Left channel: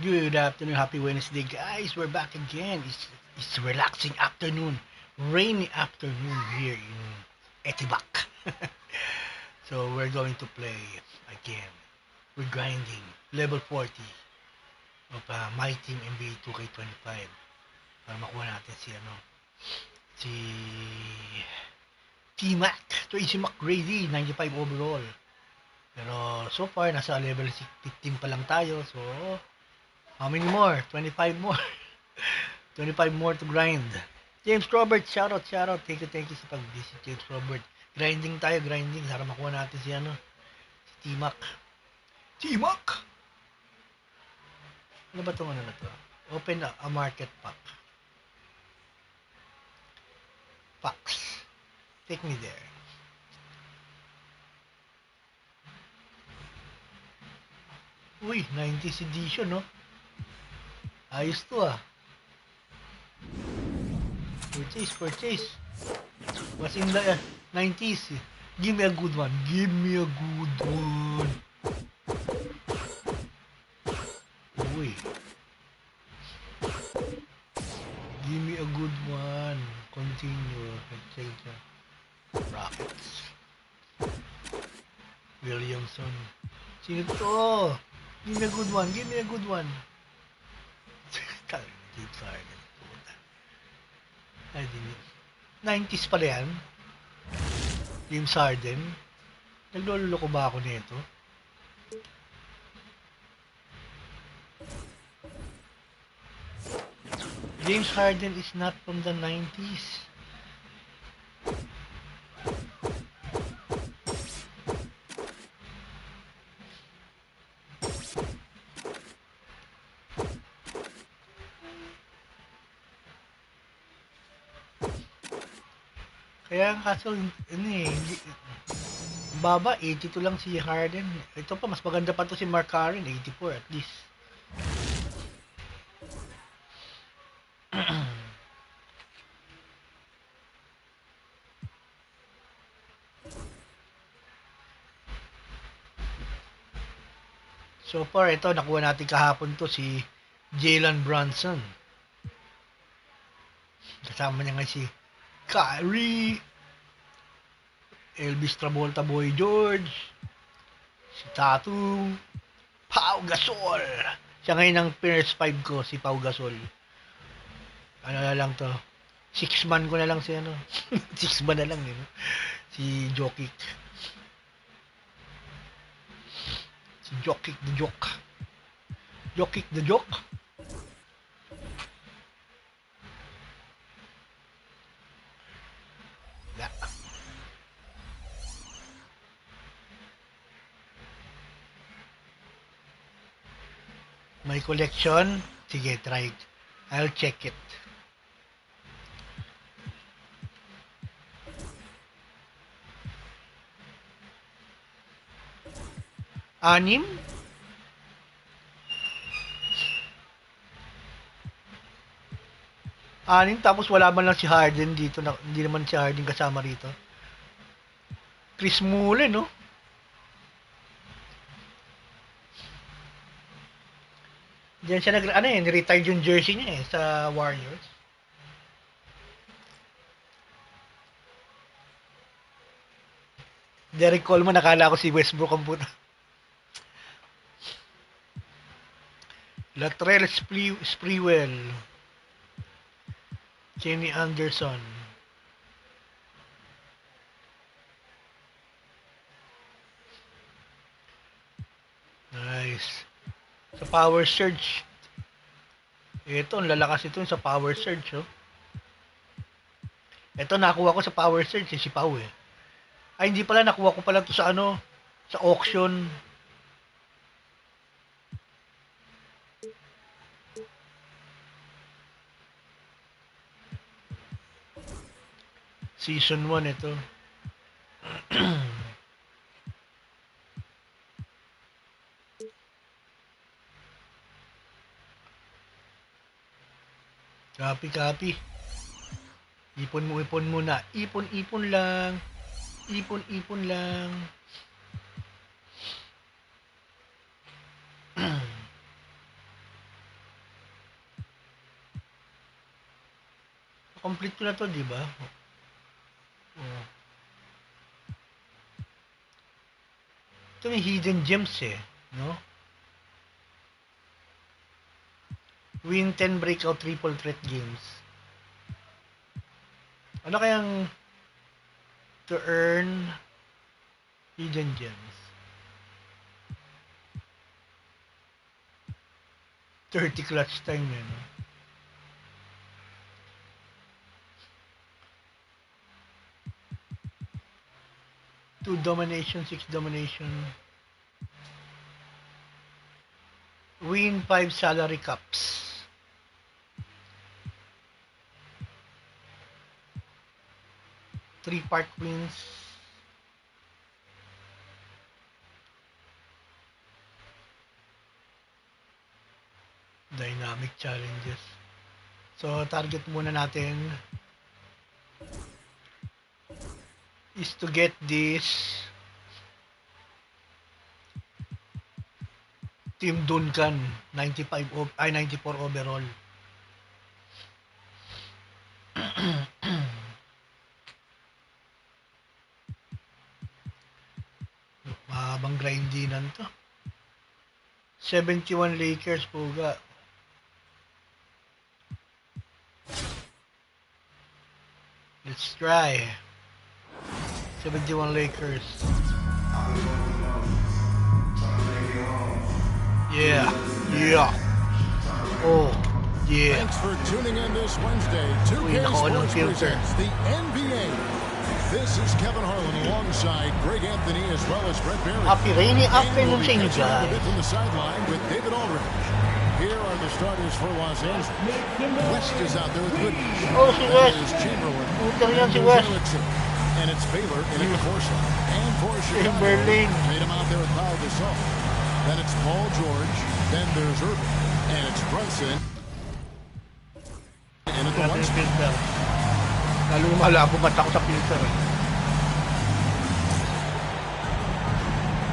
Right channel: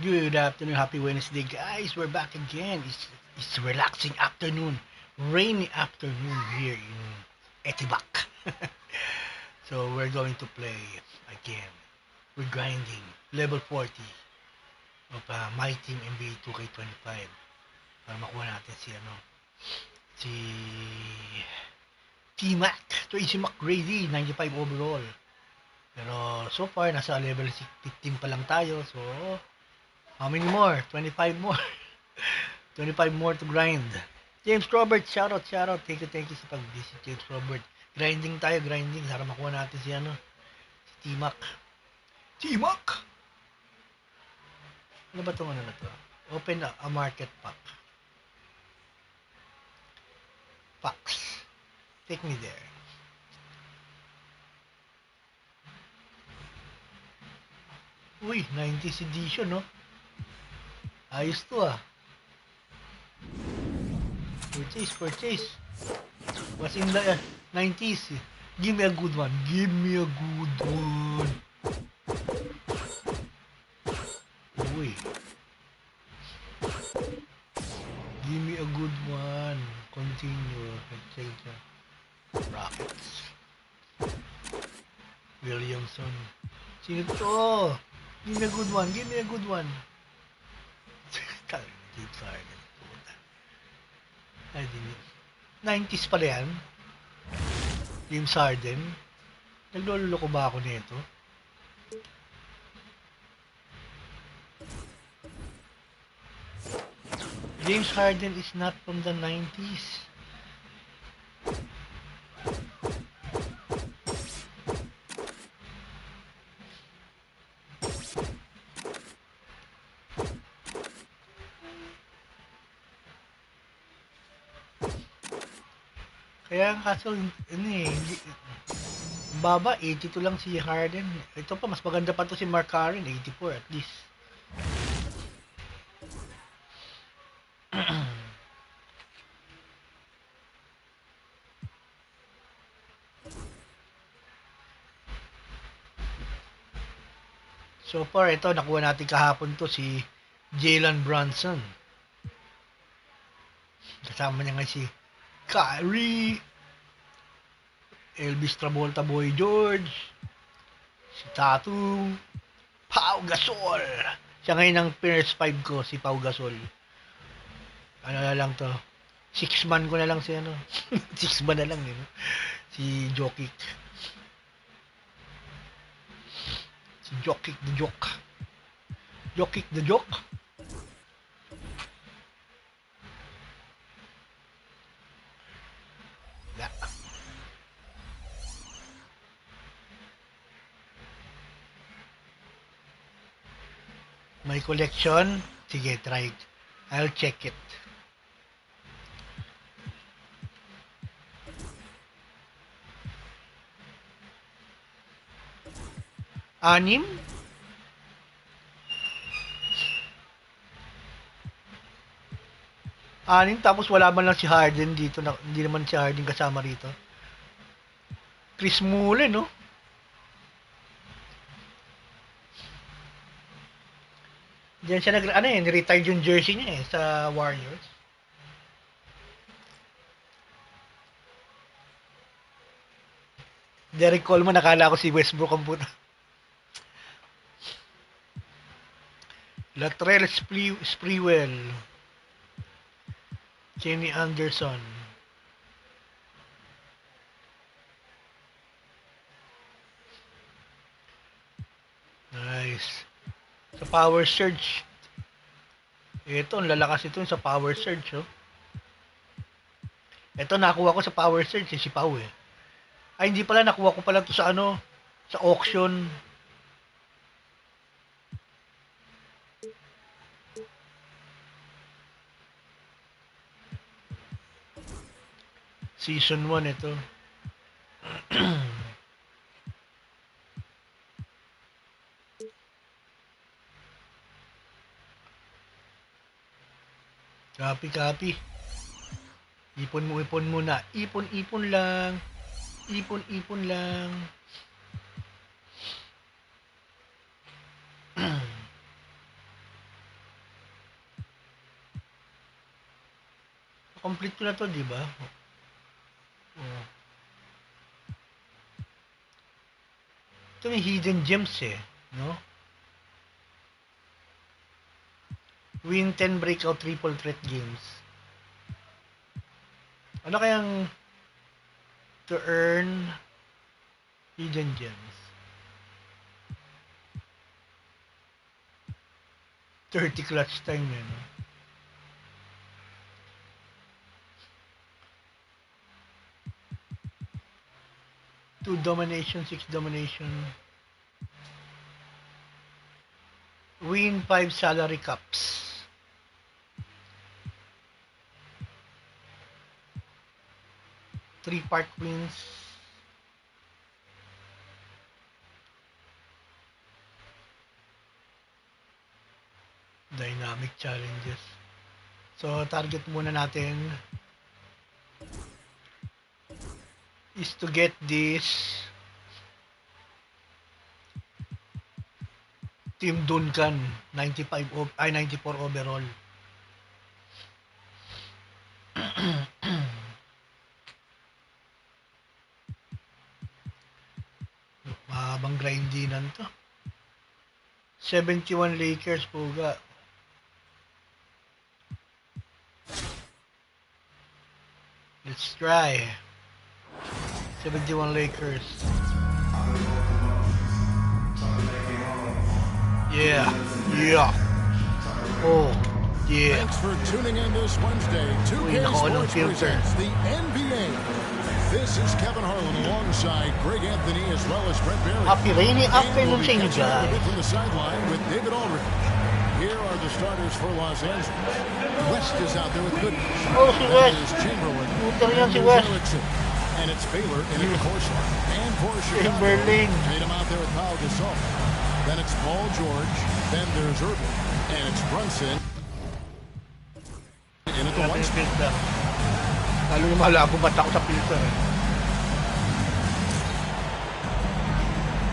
Good afternoon, happy Wednesday, guys. We're back again. It's relaxing afternoon, rainy afternoon here in Etibak. So we're going to play again. We're grinding level 40 of my team NBA2K25 para makuha natin si T-Mac, Tracy McGrady, 95 overall. Pero so far nasa level 15 pa lang tayo. So how many more? 25 more. 25 more to grind. James Robert, shoutout, shoutout. Thank you sa pag-visit, James Robert. Grinding tayo, grinding. Para makuha natin si T-Mac. T-Mac! Ano ba itong ano na to? Open a market pack. Packs. Take me there. Uy, 90s edition, no? Ayos to, ah. Purchase. What's in the 90s? Give me a good one. Give me a good one. Uy. Give me a good one. Continue. Rockets. Williamson. Sino to? Give me a good one. Give me a good one. James Harden. Ay, di 90s pala yan. James Harden. Nagloloko ba ako nito? James Harden is not from the 90s. Kaya kaso, baba, 82 lang si Harden. Ito pa, mas maganda pa to si MyCareer, 84 at least. So far, ito, nakuha natin kahapon to si Jalen Brunson. Kasama niya nga si Kyrie, Elvis Travolta Boy George, si Tatum, Pau Gasol. Siya ngayon ang PS5 ko, si Pau Gasol. Ano na lang to? 6-man ko na lang si ano. 6-man na lang, yun. Si Jokic. Si Jokic the Joke. Jokic the Joke. Yeah. My collection. Sige, try it. I'll check it. Anim? Anim, tapos wala man lang si Harden dito. Hindi naman si Harden kasama rito. Chris Mullin, no? Diyan siya ni-retire yung jersey niya sa Warriors. Derek Coleman, nakala ko si Westbrook ang puta. Latrell Sprewell. Kenny Anderson. Nice. Sa Power Surge. Ito, ang lalakas ito sa Power Surge, oh. Ito, nakuha ko sa Power Surge, si Pau, eh. Ay, hindi pala, nakuha ko pala to sa sa auction. Season 1 ito. Copy. Ipon muna. Ipon lang. Ipon lang. Complete ko na to, di ba? Oh. Ito may hidden gems eh, no? Win 10 breakout triple threat games. Ano kayang to earn hidden gems? 30 clutch time eh, no? Two domination, 6 domination. Win 5 salary cups. Three part wins. Dynamic challenges. So, target muna natin is to get this Team Duncan 94 overall. Mahabang grindinan to. 71 Lakers puga. Let's try. 71 Lakers. Yeah. Oh, yeah. Thanks for tuning in this Wednesday. 2K Sports presents the NBA. This is Kevin Harlan alongside Greg Anthony as well as Brett Berry. Happy rainy afternoon sa inyo, A bit guys. from the sideline with David Aldridge. Here are the starters for Los Angeles. West is out there with Goodrich. Oh, si West. That is Chamberlain. Puta yan si And West. Erickson. And it's Baylor in at the course line. And for Chicago, Chamberlain. Tatum out there with Pau Gasol. Then it's Paul George. Then there's Irving. And it's Brunson. In at the one spot. Filter. Lalo yung malabo mata ko sa filter eh.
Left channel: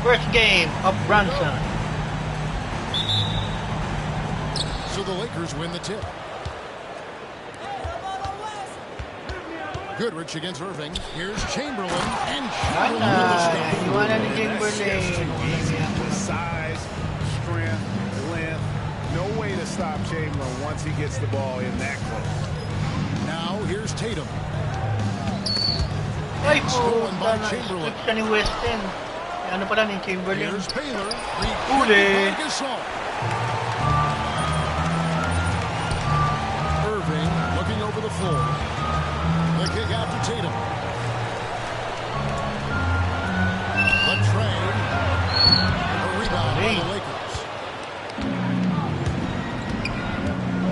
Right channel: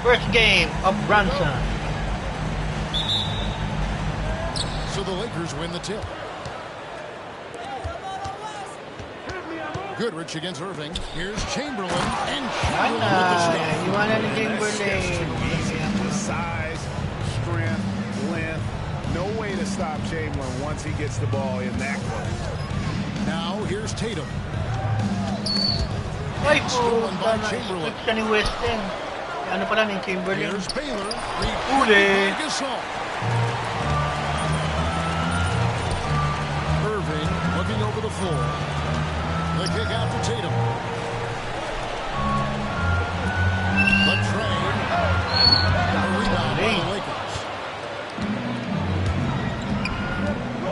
First game of Brunson. So the Lakers win the tip. Goodrich against Irving. Here's Chamberlain. And Chamberlain with the stop. Iwanan ni Chamberlain. Size, strength, length. No way to stop Chamberlain once he gets the ball in that close. Now here's Tatum. Ay Stolen po, by Chamberlain. switch ka ni Weston. Ano pala ni Chamberlain? Here's Baylor. Uli. By Gasol. Irving looking over the floor. The kick out to Tatum. The trade. A rebound by the Lakers.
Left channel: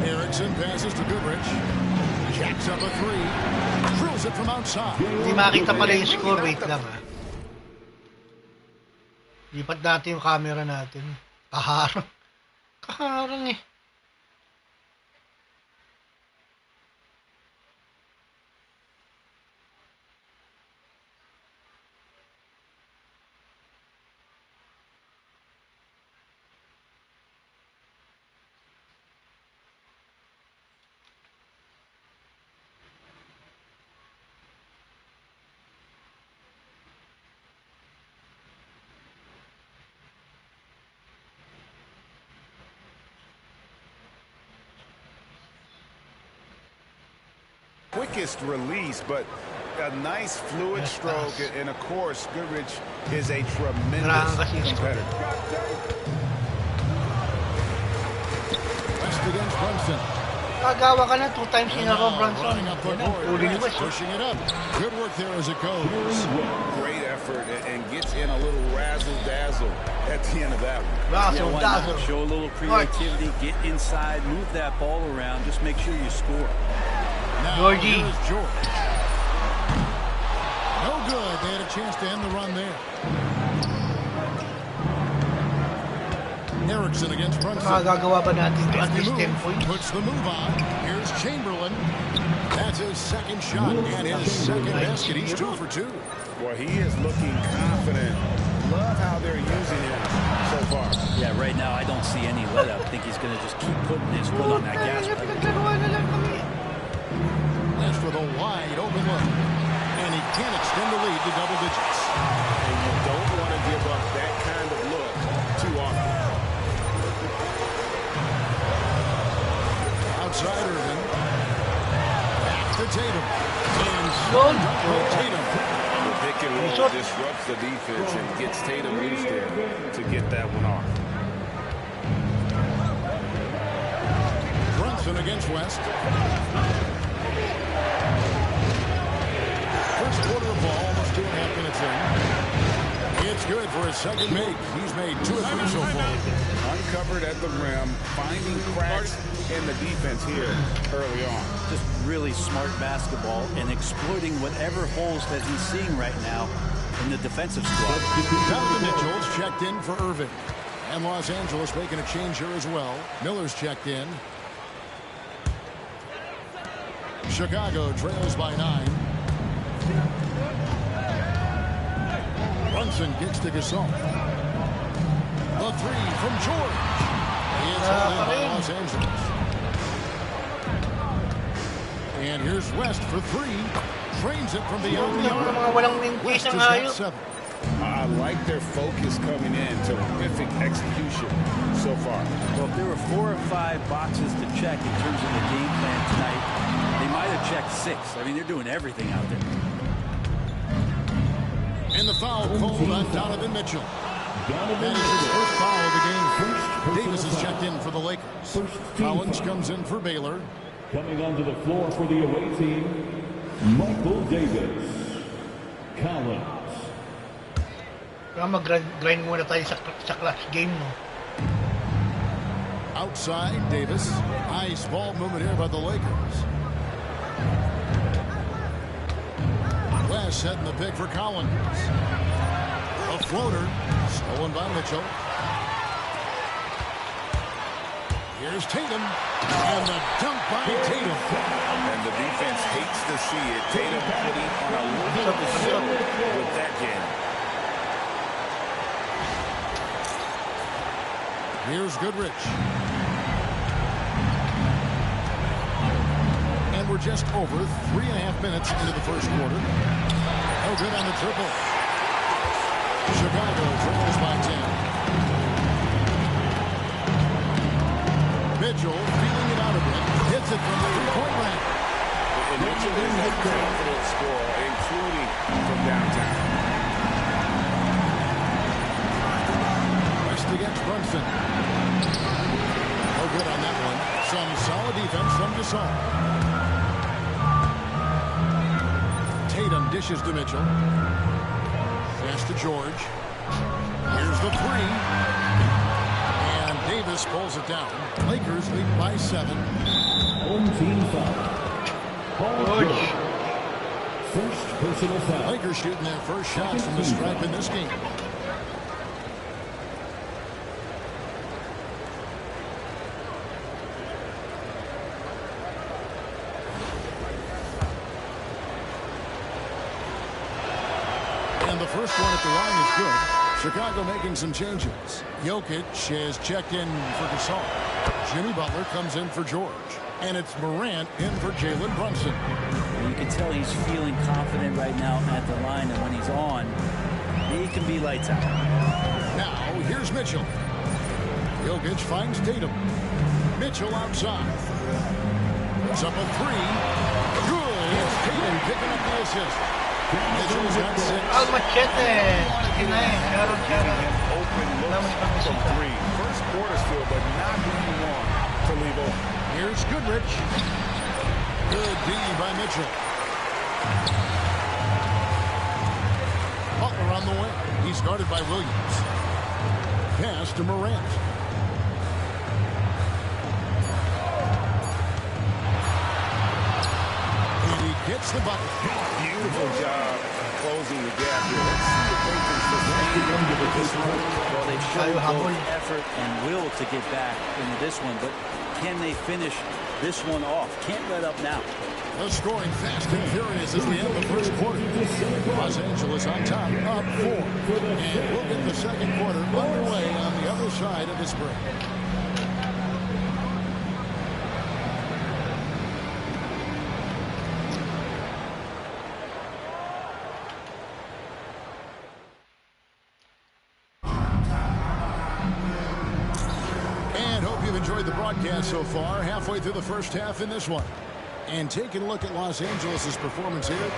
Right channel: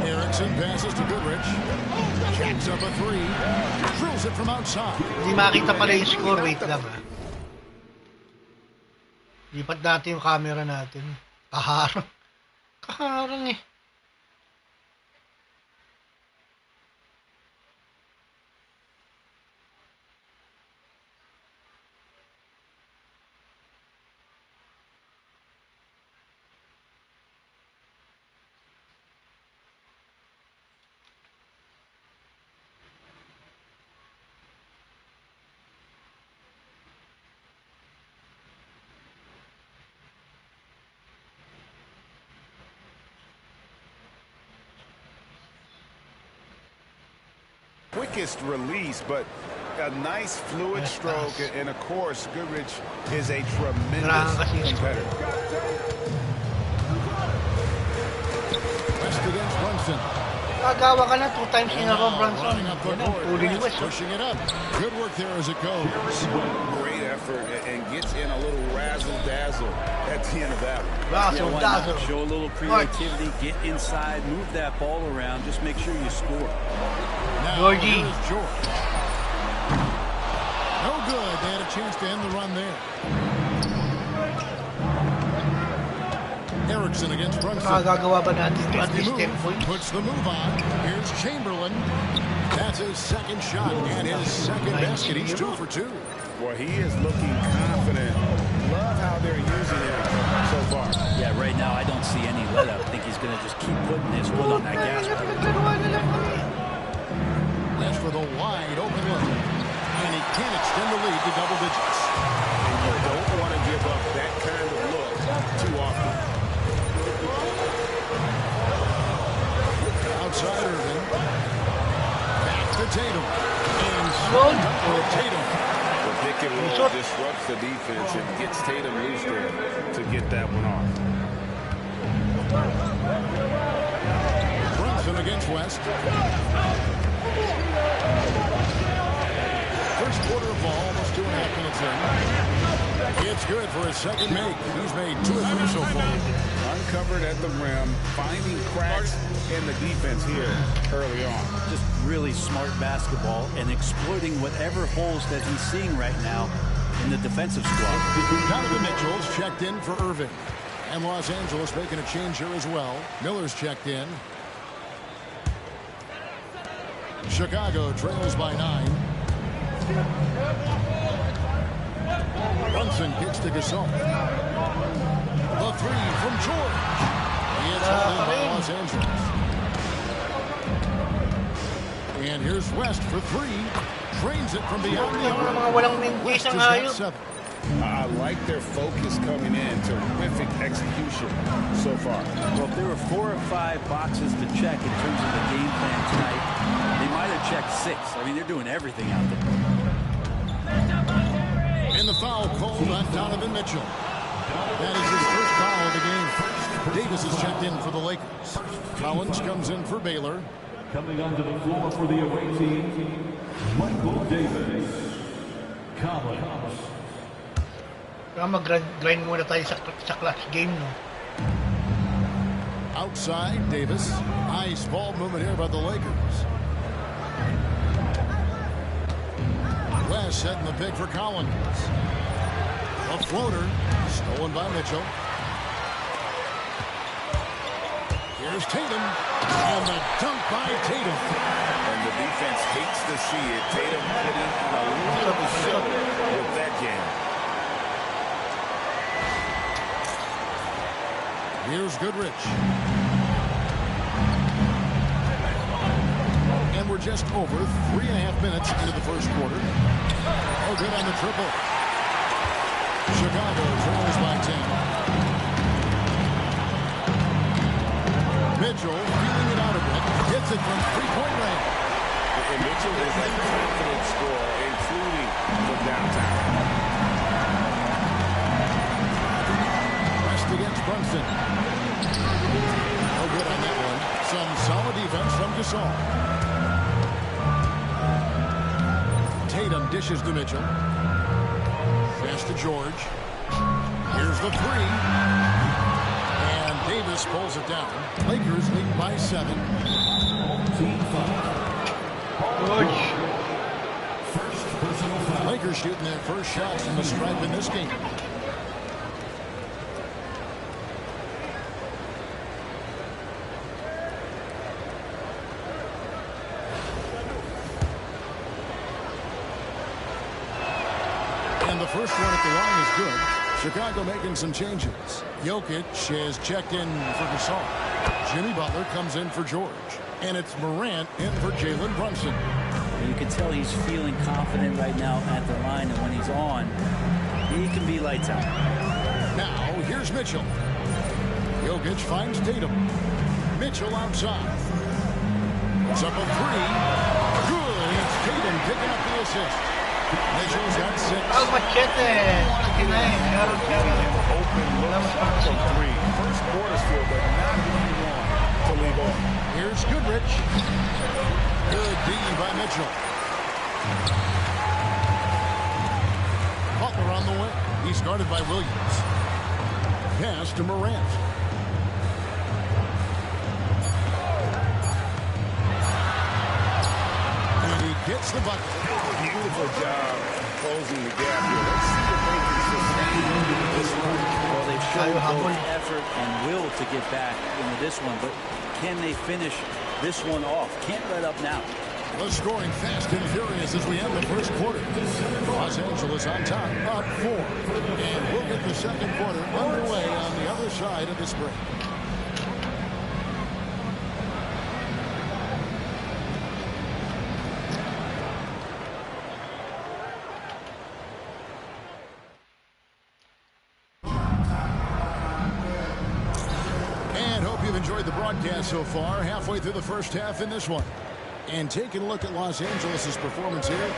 Erickson passes to Goodrich. Jacks up a three. Drills it from outside. Hindi makita pala yung score. Wait lang ha. Lipat natin yung camera natin. Kaharang. Kaharang eh. Quickest release, but a nice fluid stroke, and of course, Goodrich is a tremendous competitor. West against Brunson. Kagawa ka na 2 times in a row, Brunson. Running up the Yan ang court. uli ni West. Pushing it up. Good work there as it goes. Great effort and gets in a little razzle-dazzle at the end of that one. Razzle, Why not? dazzle. Show a little creativity, get inside, move that ball around, just make sure you score. Now Georgie. here's George. No good. They had a chance to end the run there. Erickson against Brunson. Makagagawa ba natin to at least 10 Move, points? puts the move on. Here's Chamberlain. That's his second shot and his second basket. He's 2 for 2. Boy, he is looking confident. Love how they're using him so far. Yeah, right now I don't see any let up. I think he's going to just keep putting his foot on that gas pedal. West for the wide open look. And he can't extend the lead to double digits. And you don't want to give up that kind of look too often. Outside Irvin. Back to Tatum. And slam dunk by Tatum. The pick and roll disrupts the defense and gets Tatum loose there to get that one off. Brunson against West. First quarter of ball, almost 2.5 minutes in. It's good for his second make. He's made 2 or 3 so far. Uncovered at the rim, finding cracks in the defense here early on. Just really smart basketball and exploiting whatever holes that he's seeing right now in the defensive squad. Donovan Mitchell's checked in for Irving. And Los Angeles making a change here as well. Miller's checked in. Chicago trails by 9. Brunson kicks to Gasol. The 3 from George. It's held in by Los Angeles. And here's West for 3. Trains it from beyond the arc. West has got 7. I like their focus coming in. Terrific execution so far. Well, if there were 4 or 5 boxes to check in terms of the game plan tonight, they might have checked 6. I mean, they're doing everything out there. And the foul called on Donovan Mitchell. That is his first foul of the game. Davis is checked in for the Lakers. Collins comes in for Baylor. Coming onto the floor for the away team, Michael Davis. Collins. Kaya mag-grind muna tayo sa clutch game, no? Outside, Davis. Nice ball movement here by the Lakers. West setting the pick for Collins. A floater. Stolen by Mitchell. Here's Tatum. And the dunk by Tatum. And the defense hates to see it. Tatum putting on a little bit of a show with that game. Here's Goodrich. And we're just over 3.5 minutes into the first quarter. Oh, good on the triple. Chicago trails by 10. Mitchell feeling it out a bit. Hits it from 3-point range. And Mitchell is a confident scorer, including from downtown. West against Brunson. No good on that one. Some solid defense from Gasol. Tatum dishes to Mitchell. Pass to George. Here's the 3. And Davis pulls it down. Lakers lead by 7. Home team foul. George. First personal foul. Lakers shooting their first shots from the stripe in this game. And the first one at the line is good. Chicago making some changes. Jokic has checked in for Gasol. Jimmy Butler comes in for George. And it's Morant in for Jalen Brunson. And you can tell he's feeling confident right now at the line, and when he's on, he can be lights out. Now, here's Mitchell. Jokic finds Tatum. Mitchell outside. Puts up a 3. Good. It's Tatum picking up the assist. Mitchell's got 6. Al Machete. Open looks from 3. First quarter still, but not who you want to leave on. Here's Goodrich. Good D by Mitchell. Butler on the wing. He's guarded by Williams. Pass to Morant. And he gets the bucket. Beautiful job closing the gap here. Let's see if they can sustain this run. Well, they've shown both effort and will to get back into this one, but can they finish this one off? Can't let up now. The scoring fast and furious as we end the first quarter. Los Angeles on top, up 4. And we'll get the second quarter underway on the other side of this break. you've enjoyed the broadcast so far, halfway through the first half in this one. And taking a look at Los Angeles' performance here,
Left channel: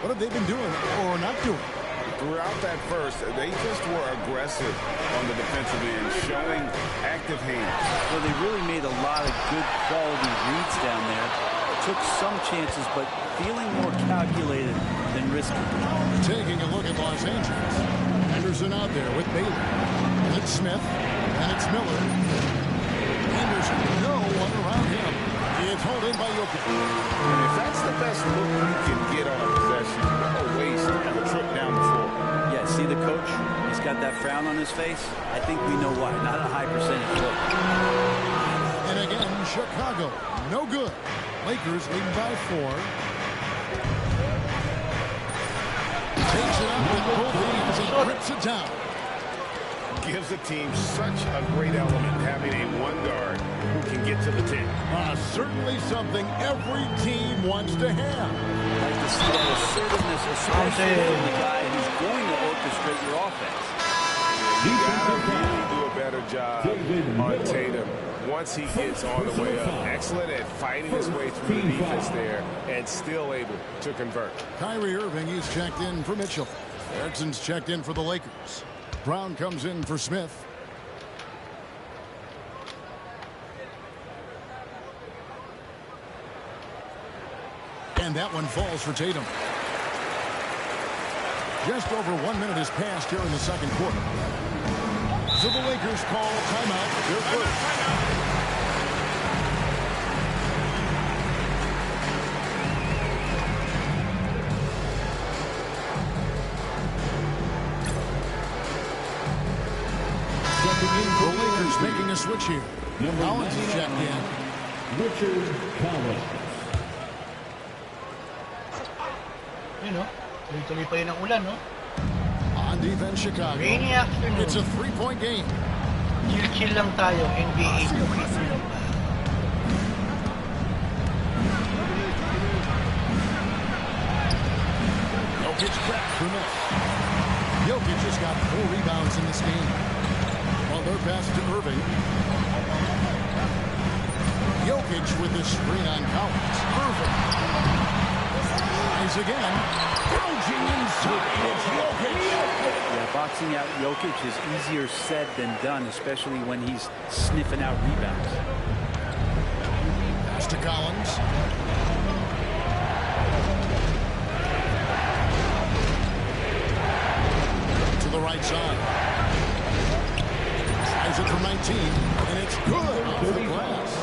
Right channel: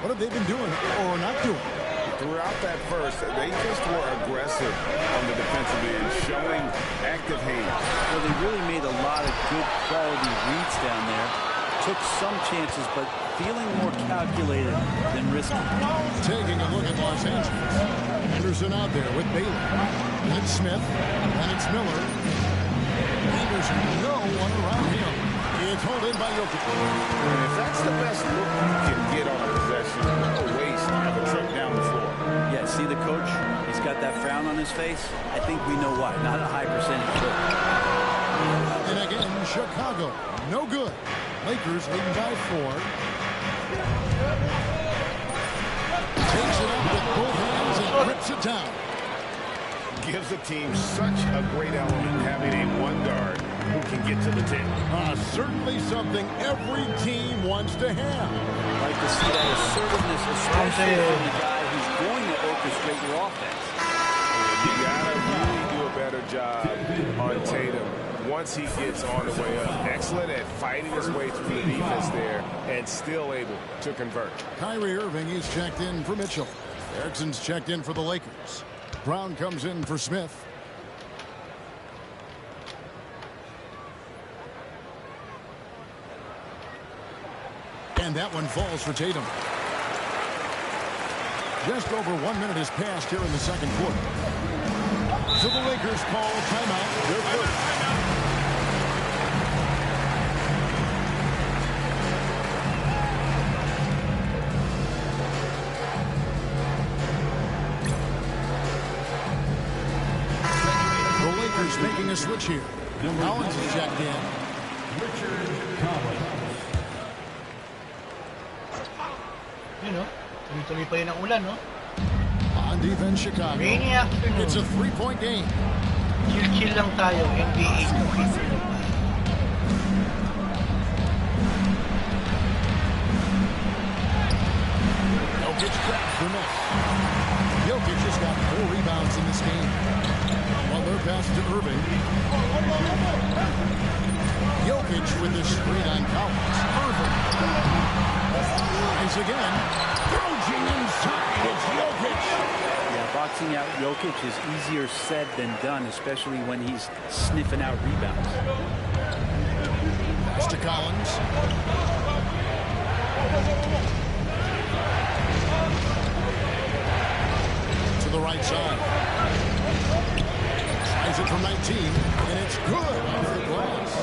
what have they been doing or not doing? Throughout that first, they just were aggressive on the defensive end, showing active hands. Well, they really made a lot of good quality reads down there. Took some chances, but feeling more calculated than risky. Taking a look at Los Angeles. Henderson out there with Bailey. And it's Smith. And it's Miller. Henderson, no one around him. It's held in by Jokic. And if that's the best look you can get on a possession, what a waste of a trip down the floor. Yeah, see the coach? He's got that frown on his face. I think we know why. Not a high percentage look. And again, Chicago, no good. Lakers leading by 4. Takes it up with both hands and grips it down. Gives the team such a great element having a one guard who can get to the 10. Certainly something every team wants to have. Like to see that assertiveness, especially from the guy who's going to orchestrate your offense. You gotta really do a better job on Tatum once he gets on the way up. Excellent at fighting his way through the defense there and still able to convert. Kyrie Irving is checked in for Mitchell. Erickson's checked in for the Lakers. Brown comes in for Smith. And that one falls for Tatum. Just over 1 minute has passed here in the second quarter. So the Lakers call timeout. Their first. The Lakers making a switch here. Collins is checked in. Richard Collins. You know, tuloy-tuloy pa yun ang ulan, no? On defense, Chicago. Rainy afternoon. It's a three-point game. Chill-chill lang tayo, NBA2K25. Jokic grabs the miss. Jokic has got 4 rebounds in this game. Well, they're passed to Irving. Jokic with the screen on Collins. Irving. Rise again. Gouging inside. It's Jokic. Yeah, boxing out Jokic is easier said than done, especially when he's sniffing out rebounds. Pass to Collins. To the right side. Tries it from 19, and it's good off the glass.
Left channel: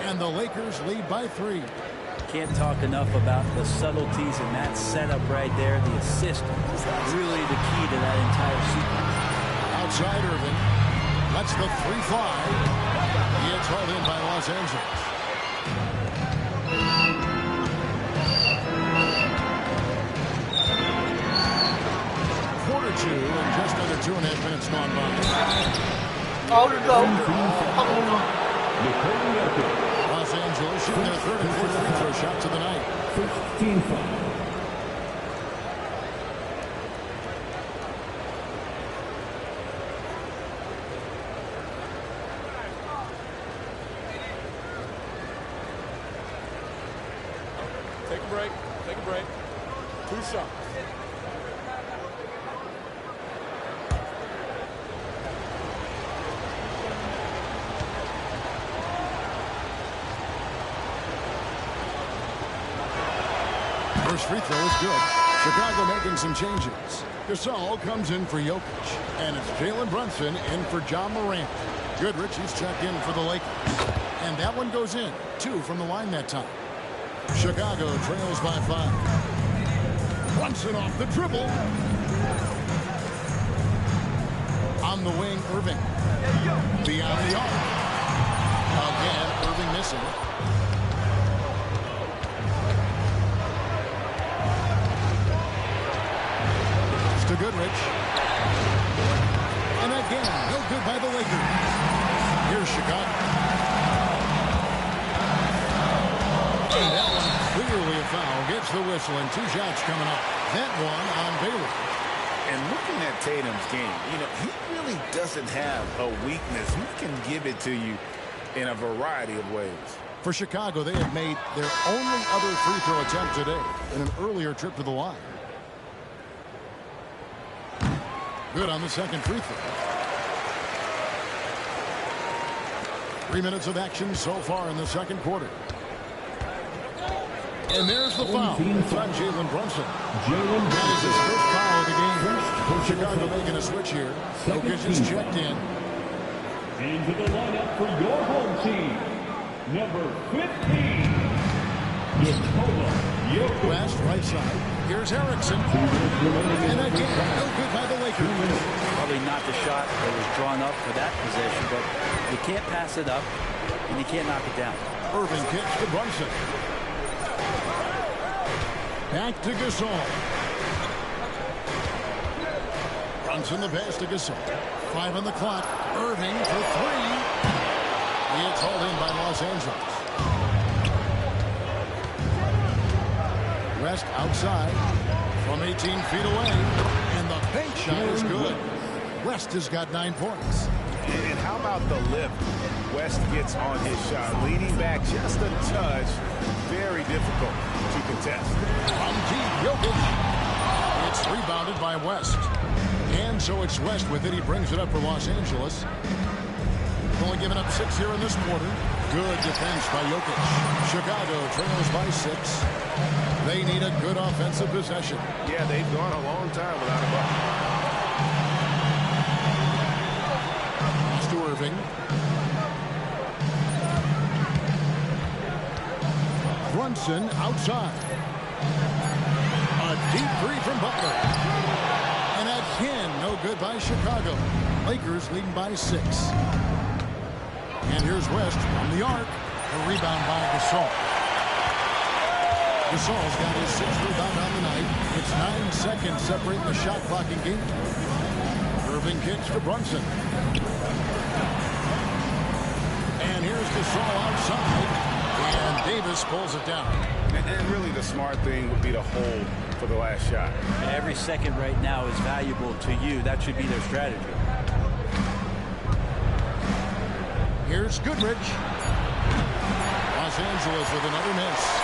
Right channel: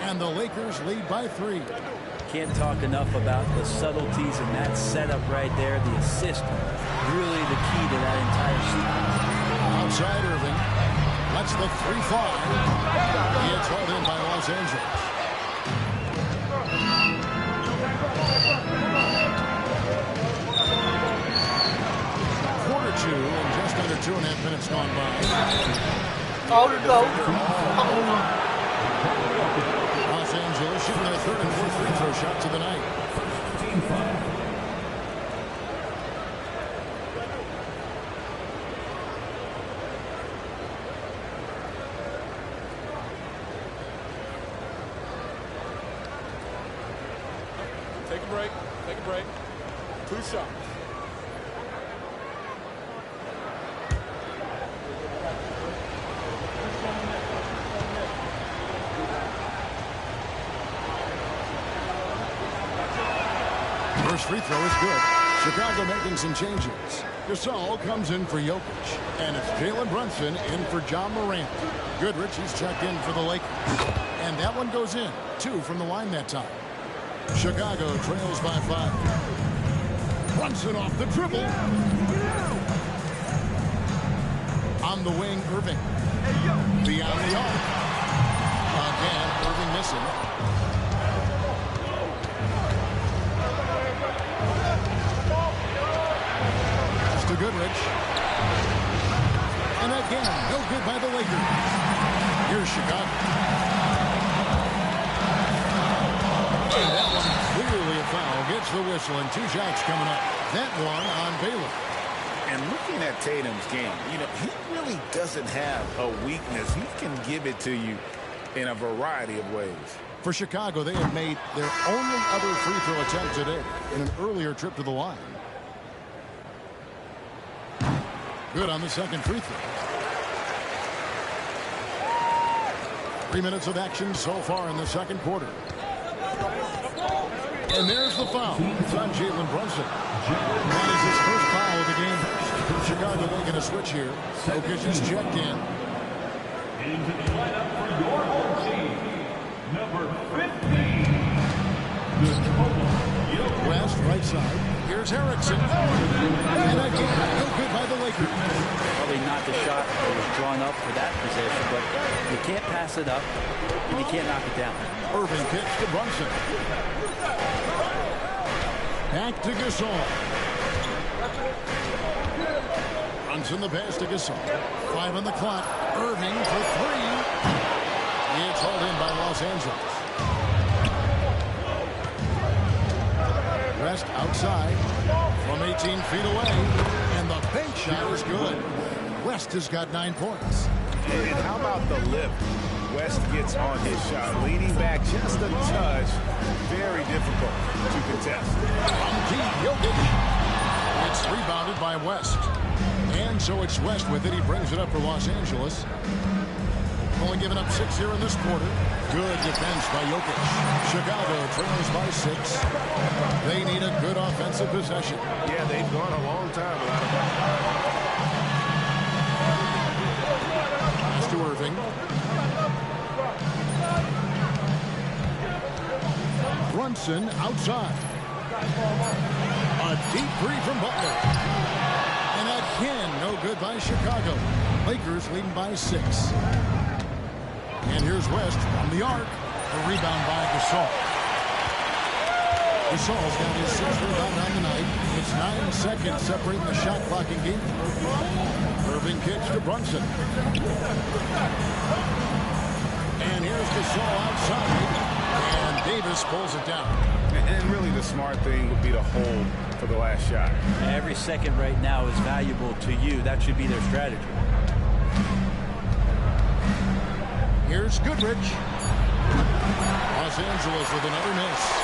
And the Lakers lead by 3. Can't talk enough about the subtleties in that setup right there. The assist, really the key to that entire sequence. Outside Irving. Lets the 3 fly. It's hauled in by Los Angeles. Quarter 2 and just under 2.5 minutes gone by. Out to go. Los Angeles shooting their 3rd and 4th free throw shots of the night. Team foul. Take a break. Take a break. 2 shots. First free throw is good. Chicago making some changes. Gasol comes in for Jokic. And it's Jalen Brunson in for John Morant. Goodrich, he's checked in for the Lakers. And that one goes in. 2 from the line that time. Chicago trails by 5. Brunson off the dribble. On the wing, Irving. Beyond the arc. Again, Irving missing. To Goodrich. And again, no good by the Lakers. Here's Chicago. And that one clearly a foul. Gets the whistle and 2 shots coming up. That one on Baylor. And looking at Tatum's game, you know, he really doesn't have a weakness. He can give it to you in a variety of ways. For Chicago, they have made their only other free throw attempt today in an earlier trip to the line. Good on the second free throw. 3 minutes of action so far in the second quarter. And there's the foul. It's on Jalen Brunson. That is his first foul of the game. Chicago making a switch here. Jokic is checked in. Into the lineup for your home team, number 15, West, right side. Here's Erickson. And again, no good by the Lakers. Probably not the shot that was drawn up for that possession, but you can't pass it up, and you can't knock it down. Irving kicks to Brunson. Back to Gasol. Brunson the pass to Gasol. 5 on the clock. Irving for 3. It's hauled in by Los Angeles. West outside from 18 feet away. And the bank shot is good. West has got 9 points. And how about the lift West gets on his shot? Leaning back just a touch. Very difficult to contest. From deep, Jokic. It's rebounded by West. And so it's West with it. He brings it up for Los Angeles. Only given up 6 here in this quarter. Good defense by Jokic. Chicago trails by 6. They need a good offensive possession. Yeah, they've gone a long time without a bucket. Pass to Irving. Brunson outside. A deep three from Butler. And again, no good by Chicago. Lakers leading by 6. And here's West from the arc. A rebound by Gasol. Gasol's got his 6th rebound on the night. It's 9 seconds separating the shot clock in game. Irving kicks to Brunson. And here's Gasol outside. And Davis pulls it down. And really the smart thing would be to hold for the last shot. Every second right now is valuable to you. That should be their strategy. Here's Goodrich. Los Angeles with another miss.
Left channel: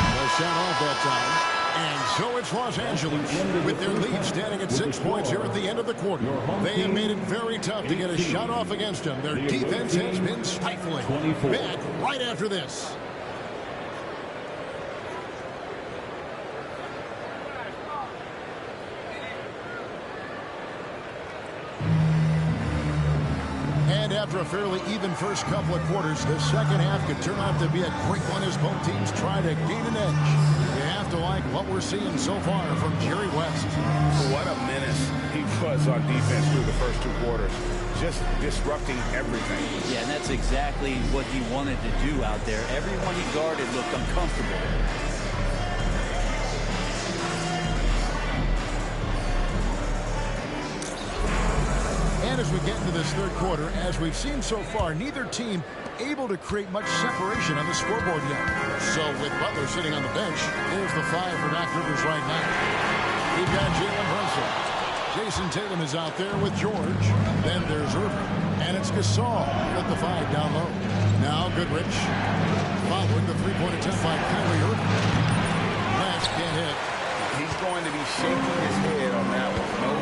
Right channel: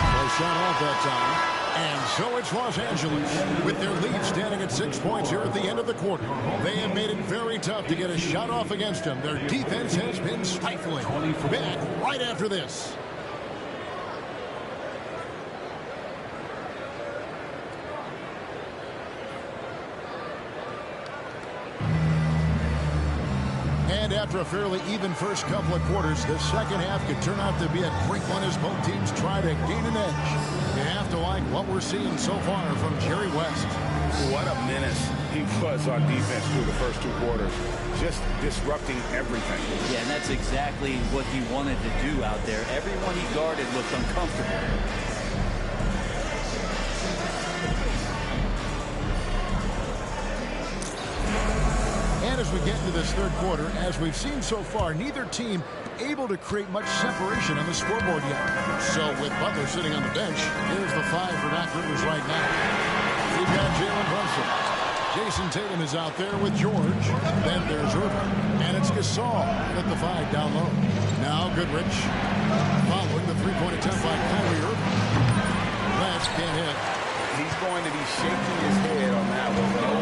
The shot off that time. And so it's Los Angeles with their lead standing at 6 points here at the end of the quarter. They have made it very tough to get a shot off against them. Their defense has been stifling. Back right after this. And after a fairly even first couple of quarters, the second half could turn out to be a great one as both teams try to gain an edge. You have to like what we're seeing so far from Jerry West. What a menace he was on defense through the first 2 quarters. Just disrupting everything. Yeah, and that's exactly what he wanted to do out there. Everyone he guarded looked uncomfortable. And as we get into this third quarter, as we've seen so far, neither team able to create much separation on the scoreboard yet. So with Butler sitting on the bench, here's the 5 for Doc Rivers right now. We've got Jalen Brunson. Jason Tatum is out there with George. Then there's Irving. And it's Gasol at the 5 down low. Now Goodrich following the 3-point attempt by Kyrie Irving. West can't hit. He's going to be shaking his head on that one. No,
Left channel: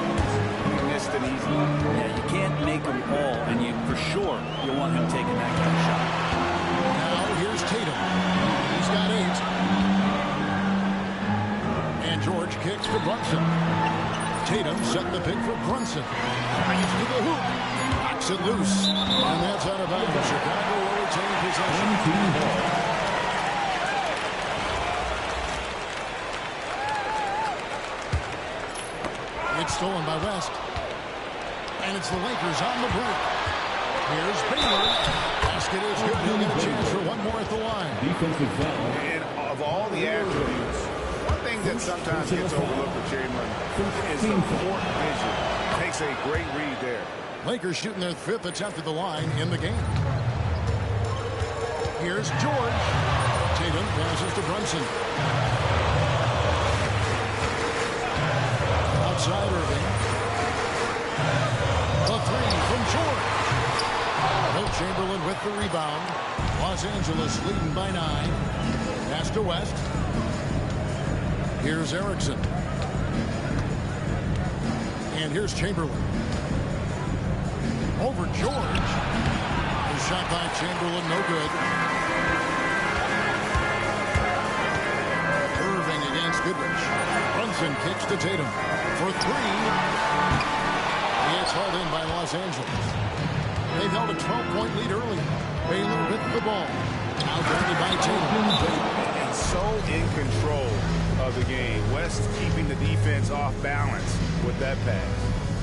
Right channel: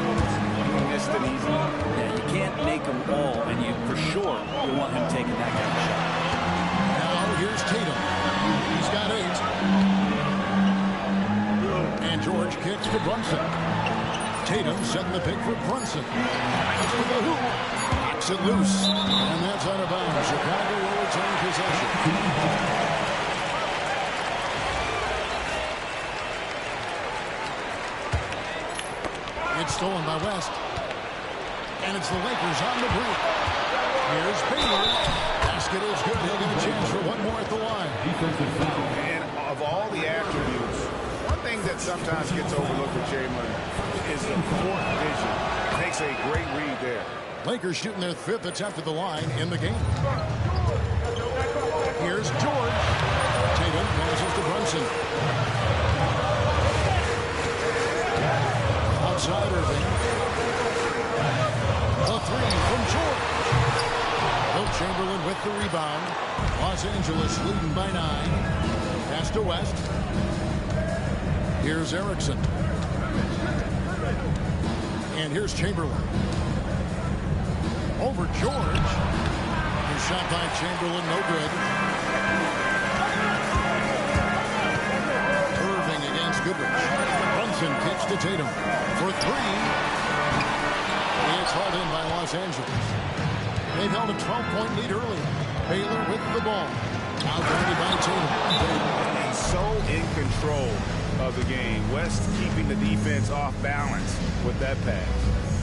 he missed an easy. Yeah, you can't make them all, and you for sure you want him taking that kind of shot. Now here's Tatum. He's got 8. And George kicks to Brunson. Tatum setting the pick for Brunson. Drives to the hoop. Knocks it loose. And that's out of bounds. Chicago will retain possession. It's stolen by West. And it's the Lakers on the break. Here's Baylor. Basket is good. He'll get a chance for one more at the line. Defensive foul. And of all the attributes, one thing that sometimes gets overlooked with Chamberlain is the court vision. Makes a great read there. Lakers shooting their 5th attempt at the line in the game. Here's George. Tatum passes to Brunson. Outside Irving. A 3 from George. Wilt Chamberlain with the rebound. Los Angeles leading by 9. Pass to West. Here's Erickson. And here's Chamberlain. Over George. The shot by Chamberlain, no good. Irving against Goodrich. Brunson kicks to Tatum for 3. It's hauled in by Los Angeles. They've held a 12-point lead early. Baylor with the ball. Outguarded by Tatum. And so in control of the game. West keeping the defense off balance with that pass.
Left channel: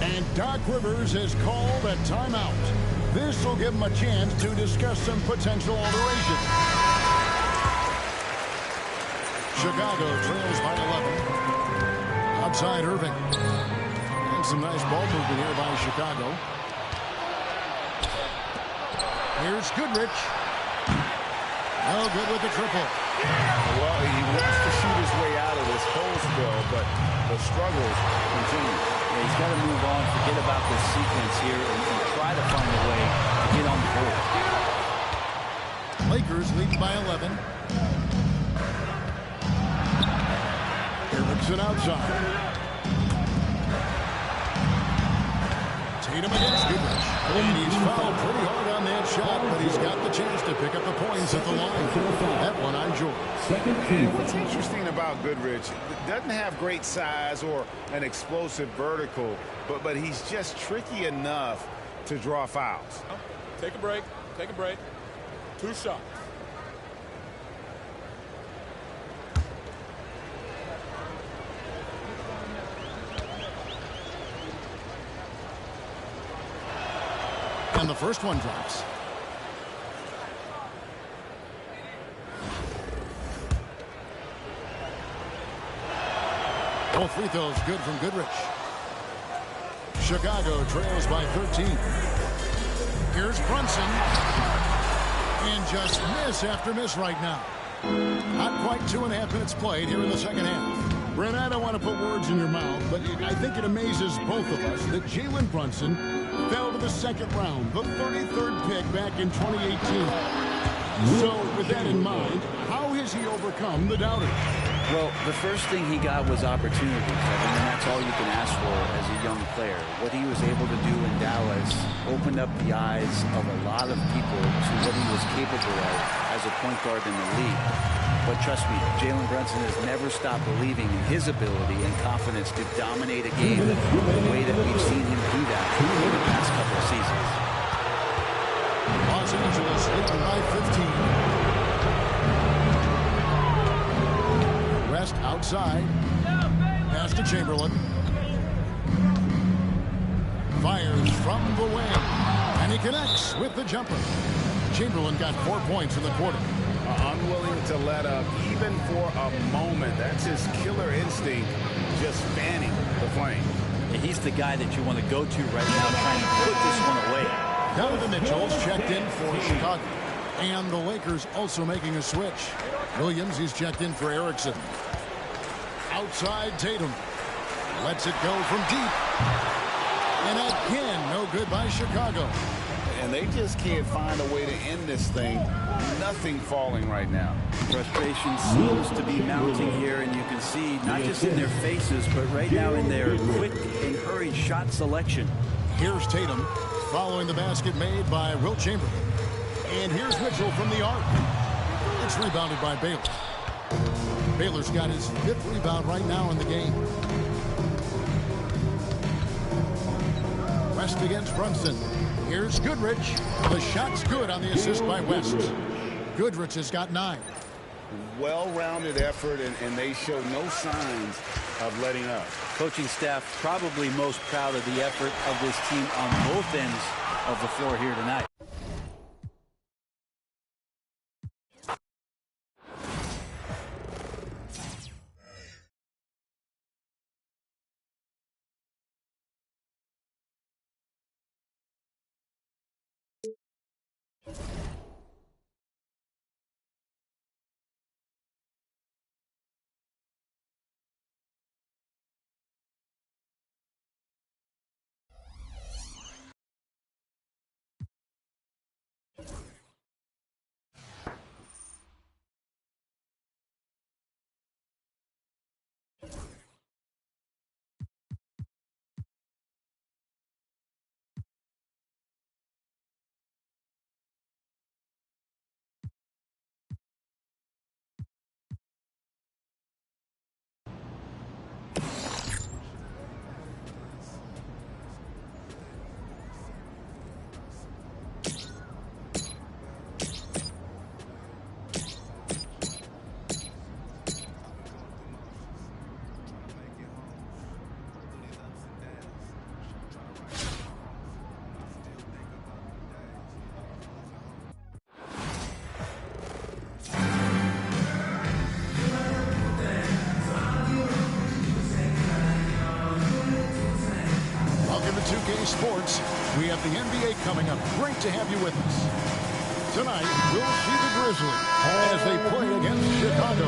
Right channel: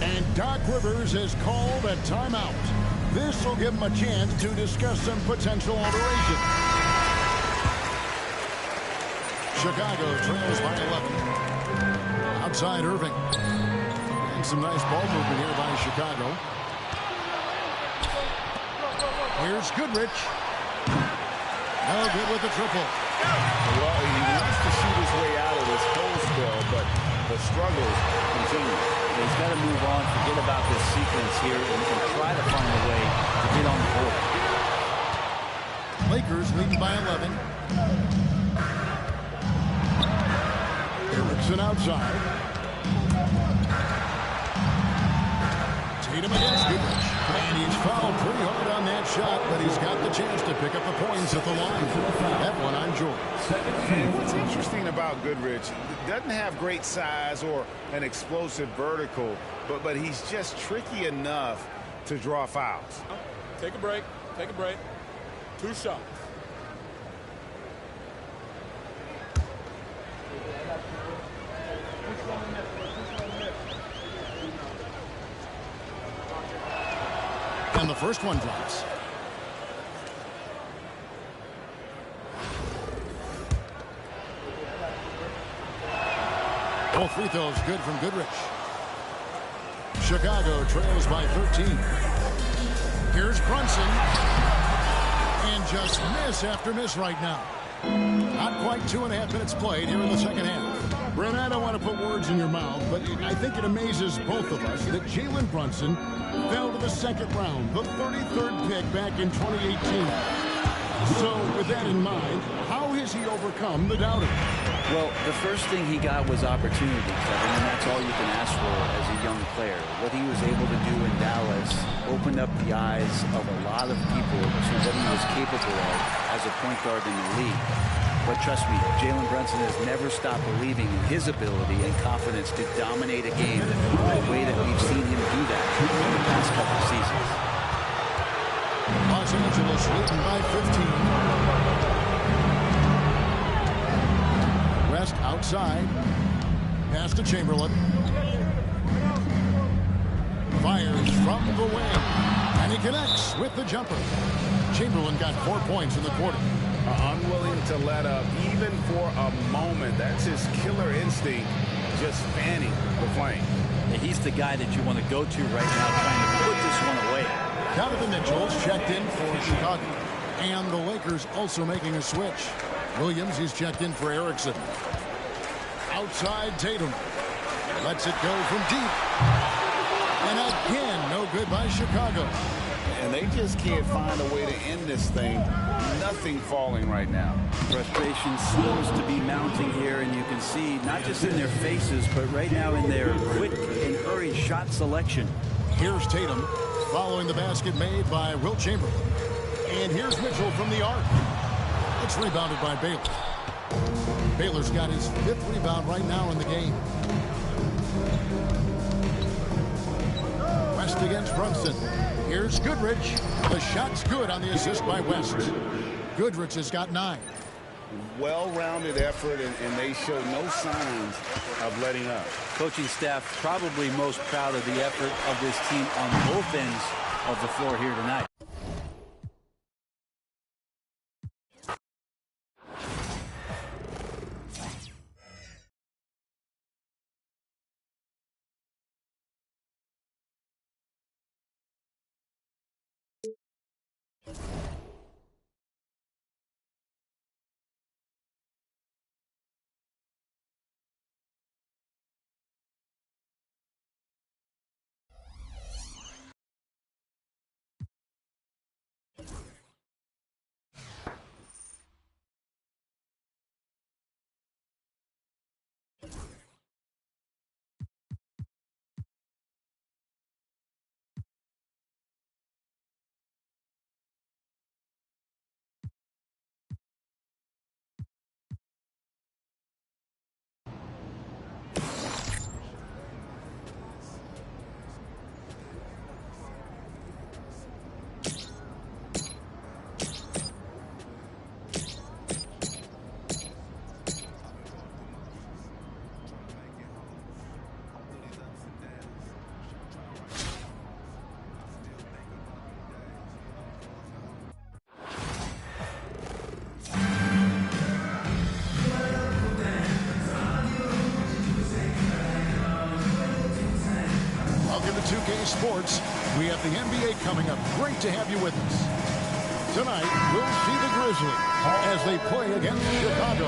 And Doc Rivers has called a timeout. This will give him a chance to discuss some potential alteration. Chicago trails by 11. Outside Irving. And some nice ball movement here by Chicago. Here's Goodrich. No good with the triple. Well, he wants to shoot his way out of this whole spell, but the struggles continue. Yeah, he's got to move on, forget about this sequence here, and try to find a way to get on the board. Lakers leading by 11. Erickson outside. Tatum against Goodrich. And he's fouled pretty hard on that shot, but he's got the chance to pick up the points at the line. That one on George. And what's interesting about Goodrich, doesn't have great size or an explosive vertical, but he's just tricky enough to draw fouls. Take a break. Take a break. 2 shots. And the first one drops. Both free throws good from Goodrich. Chicago trails by 13. Here's Brunson. And just miss after miss right now. Not quite 2.5 minutes played here in the second half. Brent, I don't want to put words in your mouth, but I think it amazes both of us that Jalen Brunson fell to the second round, the 33rd pick back in 2018. So, with that in mind, how has he overcome the doubters? Well, the first thing he got was opportunity, Kevin, and that's all you can ask for as a young player. What he was able to do in Dallas opened up the eyes of a lot of people to what he was capable of as a point guard in the league. But trust me, Jalen Brunson has never stopped believing in his ability and confidence to dominate a game the way that we've seen him do that in the past couple of seasons. Los Angeles leading by 15. West outside. Pass to Chamberlain. Fires from the wing. And he connects with the jumper. Chamberlain got 4 points in the quarter. Unwilling to let up even for a moment. That's his killer instinct, just fanning the flame. Yeah, he's the guy that you want to go to right now trying to put this one away. Donovan Mitchell's checked in for Chicago. And the Lakers also making a switch. Williams, he's checked in for Erickson. Outside Tatum. Lets it go from deep. And again, no good by Chicago. And they just can't find a way to end this thing. Nothing falling right now. Frustration seems to be mounting here, and you can see not just in their faces, but right now in their quick and hurried shot selection. Here's Tatum following the basket made by Wilt Chamberlain. And here's Mitchell from the arc. It's rebounded by Baylor. Baylor's got his 5th rebound right now in the game. West against Brunson. Here's Goodrich. The shot's good on the assist by West. Goodrich has got 9. Well-rounded effort, and they show no signs of letting up. Coaching staff probably most proud of the effort of this team on both ends of the floor here tonight. 2K Sports. We have the NBA coming up. Great to have you with us. Tonight, we'll see the Grizzlies as they play against Chicago.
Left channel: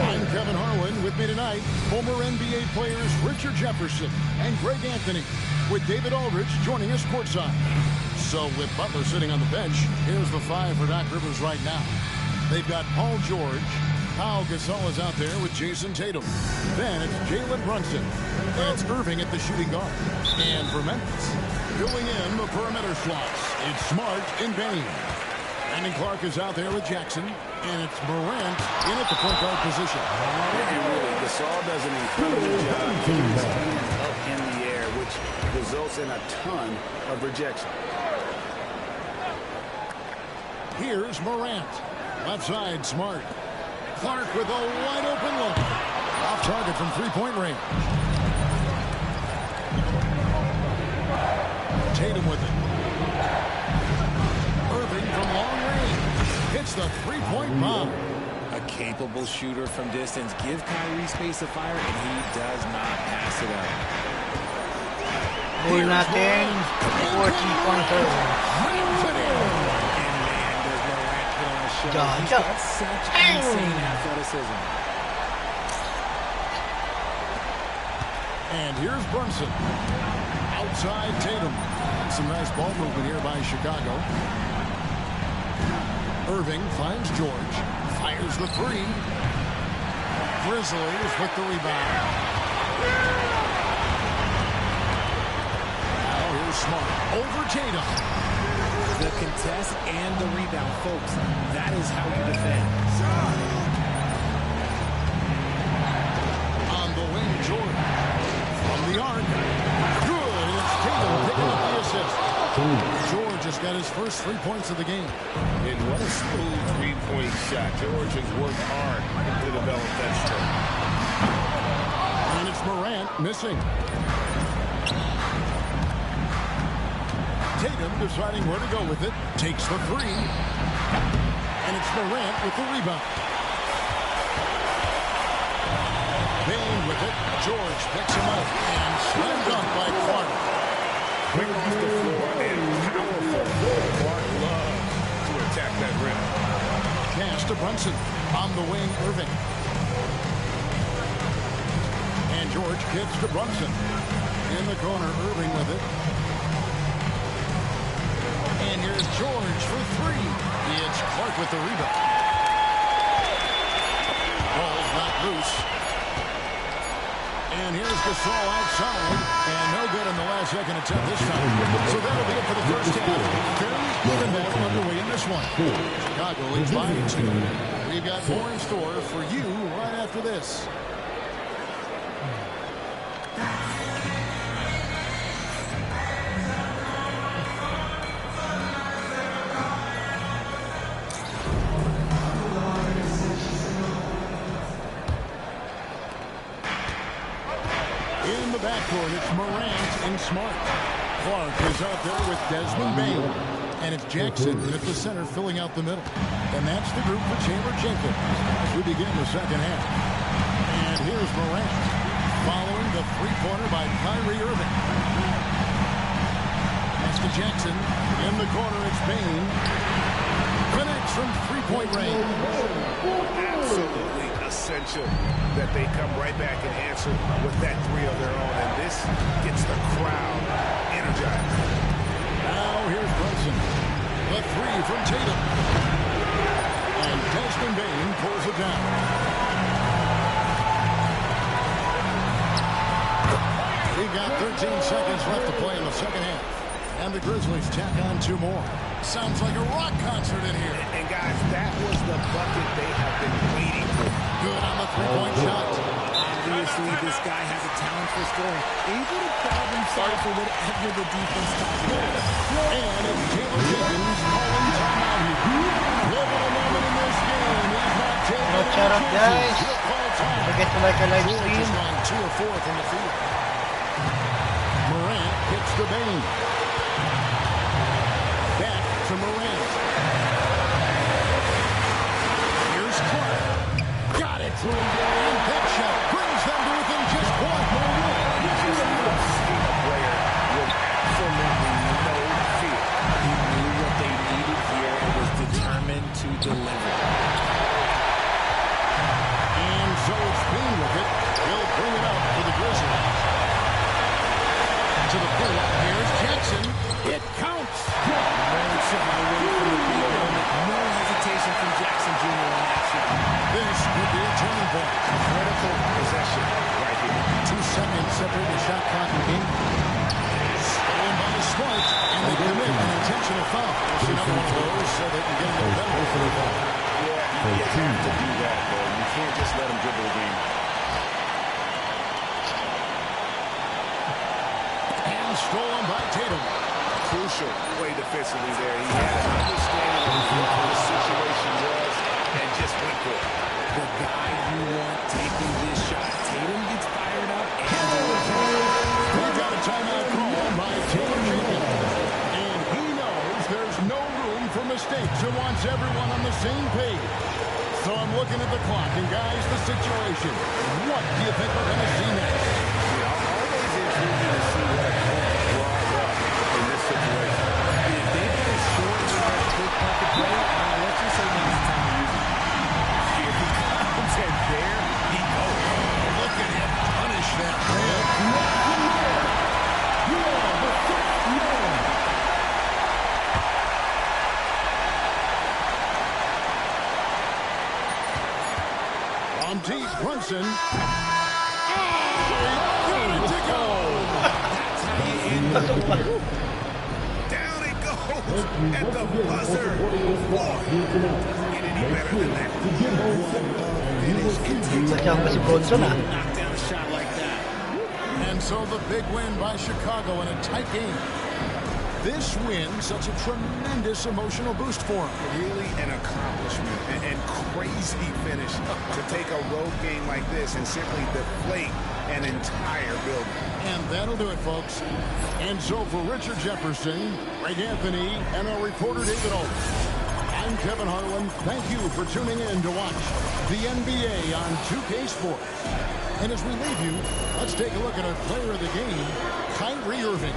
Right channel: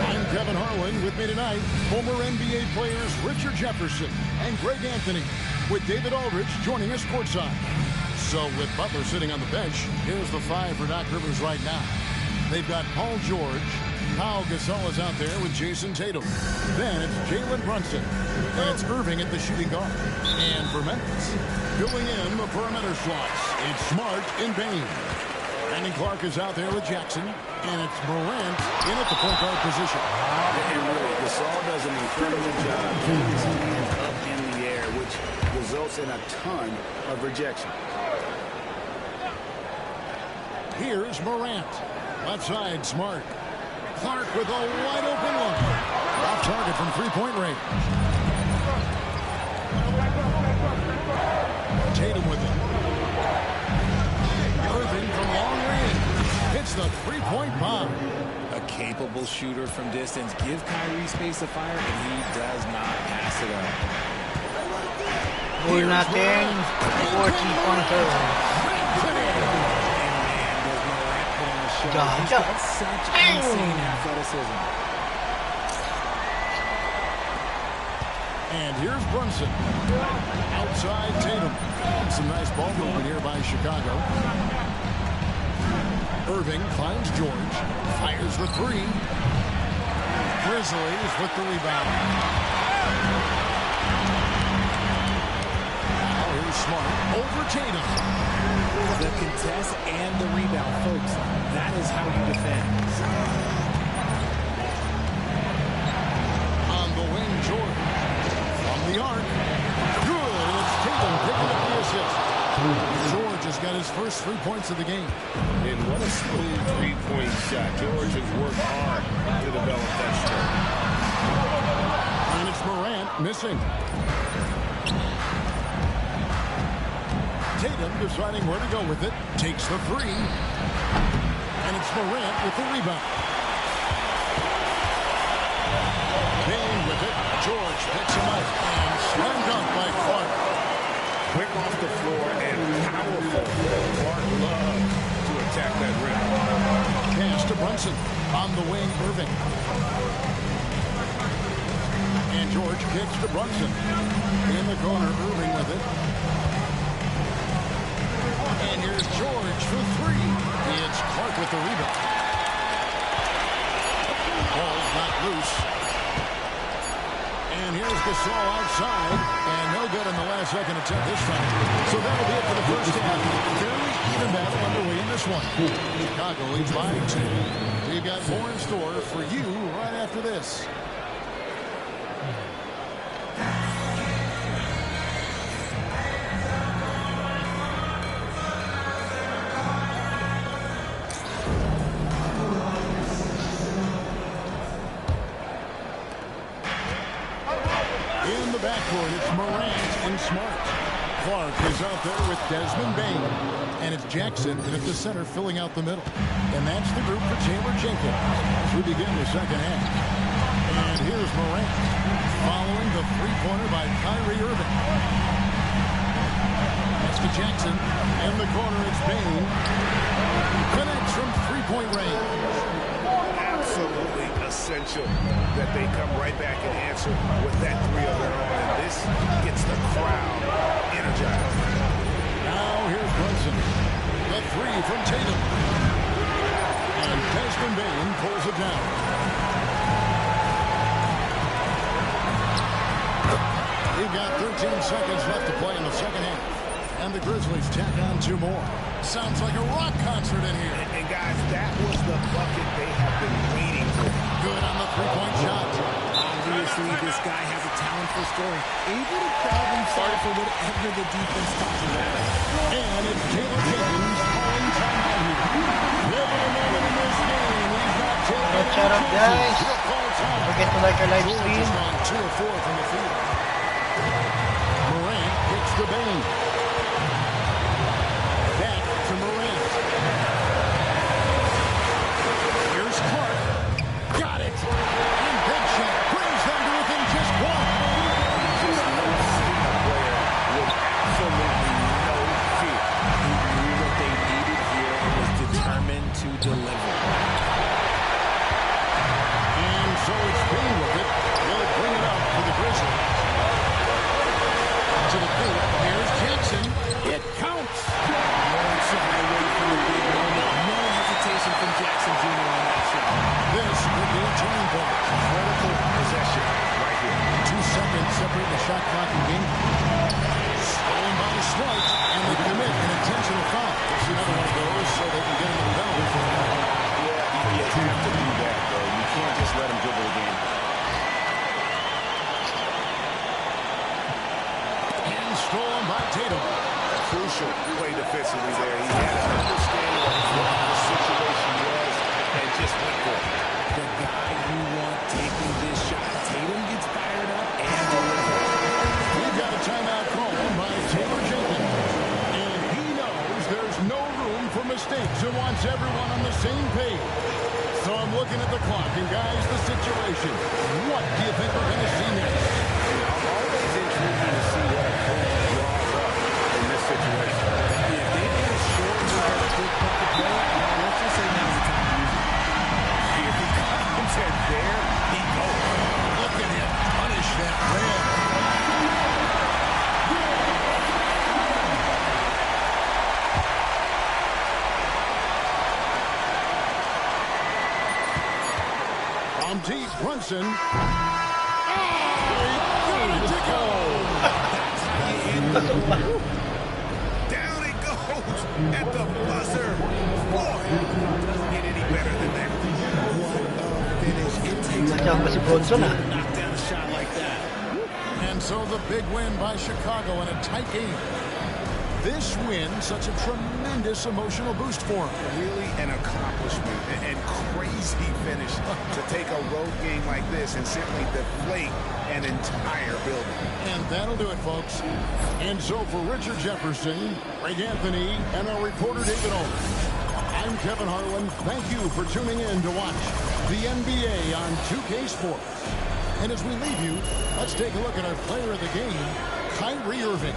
I'm Kevin Harlan. With me tonight, former NBA players Richard Jefferson and Greg Anthony, with David Aldridge joining us courtside. So with Butler sitting on the bench, here's the five for Doc Rivers right now. They've got Paul George. Pau Gasol is out there with Jason Tatum. Then it's Jalen Brunson. And it's Irving at the shooting guard. And for Memphis, filling in the perimeter slots, it's Smart and Bain. Brandon Clark is out there with Jackson. And it's Morant in at the point guard position. And really, Gasol does an incredible job keeping his hands up in the air, which results in a ton of rejection. Here's Morant. Left side, Smart. Clark with a wide open look. Off target from three-point range. Tatum with it. Irving from long range. Hits the three-point bomb. A capable shooter from distance. Give Kyrie space to fire, and he does not pass it up. Goal natin, 40-pointer. And man, does Morant put on a show. Ja, He's ja. got such insane athleticism. And here's Brunson. Outside Tatum. Some nice ball movement here by Chicago. Irving finds George. Fires the three. Grizzlies with the rebound. Now here's Smart over Tatum. The contest and the rebound, folks. That is how you defend. On the wing, George. From the arc. Good. And it's Tatum picking up the assist. George has got his first 3 points of the game. And what a smooth three-point shot. George has worked hard to develop that stroke. And it's Morant missing. Tatum deciding where to go with it. Takes the three. And it's Morant with the rebound. Bain with it. George picks him up. And slam dunk by Clark. Quick off the floor and powerful. Clark loves to attack that rim. Pass to Brunson. On the wing, Irving. And George kicks to Brunson. In the corner, Irving with it. And here's George for three. It's Clark with the rebound. Ball's not loose. And here's Gasol outside. And no good in the last second attempt this time. So that'll be it for the first half. Fairly even battle underway in this one. Chicago leads by 2. We've got more in store for you right after this. In the backcourt, it's Morant and Smart. Clark is out there with Desmond Bain. And it's Jackson in at the center filling out the middle. And that's the group for Taylor Jenkins as we begin the second half. And here's Morant following the three-pointer by Kyrie Irving. That's to Jackson. In the corner, it's Bain. Connects from three-point range. Absolutely essential that they come right back and answer with that three of their own. And this gets the crowd energized. Now here's Brunson. The three from Tatum. And Desmond Bain pulls it down. We've got 13 seconds left to play in the second half. And the Grizzlies tack on 2 more. Sounds like a rock concert in here. And guys, that was the bucket they have been waiting for. Good on the three-point shot. Obviously, this guy has a talent for scoring. Able to problem solve for whatever the defense tosses at him. And it's Taylor Jenkins calling timeout here. Pivotal moment in this game. He's not taking any Shout out, guys. chances. He'll call time. Don't forget to like our live George stream. has gone 2 of 4 from the field. Morant gets to Bain. Back to Morant. Here's Clark. Got it. And that shot brings them to within just 1. You just love seeing a player with to deliver. And so it's Payne with it. He'll bring it up for the Grizzlies. To the paint. Here's Jackson. It counts. Won't shy away from the big moment. No hesitation from Jackson Jr. on that shot. This could be a turning point. Critical possession right here. 2 seconds separating the shot clock and game. Stolen by Smart, and they commit an intentional foul. We'll see another one of those so they can get into the penalty for the foul. Yeah, you have to do that, though. You can't just let him dribble the game. And stolen by Tatum. Crucial play defensively there. He had an understanding of what the situation was and just went for it. The guy you want taking this shot. Tatum gets fired up and delivers. We've got a timeout call by Taylor Jenkins. And he knows there's no room for mistakes and wants everyone on the same page. So I'm looking at the clock, and guys, the situation. What do you think we're going to see next? Always intriguing to see what a coach draws up in this situation. If they've got a short quick pocket play, let's just say now's the time to use it. Here he comes, and there he goes. Look at him punish that rim. From deep, Brunson. Oh, he got it to go. That's how you end it. Down it goes at the buzzer. Boy, doesn't get any better than that. What a finish. It takes Nandiyan ba si Bronson, to knock down a shot like that. And so the big win by Chicago in a tight game. This win, such a tremendous emotional boost for him. Really an accomplishment and crazy finish to take a road game like this and simply deflate an entire building. And that'll do it, folks. And so for Richard Jefferson, Greg Anthony, and our reporter David Olds, I'm Kevin Harlan. Thank you for tuning in to watch the NBA on 2K Sports. And as we leave you, let's take a look at our player of the game, Kyrie Irving.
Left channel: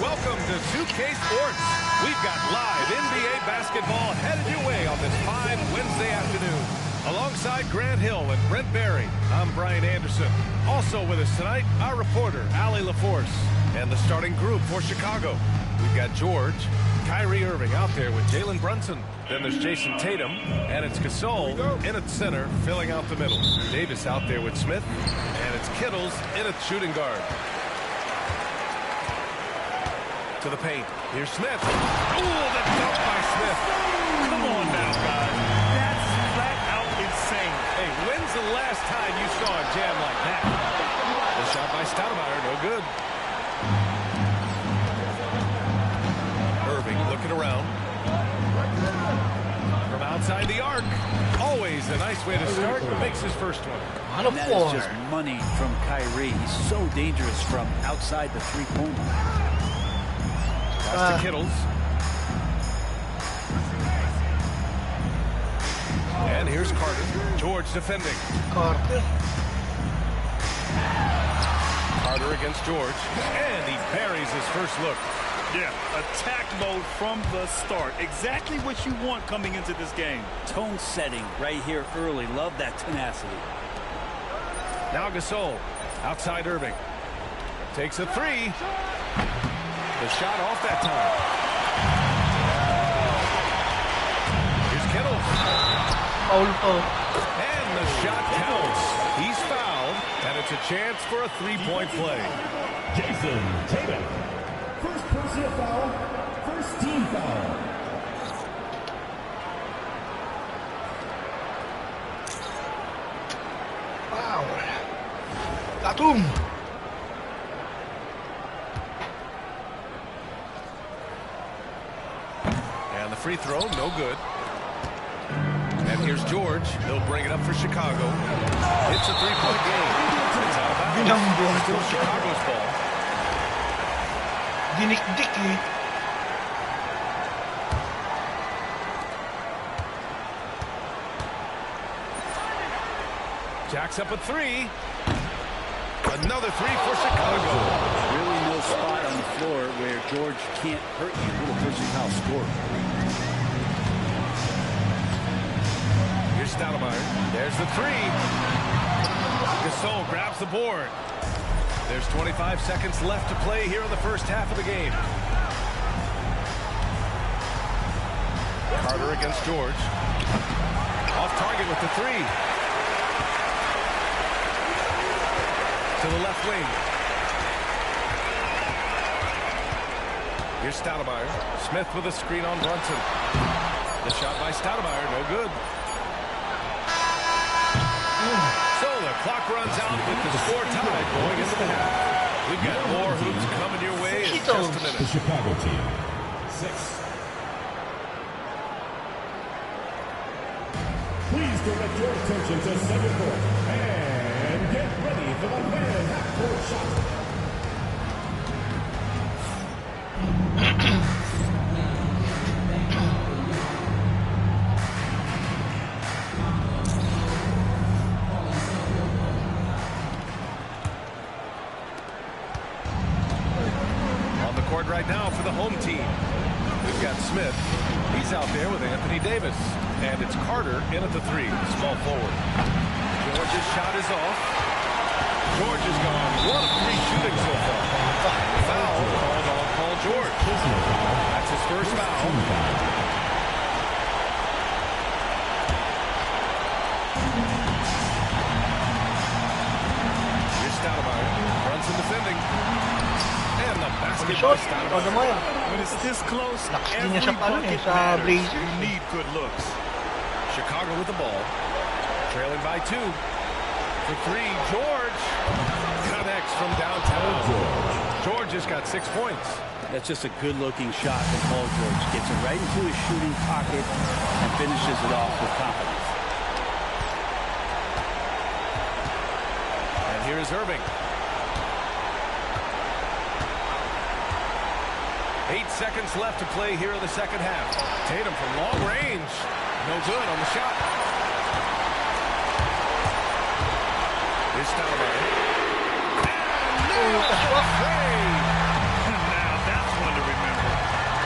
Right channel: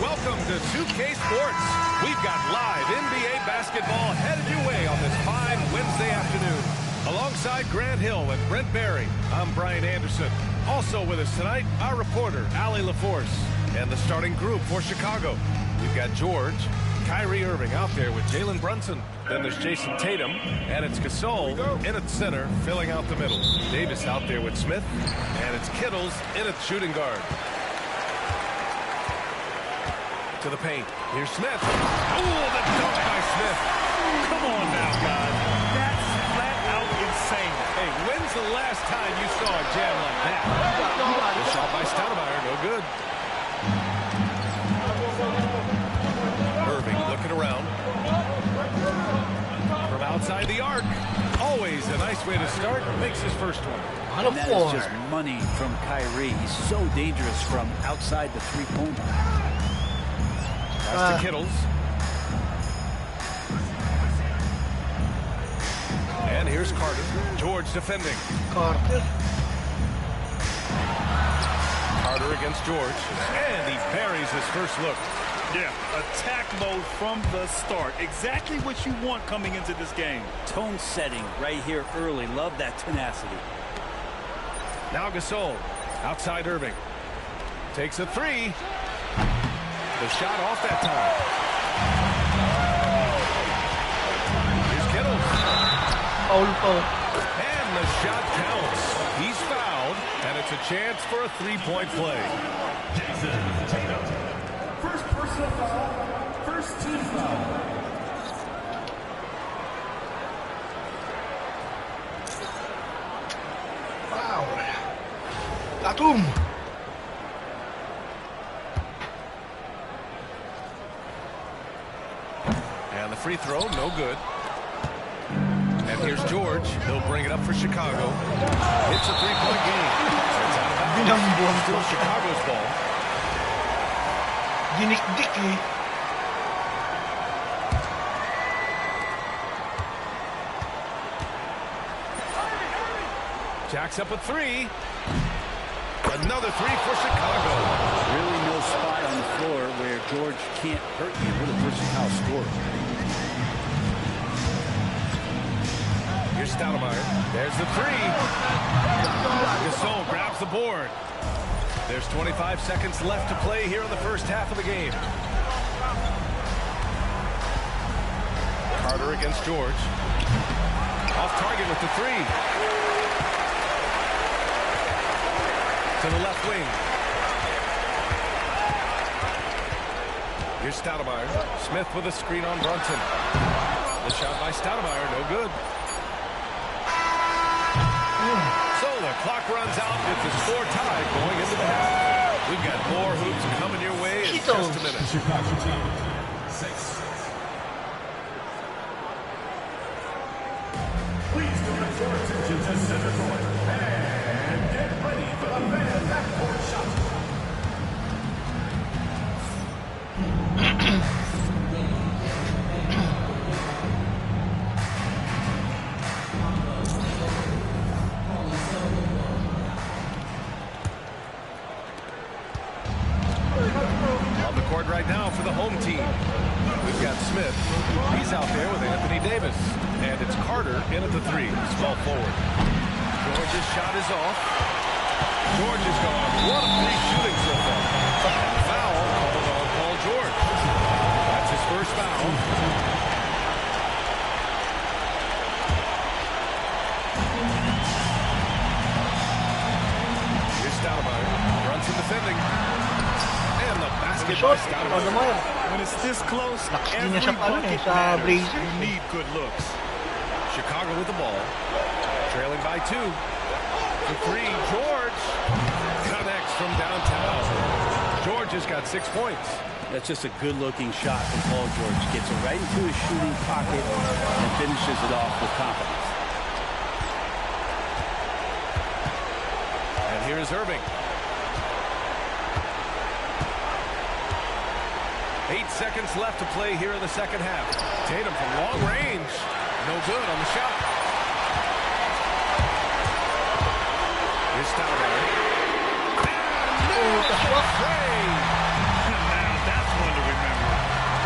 Welcome to 2K Sports. We've got live NBA basketball headed your way on this fine Wednesday afternoon. Alongside Grant Hill and Brent Barry, I'm Brian Anderson. Also with us tonight, our reporter, Allie LaForce. And the starting group for Chicago. We've got George, Kyrie Irving out there with Jalen Brunson. Then there's Jason Tatum, and it's Gasol in at center, filling out the middle. Davis out there with Smith, and it's Kittles in at shooting guard. To the paint. Here's Smith. Oh, the dunk by Smith. Come on now, guys. That's flat out insane. Hey, when's the last time you saw a jam like that? The shot by Stoudemire, no good. Irving looking around. From outside the arc. Always a nice way to start. Makes his first one. And that is just money from Kyrie. He's so dangerous from outside the three-point line. Pass to Kittles. And here's Carter. George defending. Carter against George. And he buries his first look. Yeah, attack mode from the start. Exactly what you want coming into this game. Tone setting right here early. Love that tenacity. Now Gasol. Outside Irving. Takes a three. The shot off that time. Here's Kittles. Foul po. And the shot counts. He's fouled, and it's a chance for a three-point play. Jason Tatum. First personal foul, first team foul. Wow. Tatum. And the free throw, no good. And here's George. He'll bring it up for Chicago. It's a three-point game. It's out of bounds. Still Chicago's ball. Dinik-dik eh. Jacks up a three. Another three for Chicago. Really no spot on the floor where George can't hurt you with a versatile scorer. Here's Stoudemire. There's the three. Gasol grabs the board. There's 25 seconds left to play here in the first half of the game. Carter against George. Off target with the three. To the left wing. Here's Stoudemire. Smith with a screen on Brunson. The shot by Stoudemire, no good. So the clock runs out with the score tied going into the half. We've got more hoops coming your way in just a minute. The Chicago team. 6. Please direct your attention to center court and get ready for the man half-court shot. On the court right now for the home team. We've got Smith. He's out there with Anthony Davis. And it's Carter in at the three, small forward. George's shot is off. George is gone. What a free shooting so far. And the foul called on Paul George. That's his first foul. Here's Stoudemire. Brunson defending. And the basket by Stoudemire. When it's this close, Lakas din every niya siya pa nun eh, bucket sa matters. Blazers. You need good looks. Chicago with the ball. Trailing by 2. For 3, George connects from downtown. George has got 6 points. That's just a good-looking shot from Paul George. Gets it right into his shooting pocket and finishes it off with confidence. And here is Irving. 8 seconds left to play here in the second half. Tatum from long range. No good on the shot. Here's Stoudemire. And nails the trade. Now that's one to remember.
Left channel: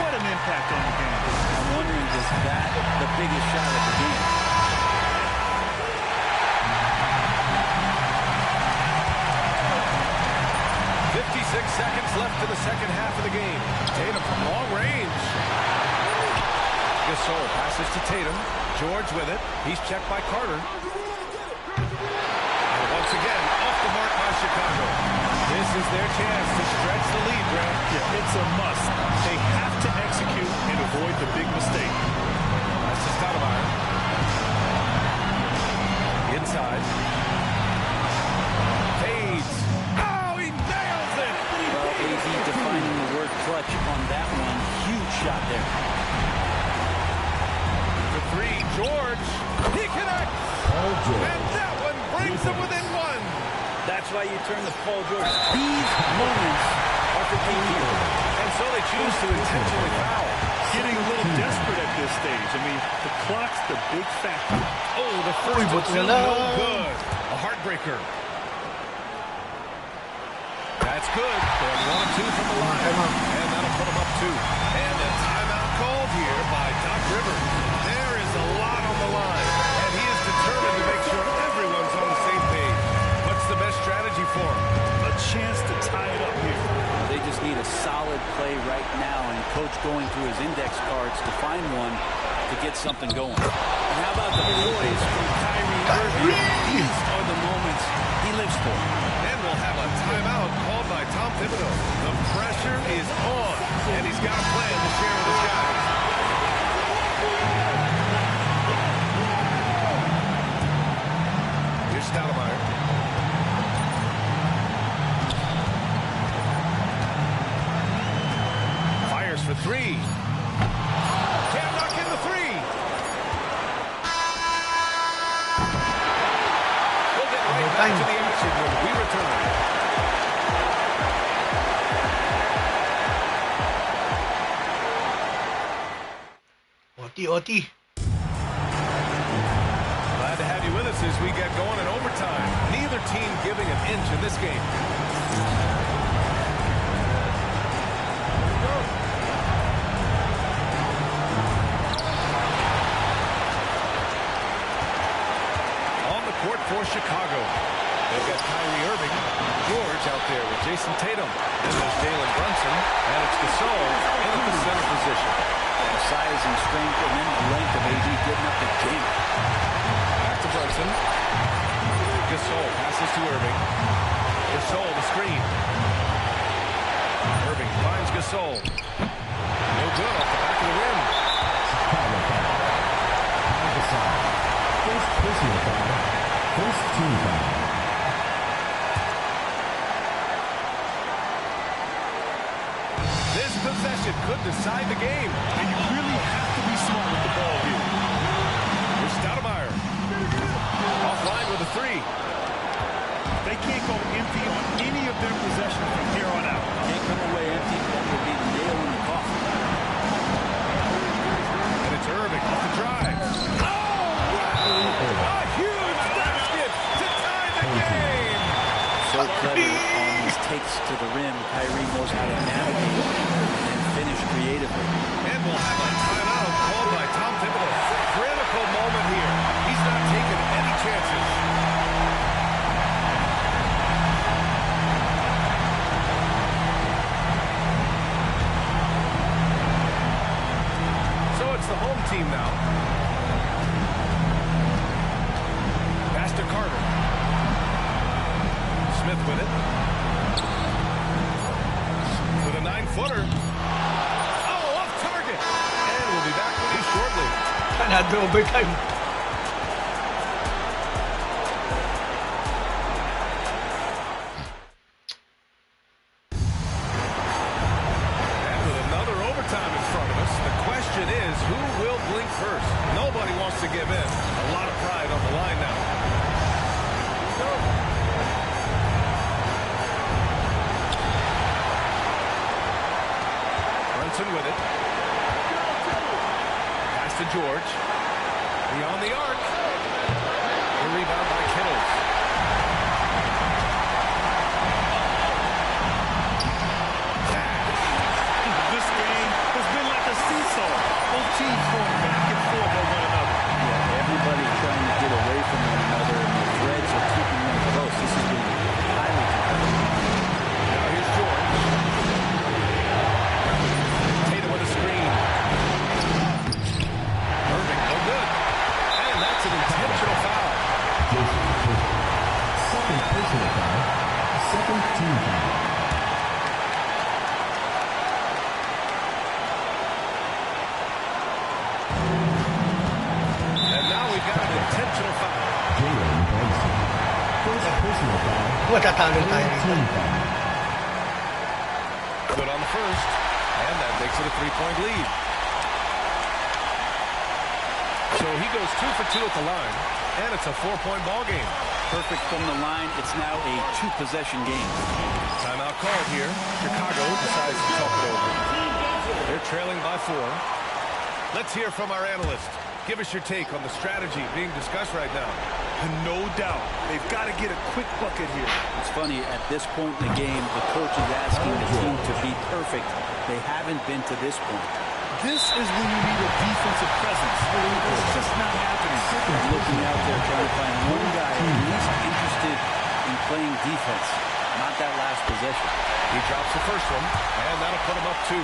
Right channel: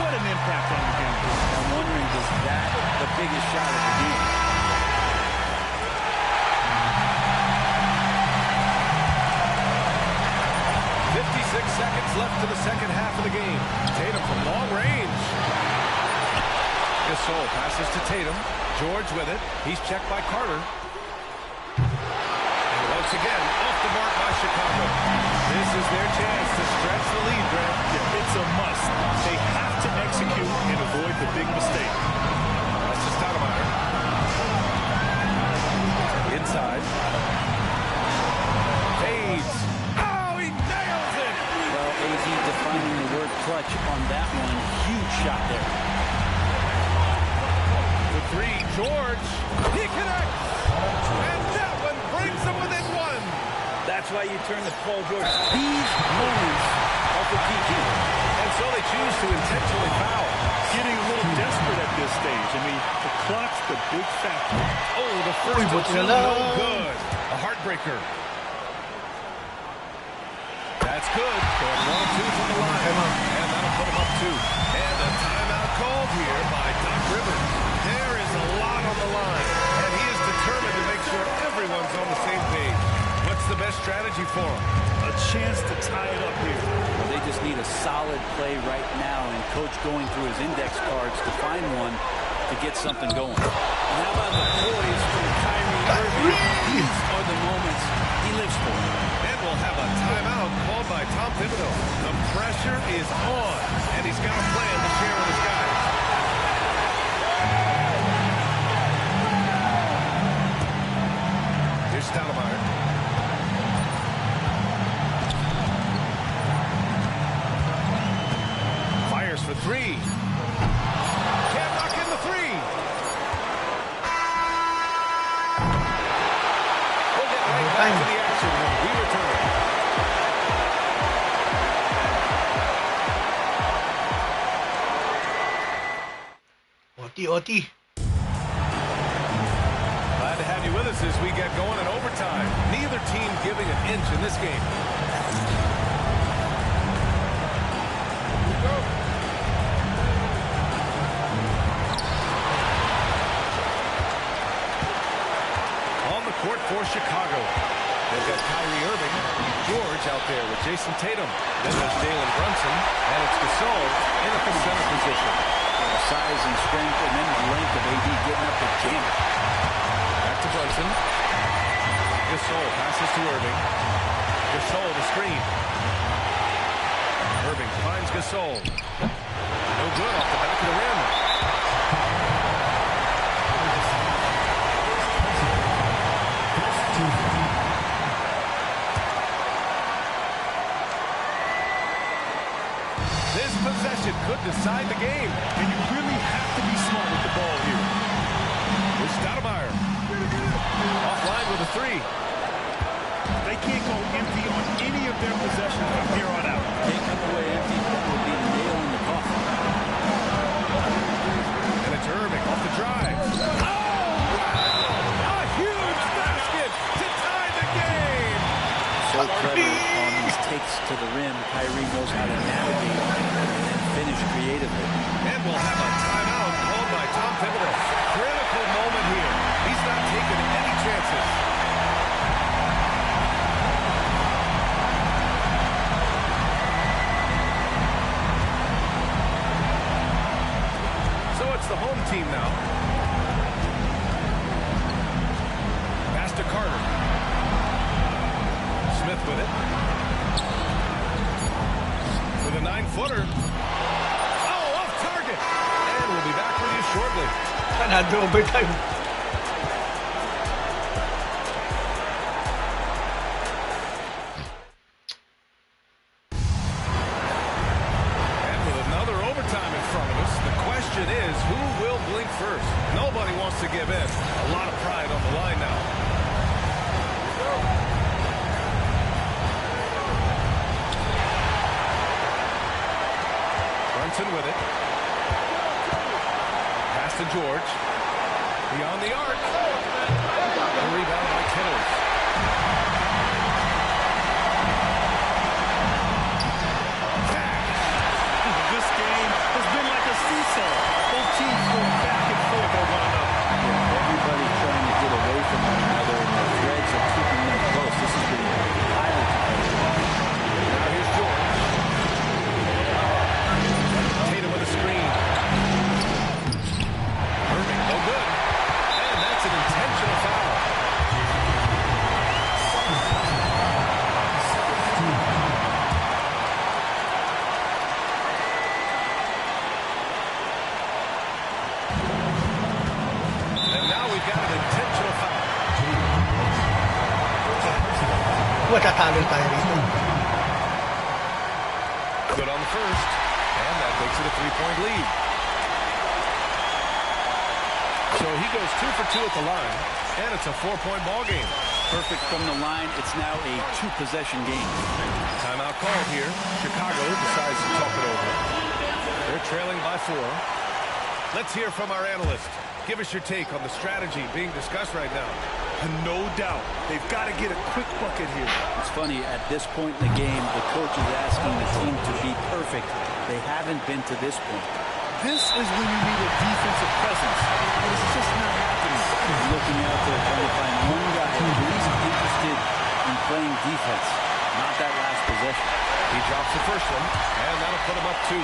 What an impact on the game. I'm wondering, is that the biggest shot of the game? .56 seconds left to the second half of the game. Tatum from long range. Gasol passes to Tatum. George with it. He's checked by Carter. And once again, off the mark by Chicago. This is their chance to stretch the lead, Grant. Yeah, it's a must. They have to execute and avoid the big mistake. That's to Stoudemire. Inside. Fades. Oh, he nails it! Well, AD defining the word clutch on that one. Huge shot there. For 3, George. He connects. And that one brings them within 1. That's why you turn to Paul George. These moments are for PG. And so they choose to intentionally foul. Getting a little desperate at this stage. I mean, the clock's the big factor. Oh, the first one, no good. A heartbreaker. That's good. Going 1 of 2 from the line. And that'll put them up 2. And a timeout called here by Doc Rivers. There is a lot on the line. And he is determined to make sure everyone's on the same page. What's the best strategy for him? A chance to tie it up here. Well, they just need a solid play right now, and Coach going through his index cards to find one to get something going. And how about the poise from Kyrie Irving? These are the moments he lives for. And we'll have a timeout called by Tom Thibodeau. The pressure is on, and he's got a plan to share with his guys. Here's Stoudemire. Fires for three. Can't knock in the three. We'll get right back to the action when we return. OT. Glad to have you with us as we get going in overtime. Neither team giving an inch in this game. Here we go. On the court for Chicago. They've got Kyrie Irving. George out there with Jason Tatum. Then there's Jalen Brunson. And it's Gasol in at the center position. Size and strength, and then the length of AD getting up to jam it. Back to Brunson. Gasol passes to Irving. Gasol the screen. Irving finds Gasol. No good off the back of the rim. First personal foul. First team foul. This possession could decide the game. And you really have to be smart with the ball here. Here's Stoudemire. Offline with a three. They can't go empty on any of their possessions from here on out. Can't come away empty. That would be the nail in the coffin. And it's Irving off the drive. Oh, wow! A huge basket to tie the game. So clever on these takes to the rim. Kyrie knows how to navigate and then finish creatively. And we'll have a timeout called by Tom Thibodeau. Critical moment here. He's not taking any chances. So it's the home team now. Pass to Carter. Smith with it. With a 9-footer. Oh, off target. And we'll be back with you shortly. Another overtime. And with another overtime in front of us, the question is, who will blink first? Nobody wants to give in. A lot of pride on the line now. Here we go. Brunson with it. Pass to George. Beyond the arc. The rebound by Kittles. This game has been like a seesaw. Both teams going back and forth at one another. Yeah, everybody trying to get away from one another, and the threads are keeping them close. This has been highly competitive. Now here's George. Tatum with a screen. Irving, no good. And that's an intentional foul. Second personal foul. Second team foul. And now we've got an intentional foul. First personal foul. Matatalo tayo rito. Good on the first. And that makes it a 3-point lead. So he goes 2 for 2 at the line. And it's a 4-point ball game. Perfect from the line. It's now a 2-possession game. Timeout called here. Chicago decides to talk it over. They're trailing by 4. Let's hear from our analyst. Give us your take on the strategy being discussed right now. And no doubt, they've got to get a quick bucket here. It's funny, at this point in the game, the coach is asking the team to be perfect. They haven't been to this point. This is when you need a defensive presence. It's just not happening. They're looking out there trying to find one guy at least interested in playing defense, not that last possession. He drops the first one, and that'll put him up 2.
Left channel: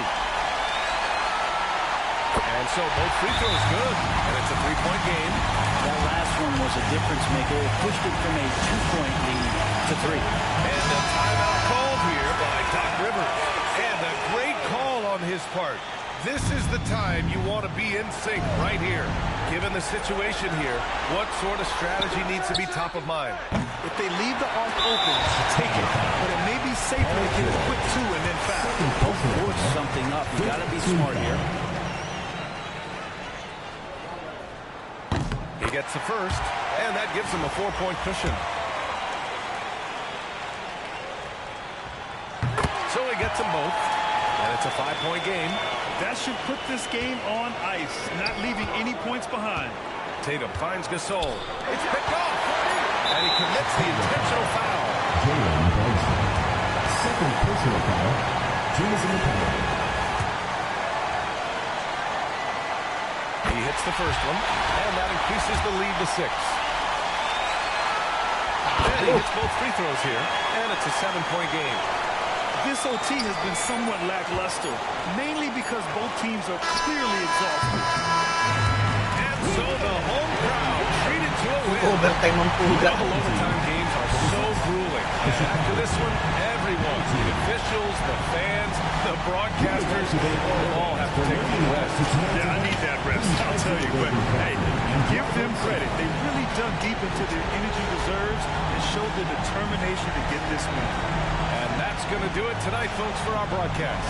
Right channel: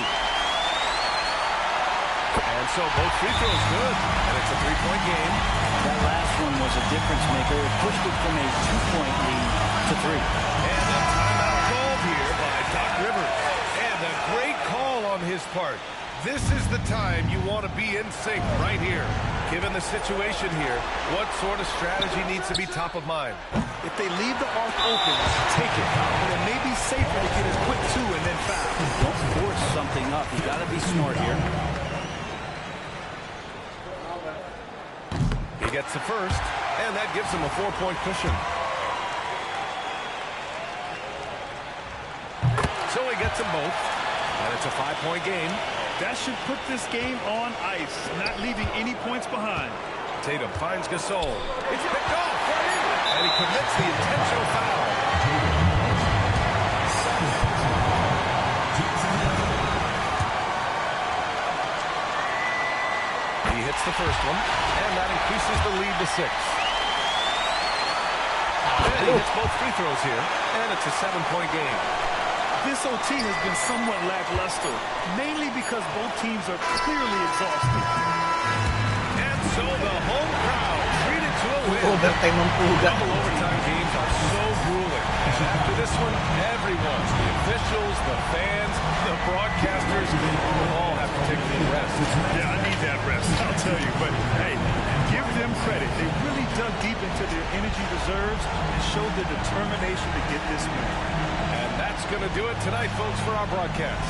And so both free throws good. And it's a three-point game. That last one was a difference maker. It pushed it from a 2-point lead to 3. And a timeout called here by Doc Rivers. And a great call on his part. This is the time you want to be in sync right here. Given the situation here, what sort of strategy needs to be top of mind? If they leave the arc open, take it. But it may be safer to get a quick 2 and then foul. Don't force something up. You got to be smart here. He gets the first, and that gives him a 4-point cushion. So he gets them both, and it's a 5-point game. That should put this game on ice, not leaving any points behind. Tatum finds Gasol. It's picked off, and he commits the intentional foul. Second personal foul. Team is in the penalty. He hits the first one, and that increases the lead to 6. And he hits both free throws here, and it's a 7-point game. This OT has been somewhat lackluster, mainly because both teams are clearly exhausted. And so the home crowd treated to a win. Overtime ang puga. Double overtime games are so grueling. And after this one, everyone, the officials, the fans, the broadcasters, will all have to take a little rest. Yeah, I need that rest, I'll tell you. But, hey, give them credit. They really dug deep into their energy reserves and showed their determination to get this win. And that's going to do it tonight, folks, for our broadcast.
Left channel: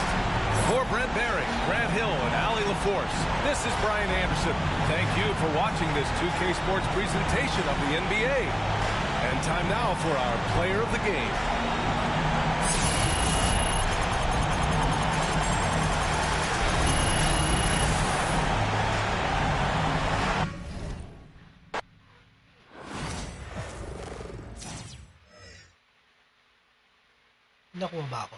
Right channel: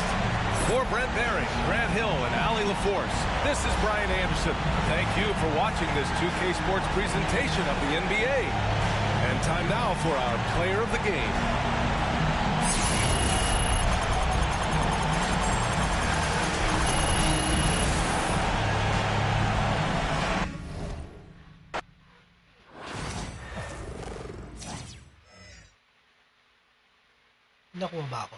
For Brent Barry, Grant Hill, and Allie LaForce, this is Brian Anderson. Thank you for watching this 2K Sports presentation of the NBA. And time now for our player of the game. Nakuha ba ako?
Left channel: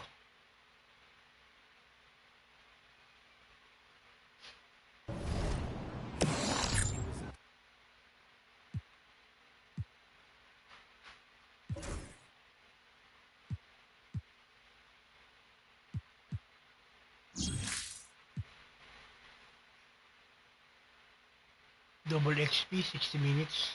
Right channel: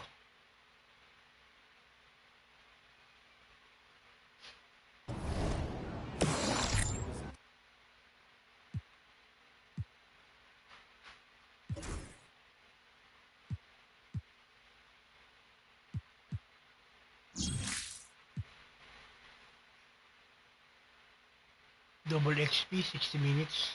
Double XP, 60 minutes.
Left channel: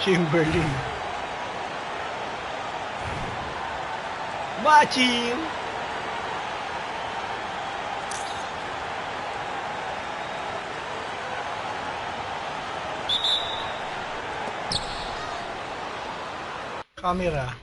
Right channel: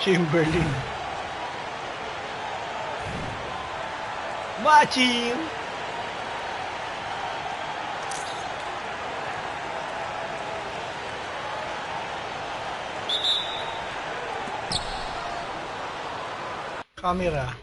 Chamberlain. MyTeam. Camera.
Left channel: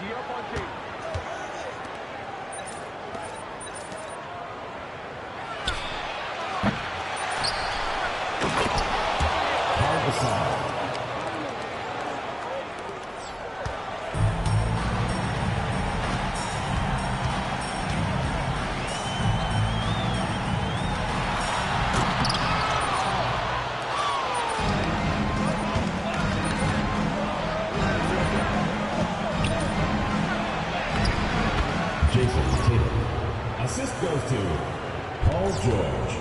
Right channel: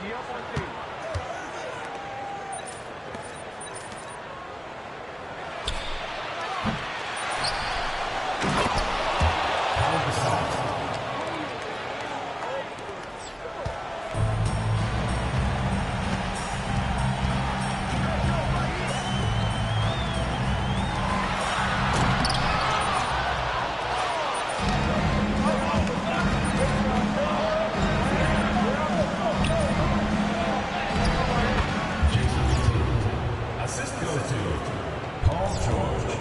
Tee up on Tatum. Assist goes to Paul George.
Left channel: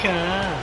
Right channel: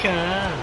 Okay.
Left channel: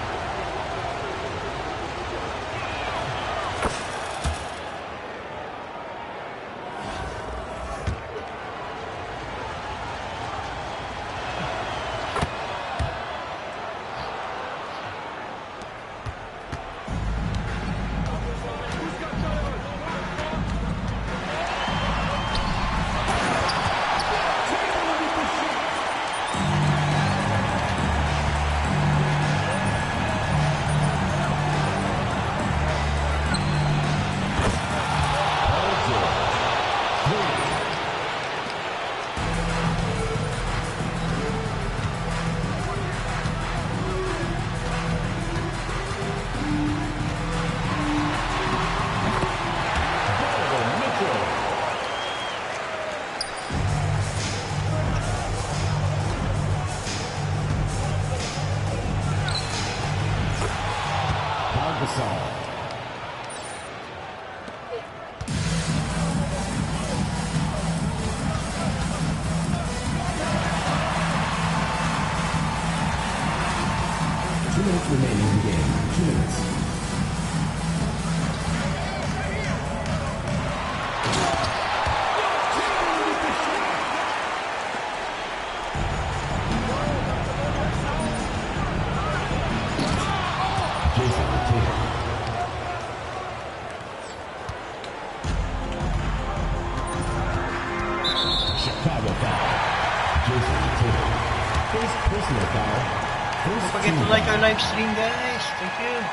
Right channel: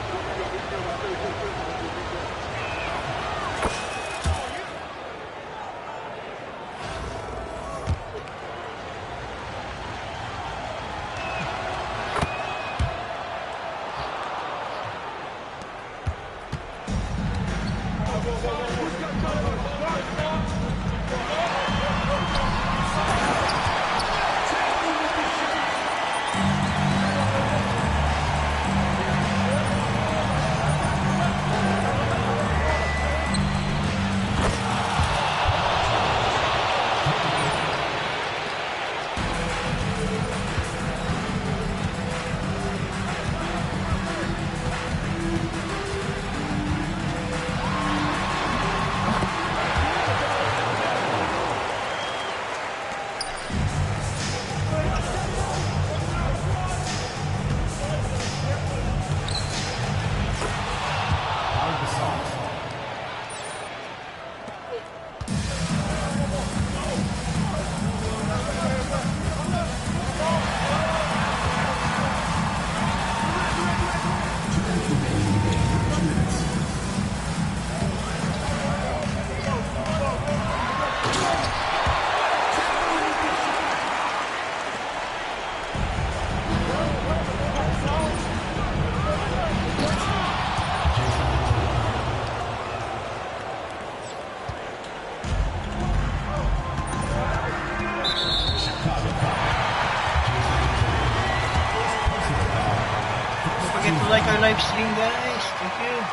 Don't forget to like our live stream, guys. Thank you.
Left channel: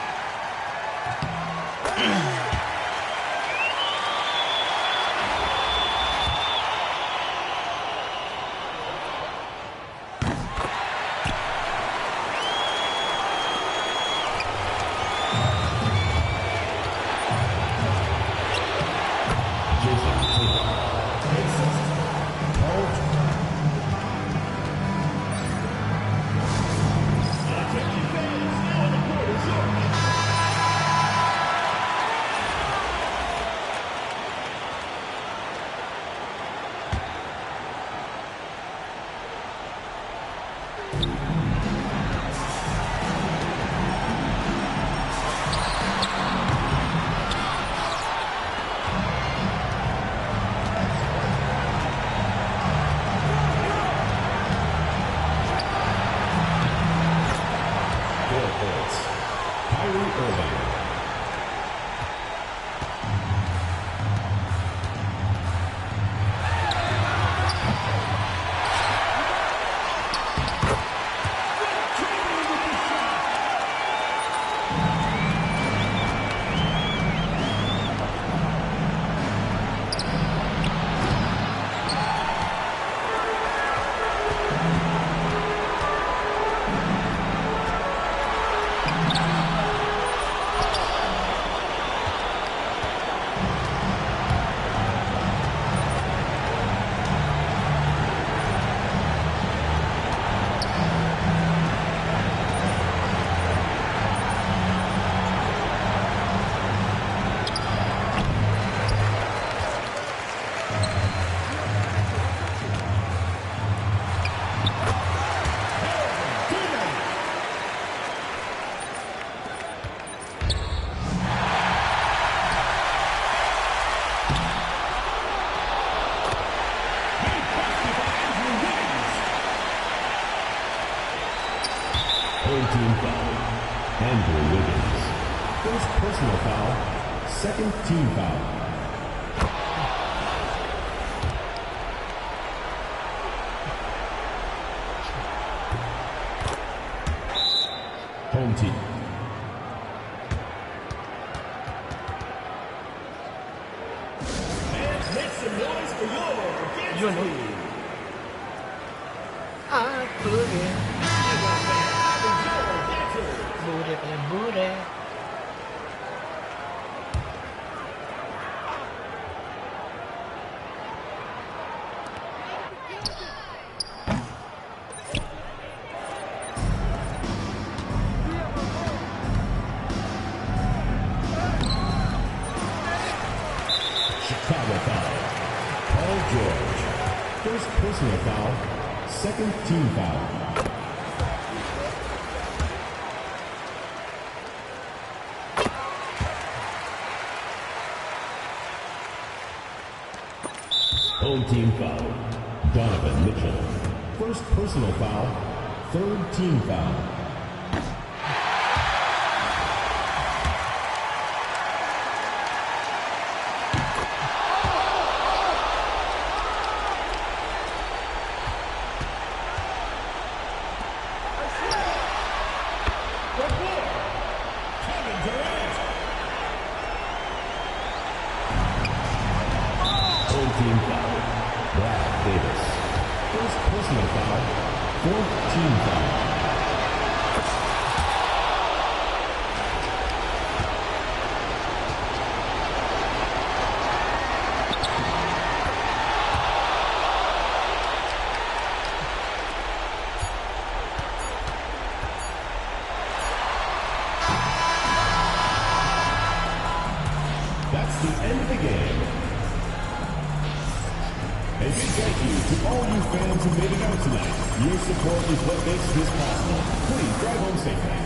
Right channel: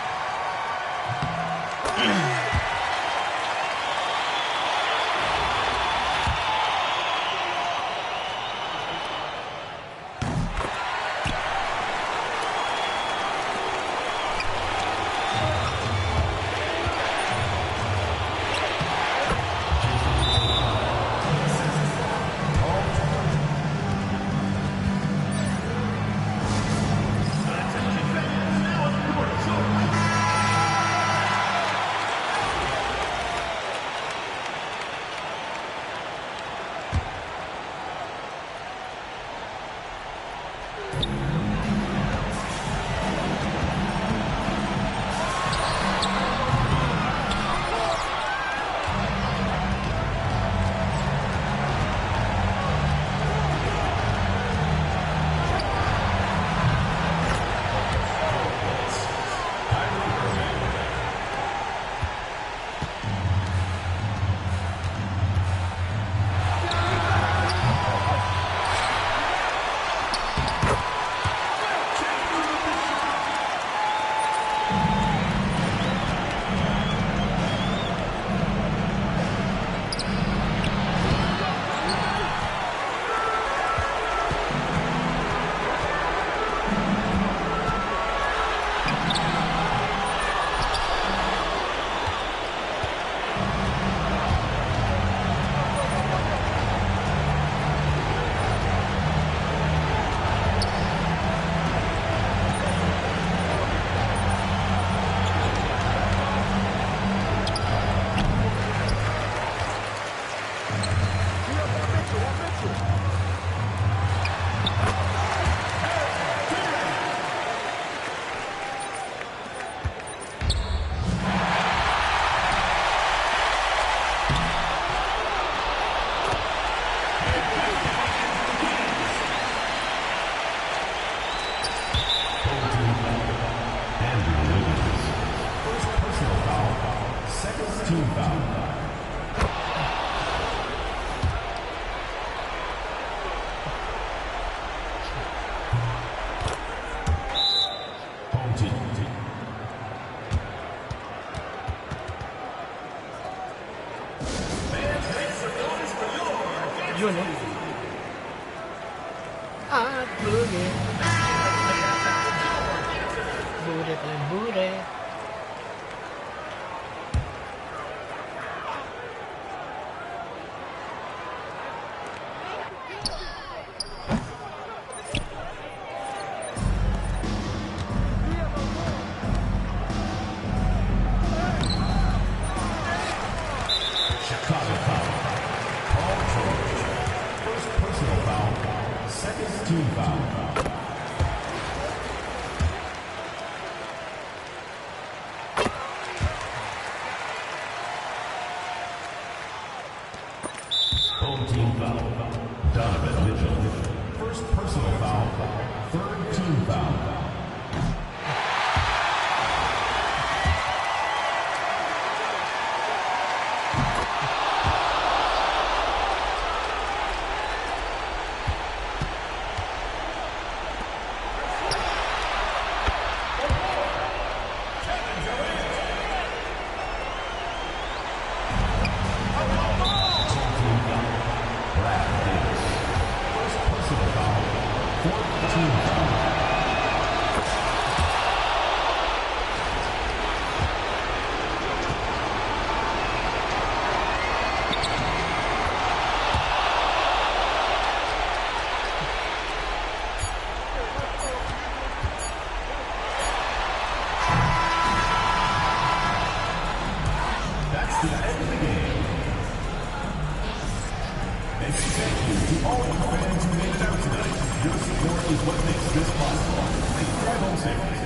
Andrew Wiggins. First personal foul, second team foul. Home team. Yun, oh. Ah, booty. Booty pala yung booty. Chicago foul. Paul George. First personal foul, second team foul. Home team foul. Donovan Mitchell. First personal foul, third team foul. That's the end of the game. A big thank you to all you fans who made it out tonight. Your support is what makes this possible. Please drive home safely.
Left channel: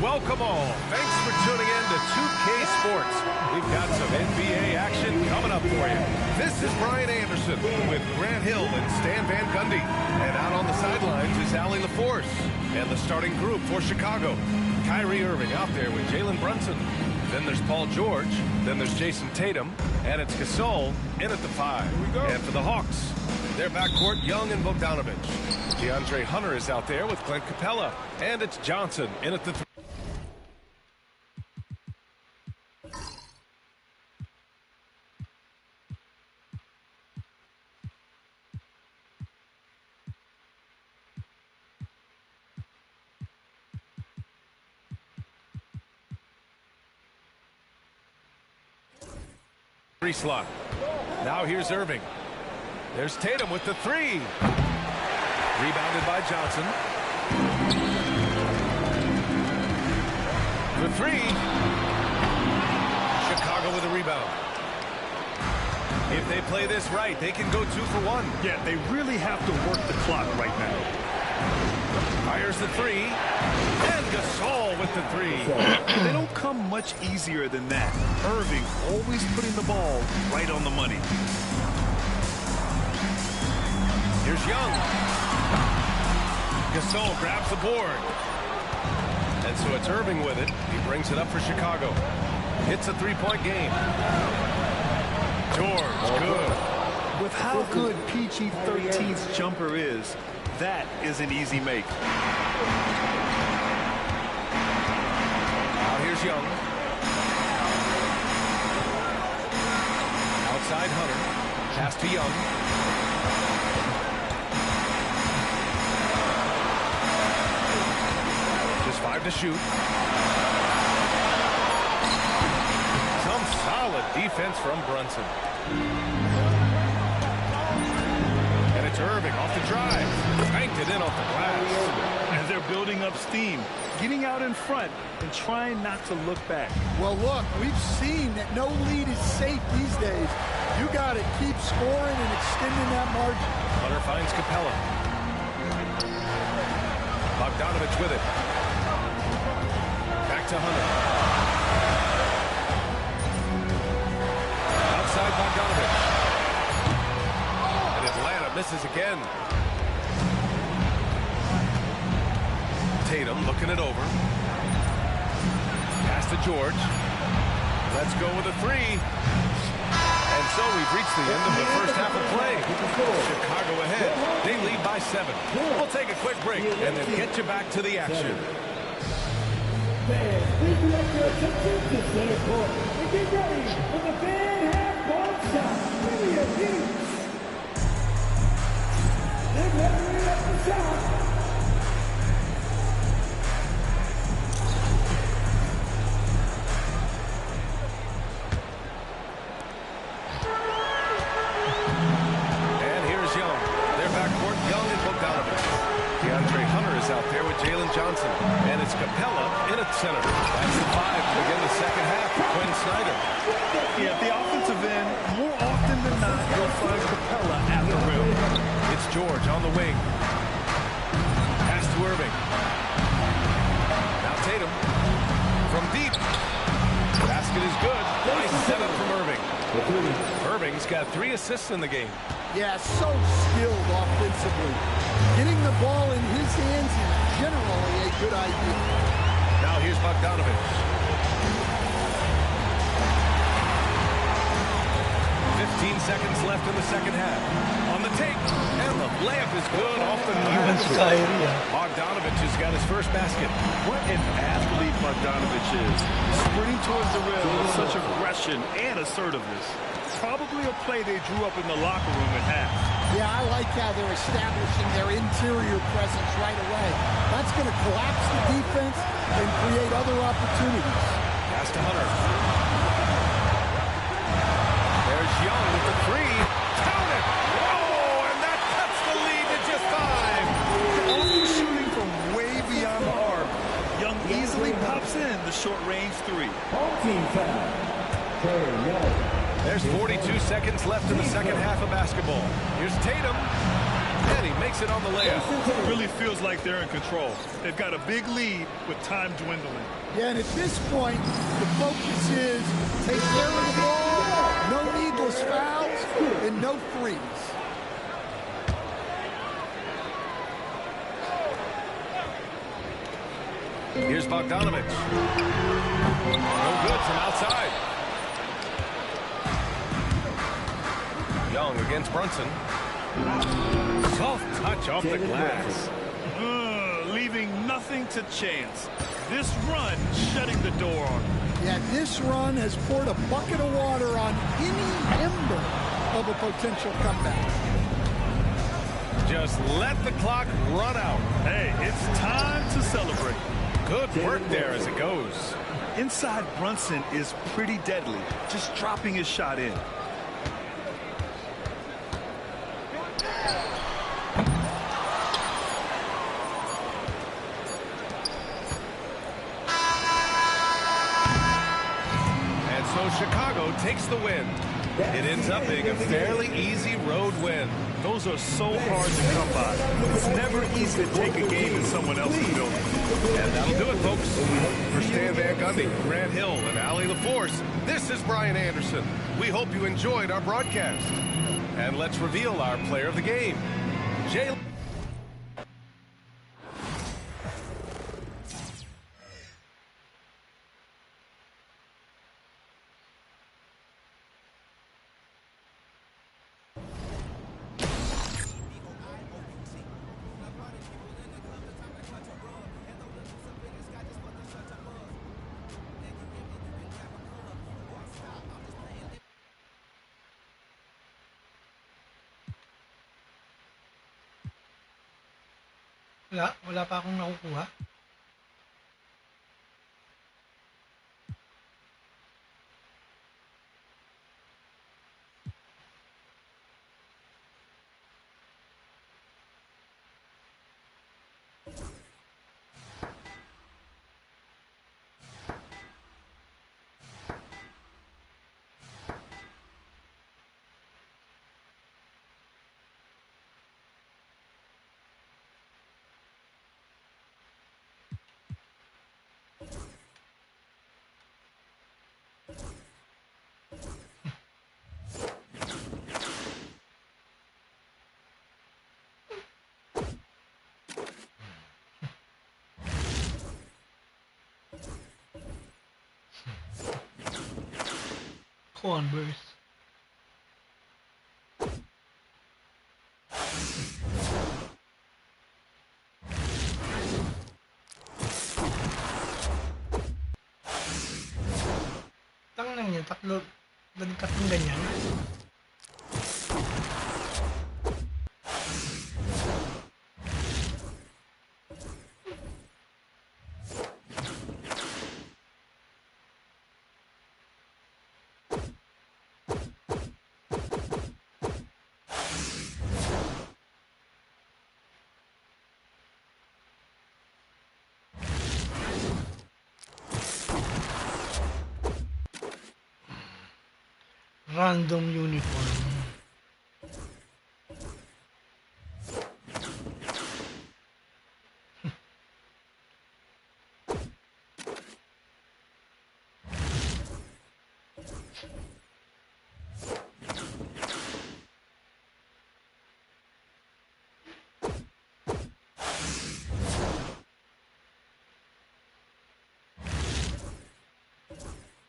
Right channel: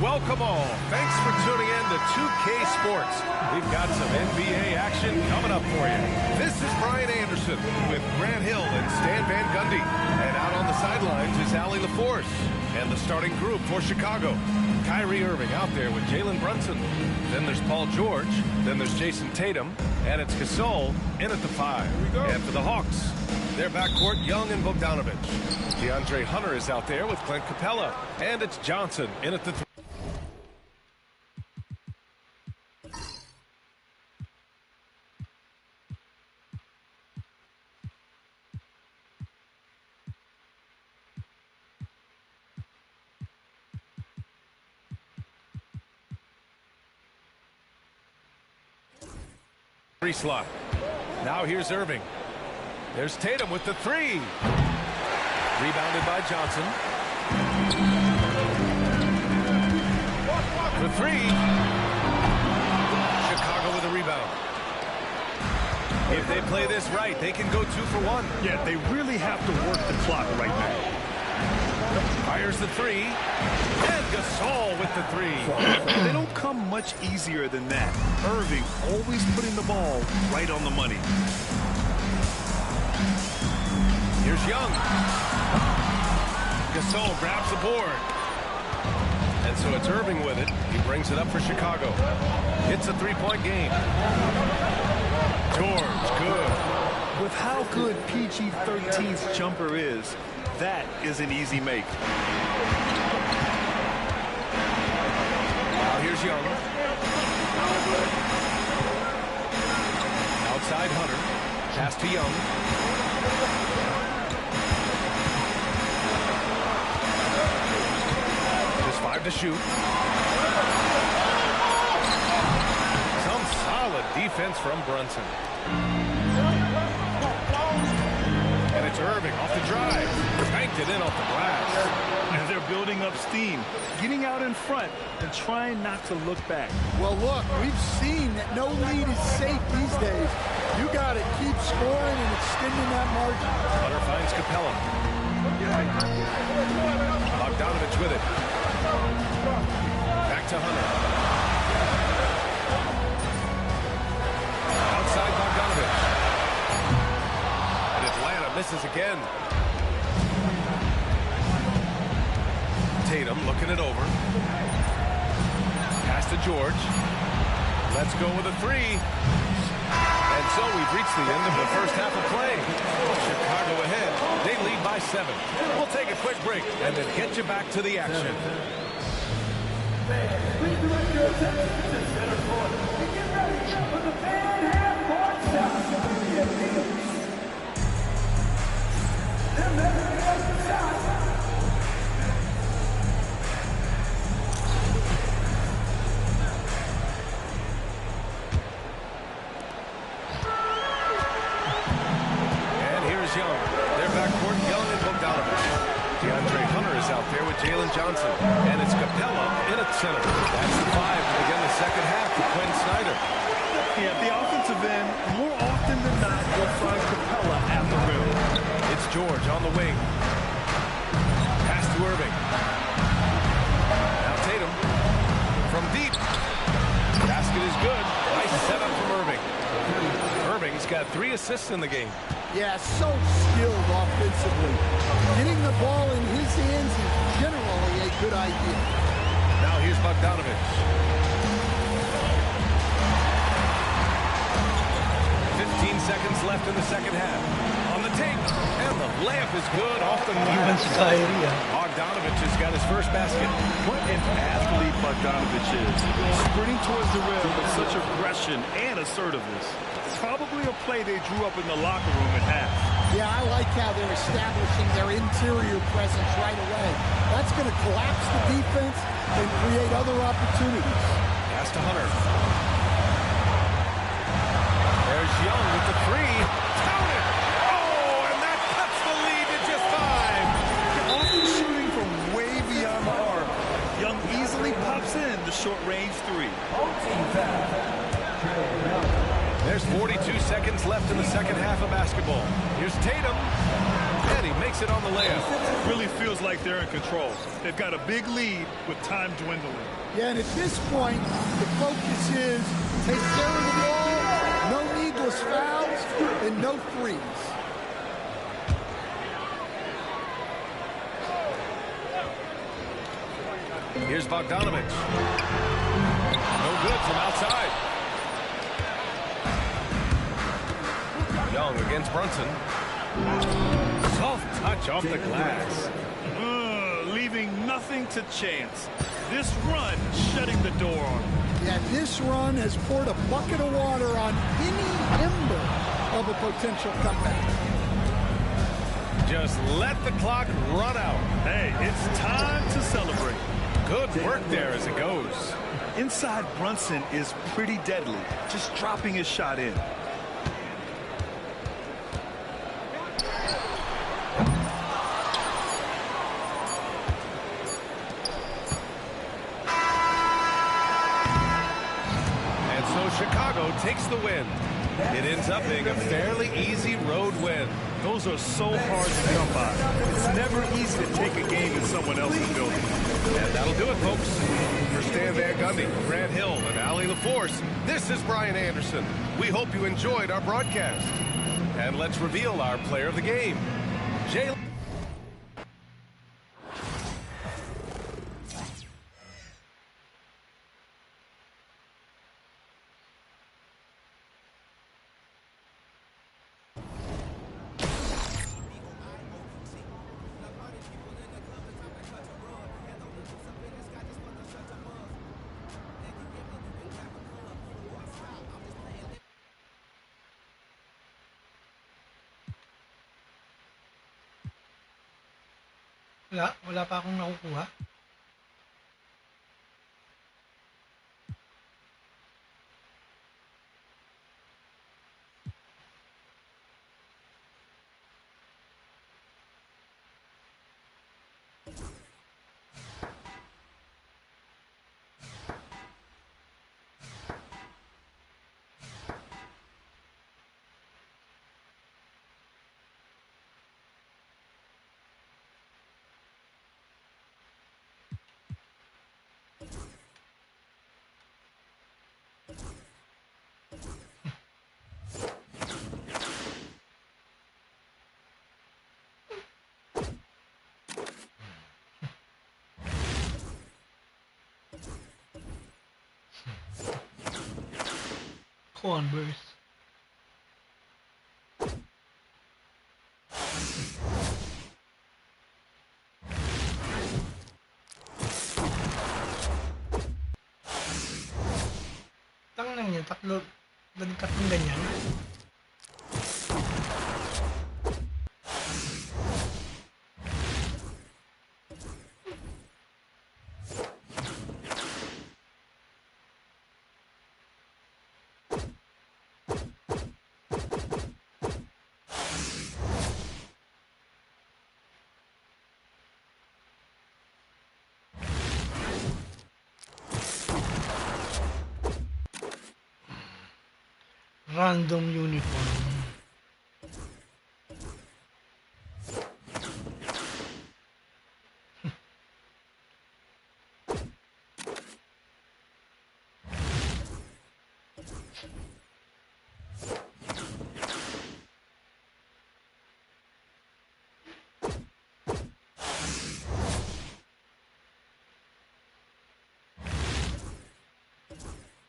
Welcome all. Thanks for tuning in to 2K Sports. We've got some NBA action coming up for you. This is Brian Anderson with Grant Hill and Stan Van Gundy. And out on the sidelines is Allie LaForce. And the starting group for Chicago. Kyrie Irving out there with Jalen Brunson. Then there's Paul George. Then there's Jason Tatum. And it's Gasol in at the 5. Here we go. And for the Hawks, their backcourt, Young and Bogdanovich. DeAndre Hunter is out there with Clint Capella. And it's Johnson in at the 3. Slot. Now here's Irving. There's Tatum with the 3. Rebounded by Johnson. The 3. Chicago with a rebound. If they play this right, they can go 2 for 1. Yeah, they really have to work the clock right now. Fires the 3. And Gasol with the 3. They don't come much easier than that. Irving always putting the ball right on the money. Here's Young. Gasol grabs the board. And so it's Irving with it. He brings it up for Chicago. Hits a 3-point game. George, good. With how good PG-13's jumper is, that is an easy make. Now here's Young. Outside Hunter. Pass to Young. Just 5 to shoot. Some solid defense from Brunson. And it's Irving off the drive. Banked it in off the glass. And they're building up steam, getting out in front and trying not to look back. Well, look, we've seen that no lead is safe these days. You got to keep scoring and extending that margin. Hunter finds Capella. Bogdanovich with it. Back to Hunter. Outside Bogdanovich. And Atlanta misses again. Tatum looking it over. Pass to George. Let's go with a three. And so we've reached the end of the first half of play. Chicago ahead. They lead by 7. We'll take a quick break and then get you back to the action. Please direct your attention to center court and get ready for the fan half-court shot. They're measuring up the shot. Young. Their backcourt, Young and Bogdanovich. DeAndre Hunter is out there with Jalen Johnson. And it's Capella in at center. That's the 5 to begin the second half for Quinn Snyder. Yeah, at the offensive end, more often than not, you'll find Capella at the rim. It's George on the wing. Pass to Irving. Now Tatum. From deep. Basket is good. Nice setup from Irving. Irving's got 3 assists in the game. Yeah, so skilled offensively. Getting the ball in his hands is generally a good idea. Now here's Bogdanovich. 15 seconds left in the second half. On the tape, and the layup is good off the knee. Bogdanovich has got his first basket. What an athlete Bogdanovich is. Sprinting towards the rim with such aggression and assertiveness. Probably a play they drew up in the locker room at half. Yeah, I like how they're establishing their interior presence right away. That's going to collapse the defense and create other opportunities. Pass to Hunter. There's Young with the 3. Count it! Oh, and that cuts the lead to just 5. Often shooting from way beyond the arc, Young easily pops in the short-range 3. Home team foul. There's 42 seconds left in the second half of basketball. Here's Tatum, and he makes it on the layup. Really feels like they're in control. They've got a big lead with time dwindling. Yeah, and at this point, the focus is take care of the ball, no needless fouls, and no threes. Here's Bogdanovich. No good from outside. Young against Brunson. Soft touch off the glass. Leaving nothing to chance. This run shutting the door on him. Yeah, this run has poured a bucket of water on any ember of a potential comeback. Just let the clock run out. Hey, it's time to celebrate. Good work there as it goes. Inside Brunson is pretty deadly, just dropping his shot in. So Chicago takes the win. It ends up being a fairly easy road win. Those are so hard to come by. It's never easy to take a game in someone else's building. And that'll do it, folks. For Stan Van Gundy, Grant Hill, and Allie LaForce, this is Brian Anderson. We hope you enjoyed our broadcast. And let's reveal our player of the game. Jay. Wala pa akong nakukuha. Converse. Tangan niya, tatlong ganyan. Random uniform.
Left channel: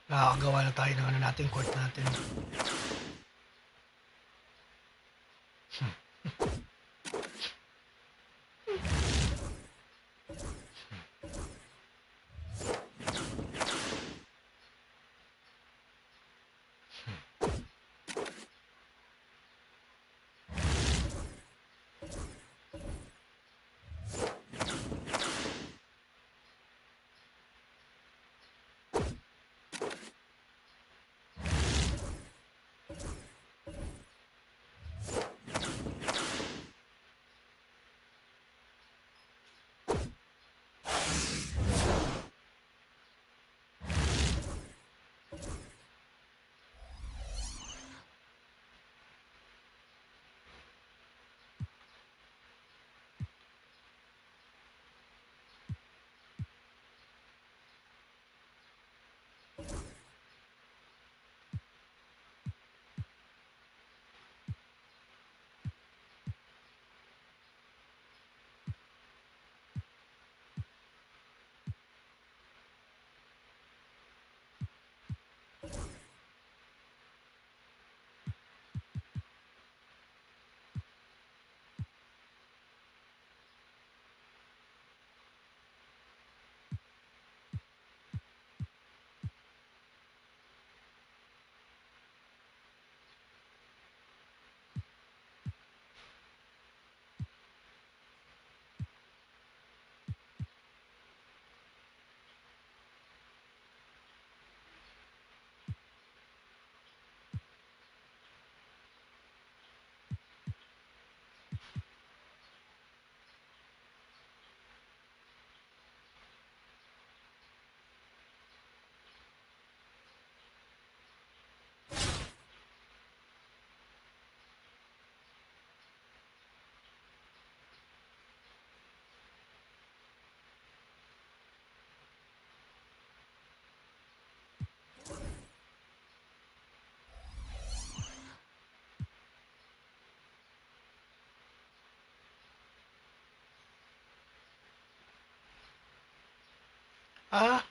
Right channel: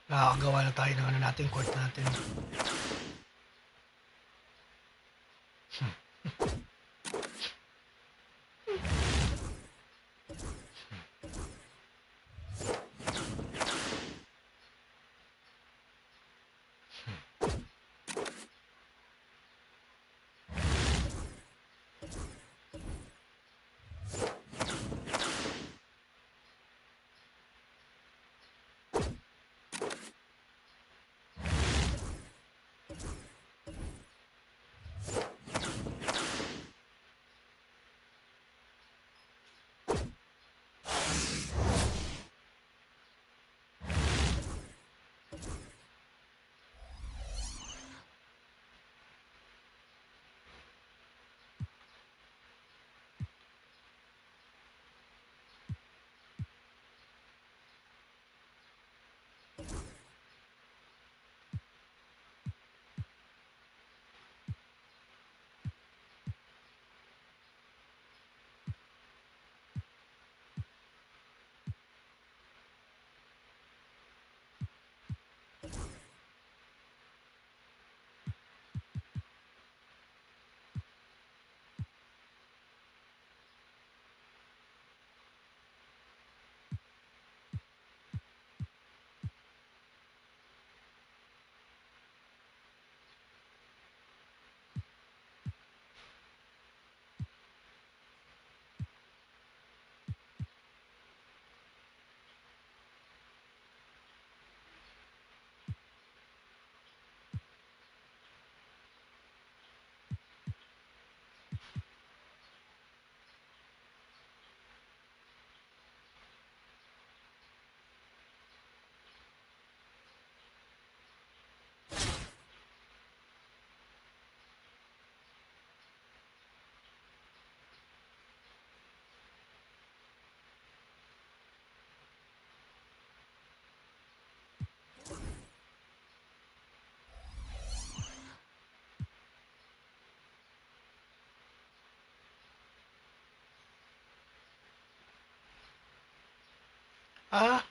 Nakakagawa na tayo ng ano natin, court natin.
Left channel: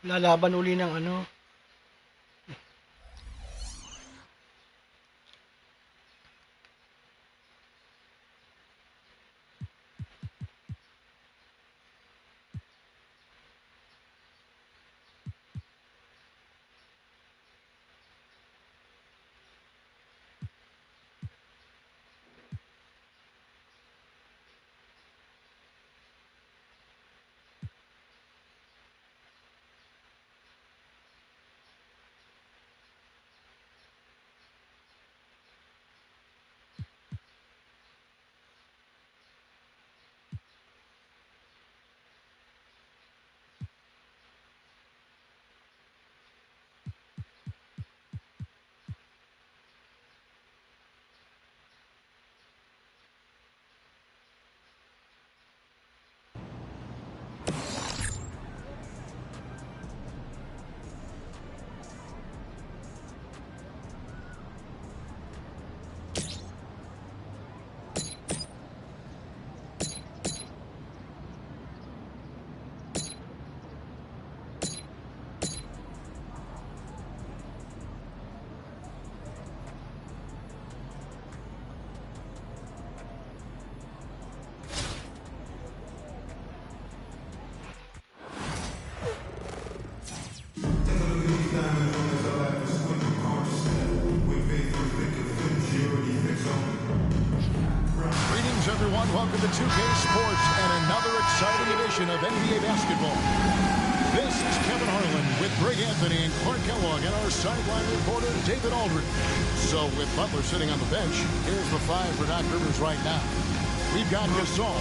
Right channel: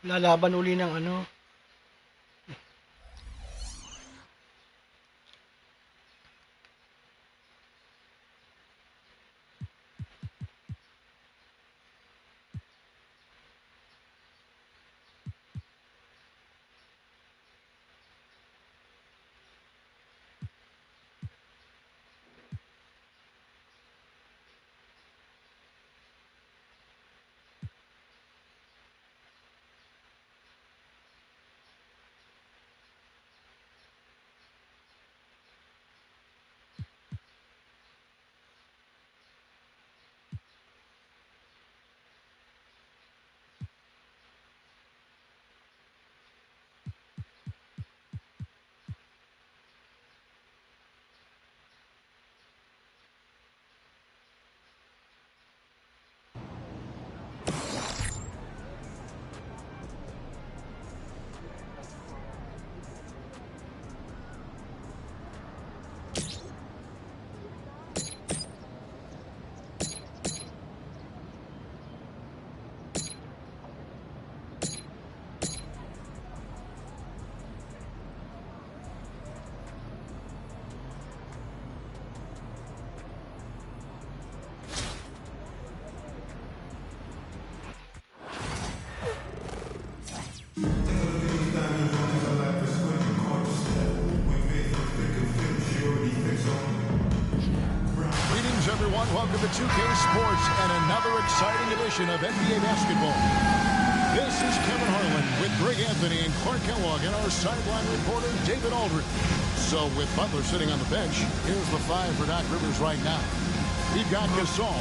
Lalaban uli ng ano. everyone. Welcome to 2K Sports and another exciting edition of NBA basketball. This is Kevin Harlan with Greg Anthony and Clark Kellogg and our sideline reporter, David Aldridge. So with Butler sitting on the bench, here's the 5 for Doc Rivers right now. We've got Gasol.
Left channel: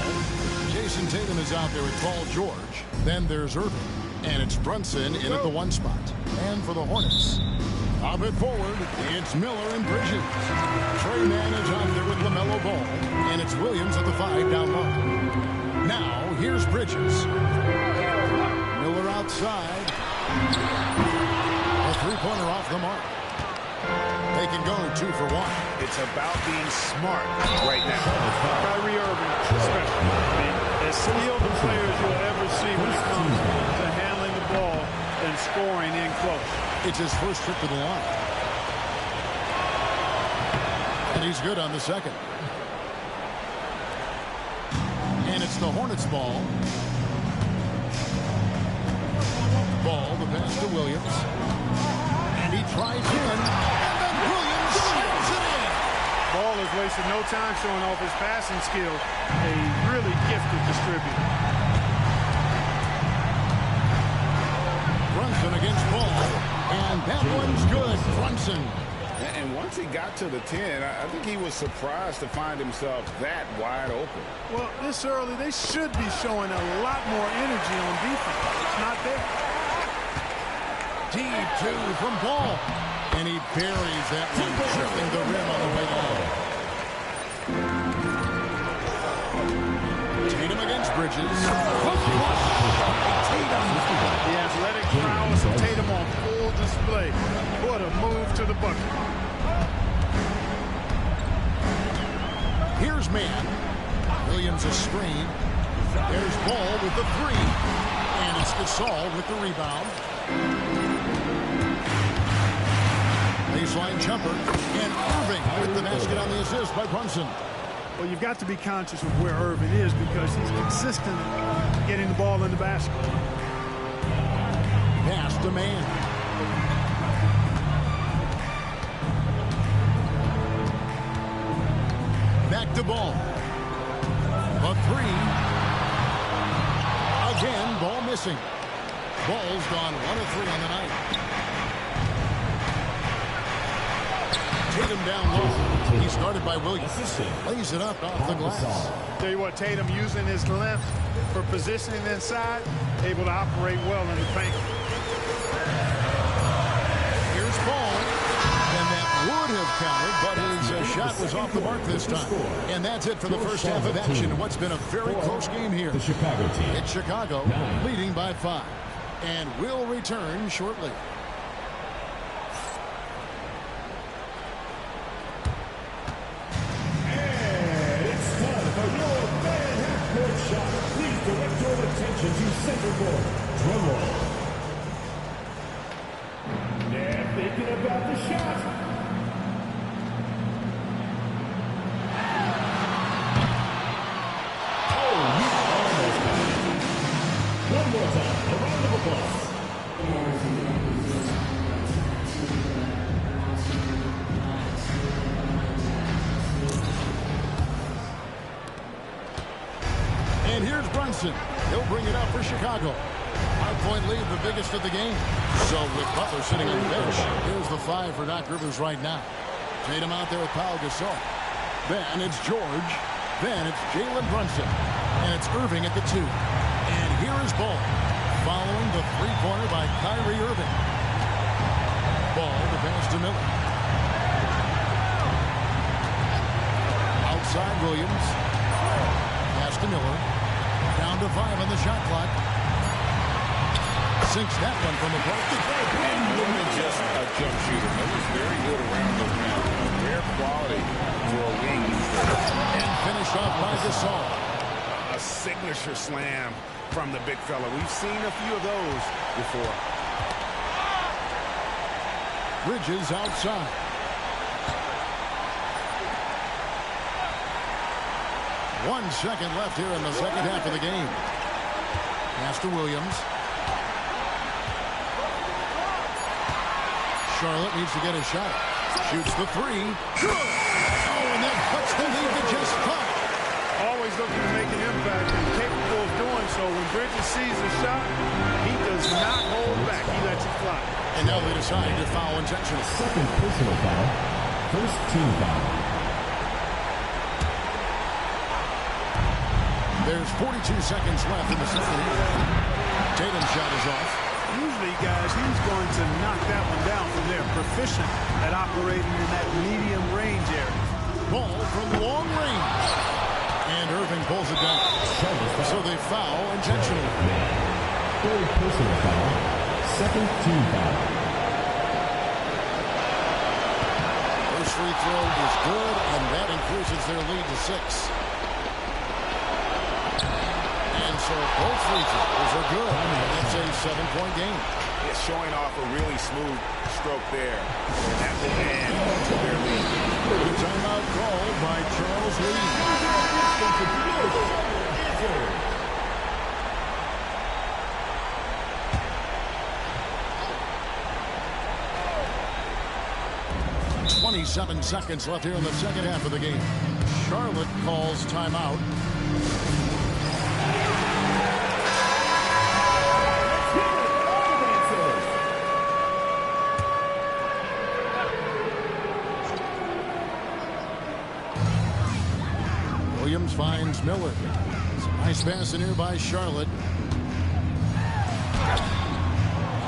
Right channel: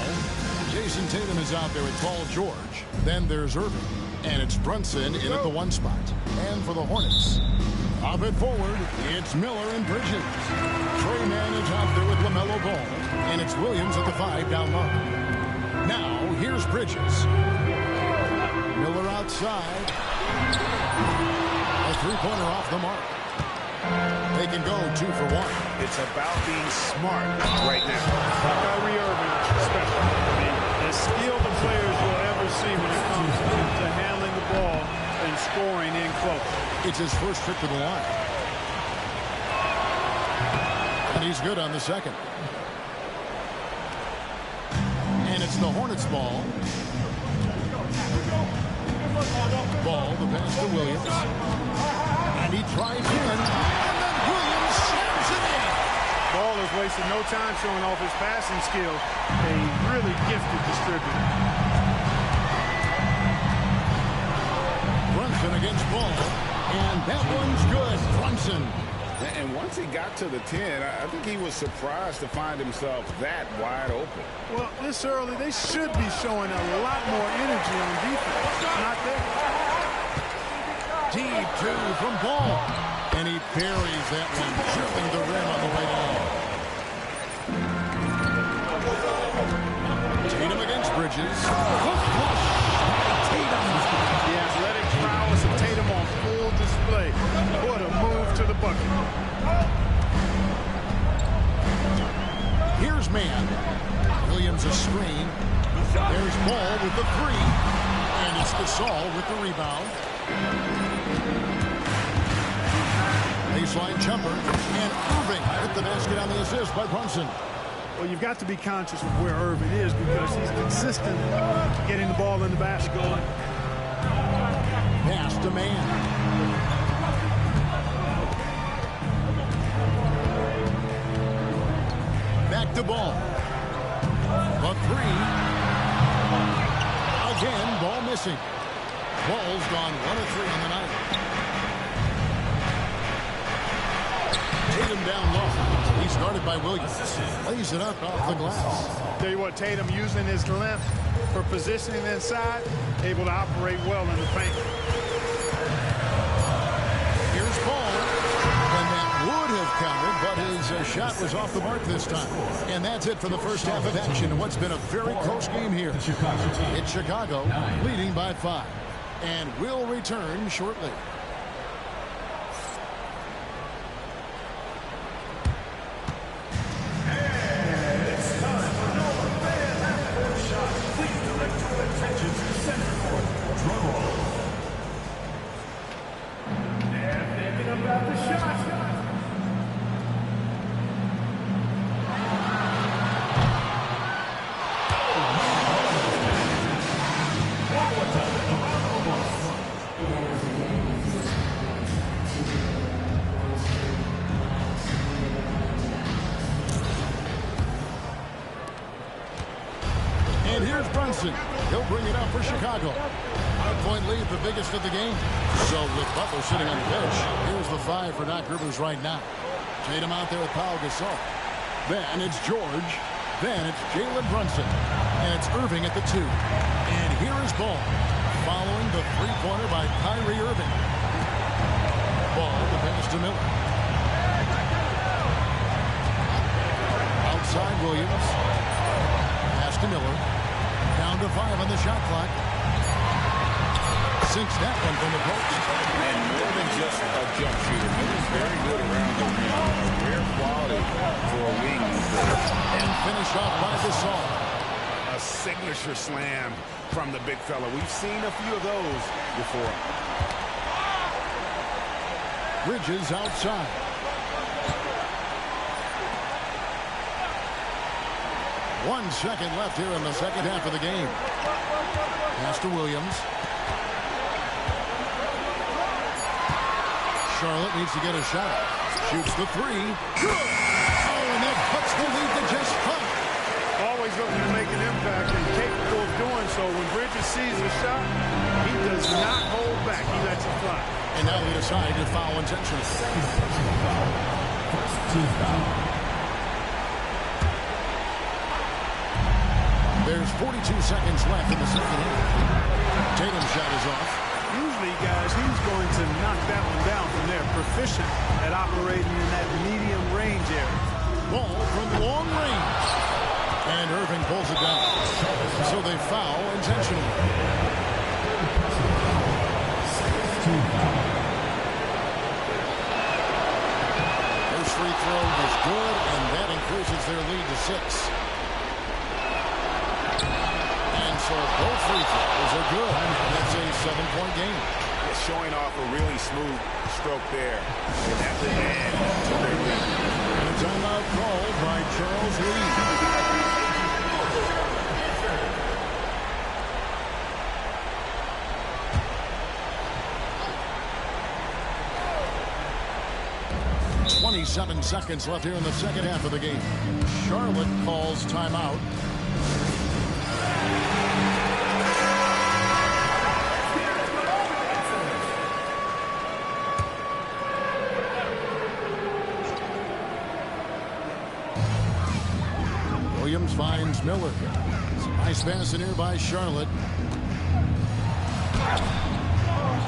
Jason Tatum is out there with Paul George. Then there's Irving. And it's Brunson in at the 1 spot. And for the Hornets, up at forward, it's Miller and Bridges. Trey Mann is out there with LaMelo Ball. And it's Williams at the 5 down low. Now, here's Bridges. Miller outside. A three-pointer off the mark. They can go 2 for 1. It's about being smart right now. Kyrie Irving, especially. I mean, as skilled a players you'll ever see when it comes to handling the ball and scoring in close. It's his first trip to the line. And he's good on the second. And it's the Hornets ball. Ball, the pass to Williams. And he tries in. And then Williams slams it in. Ball has wasted no time showing off his passing skills. A really gifted distributor. Brunson against Ball. And that one's good. Brunson. And once he got to the 10, I think he was surprised to find himself that wide open. Well, this early, they should be showing a lot more energy on defense. It's not there. Deep 2 from Ball. And he buries that one, drilling the rim on the way down. Tatum against Bridges. Hook flush by Tatum. The athletic prowess of Tatum on full display. What a move to the bucket. Here's Mann. Williams a screen. There's Ball with the 3. And it's Gasol with the rebound. Baseline jumper. And Irving with the basket on the assist by Brunson. Well, you've got to be conscious of where Irving is because he's consistent in getting the ball in the basket. Pass to Mann. Back to Ball. A 3. Again, Ball missing. Ball's gone 1 of 3 on the night. Tatum down low. He's guarded by Williams. Lays it up off the glass. Tell you what, Tatum using his length for positioning inside, able to operate well in the paint. Here's Ball. And that would have counted, but his shot was off the mark this time. And that's it for the first half of action in what's been a very close game here. It's Chicago leading by 5. And will return shortly. And here's Brunson. He'll bring it up for Chicago. 5-point lead, the biggest of the game. So with Butler sitting on the bench, here's the 5 for Doc Rivers right now. Tatum out there with Paul Gasol. Then it's George. Then it's Jalen Brunson. And it's Irving at the 2. And here is Ball, following the three-pointer by Kyrie Irving. Ball, the pass to Miller. Outside Williams. Pass to Miller. Down to 5 on the shot clock. Sinks that one from the post. And more than just a jump shooter, Miller's very good around the rim. A rare quality for a wing these days. And finished off by Gasol. A signature slam from the big fella. We've seen a few of those before. Bridges outside. One second left here in the second half of the game. Pass to Williams. Charlotte needs to get a shot up. Shoots the 3. Good. Oh, and that cuts the lead to just 5. Always looking to make an impact and capable of doing so. When Bridges sees a shot, he does not hold back. He lets it fly. And now they decide to foul intentionally. Second personal foul. First team foul. There's 42 seconds left in the second half. Tatum's shot is off. Usually, guys, he's going to knock that one down from there. Proficient at operating in that medium range area. Ball from long range. And Irving pulls it down. So they foul intentionally. Third personal foul. Second team foul. First free throw is good, and that increases their lead to 6. And so both free throws are good. That's a 7-point game. It's showing off a really smooth stroke there. And that will add to their lead. And a timeout called by Charles Lee. 27 seconds left here in the second half of the game. Charlotte calls timeout. Williams finds Miller. It's a nice pass in here by Charlotte.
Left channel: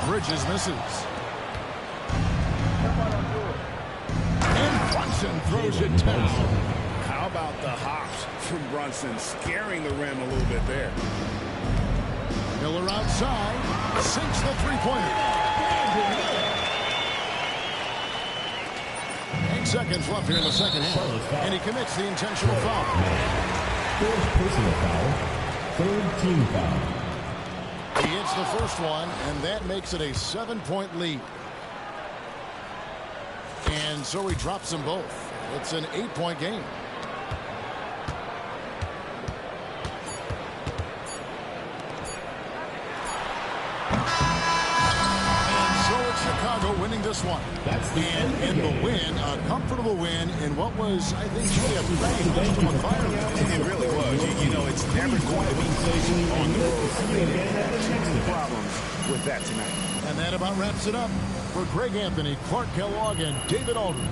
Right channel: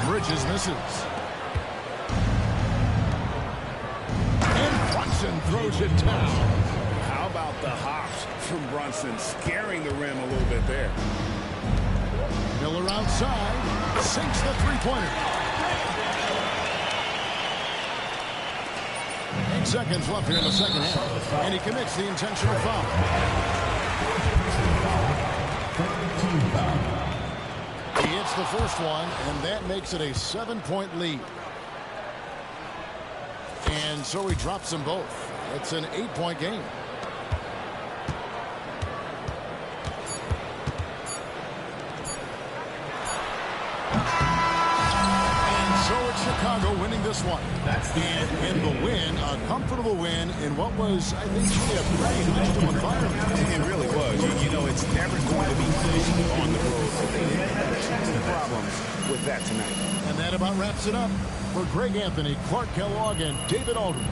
Bridges misses. And Brunson throws it down. How about the hops from Brunson, scaring the rim a little bit there. Miller outside, sinks the three-pointer. 8 seconds left here in the second half, and he commits the intentional foul. Fourth personal foul. Third team foul. He hits the first one, and that makes it a 7-point lead. And so he drops them both. It's an 8-point game. Chicago winning this one. And in the win, a comfortable win in what was, I think, really a pretty hostile environment. It really was. You know, it's never going to be easy on the road, but they didn't have too many problems with that tonight. And that about wraps it up. For Greg Anthony, Clark Kellogg, and David Aldridge,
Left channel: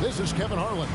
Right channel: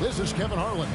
this is Kevin Harlan.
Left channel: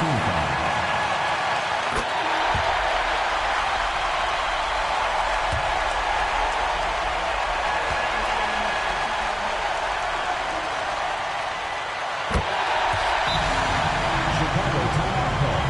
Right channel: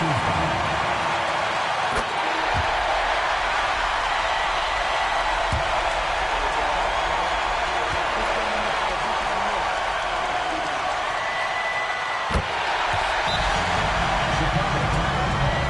team foul. Chicago timeout call.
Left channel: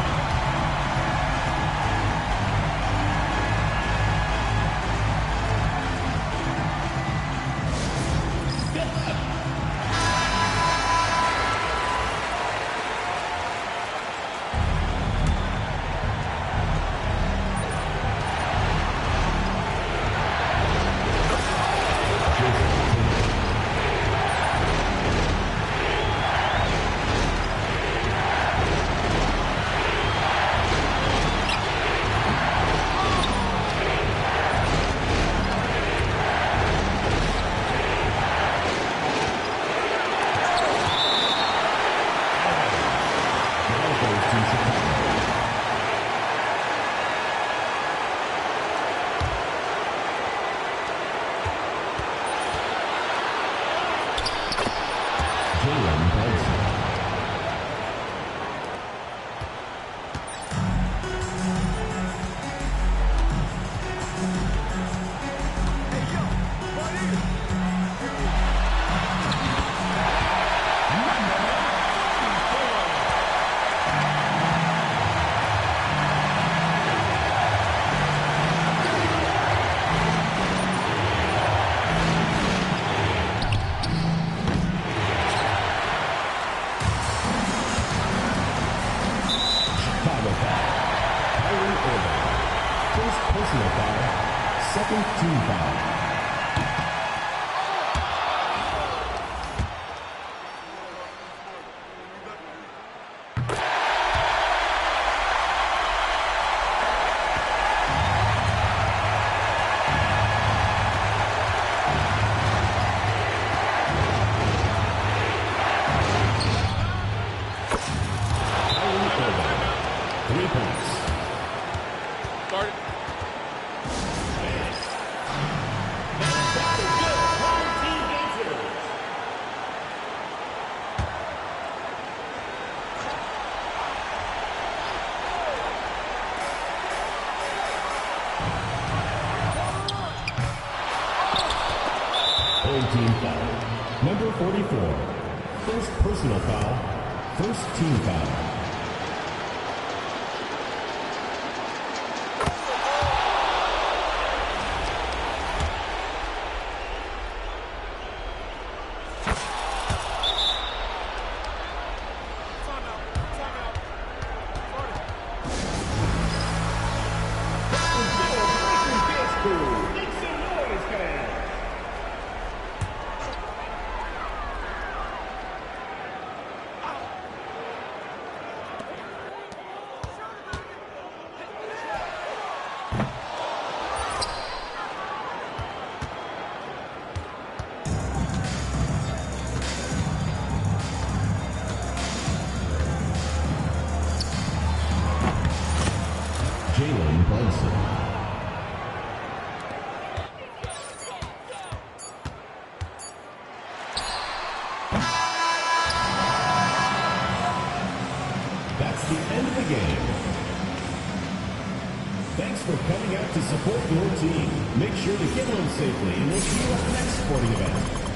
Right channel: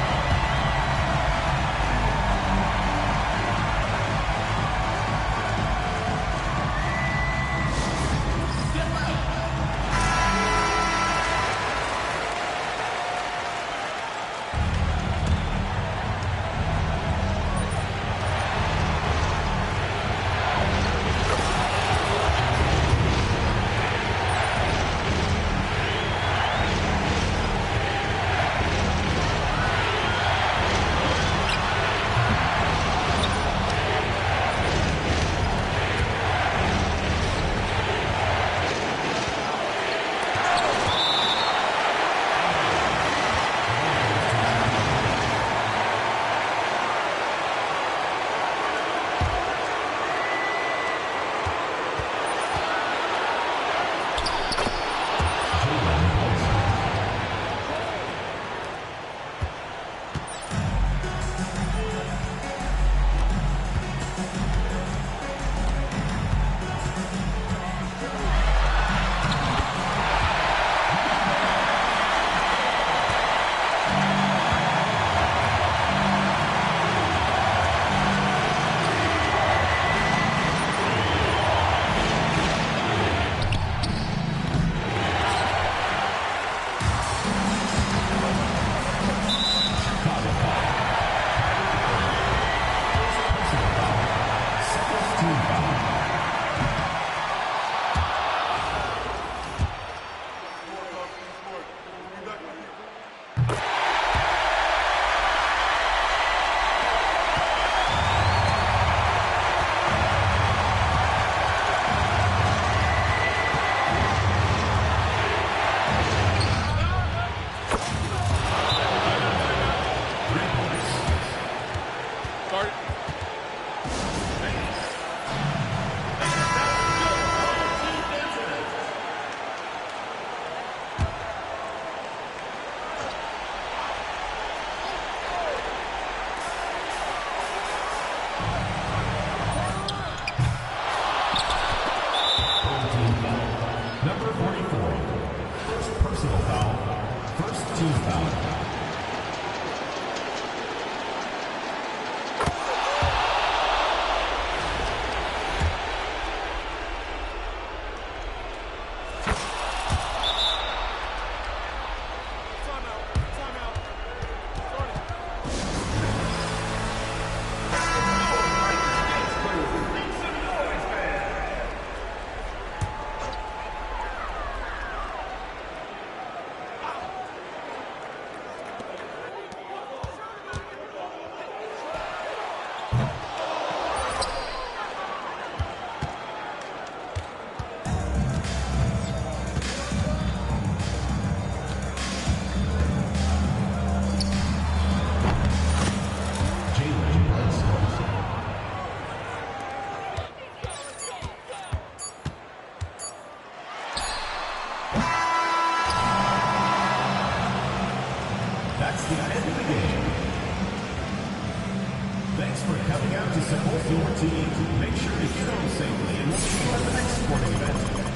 Team foul. Number 44. First personal foul. First team foul. That's the end of the game. Thanks for coming out to support your team. Make sure to get home safely, and we'll see you at the next sporting event.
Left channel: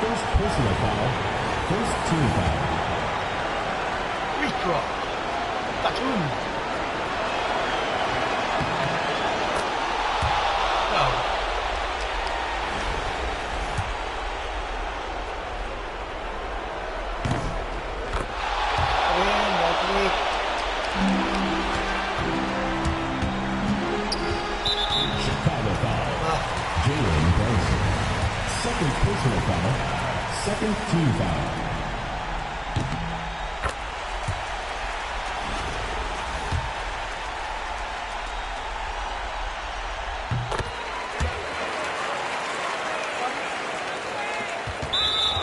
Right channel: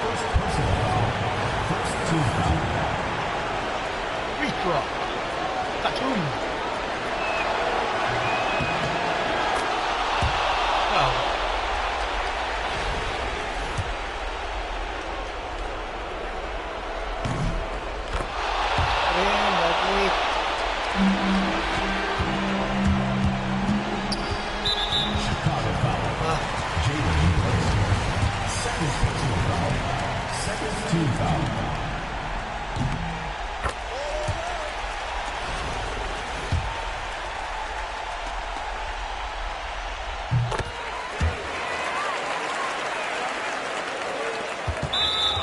First personal foul. First team foul. Free throw. Tatum. Wow. Chicago foul. Jalen Brunson. Second personal foul. Second team foul.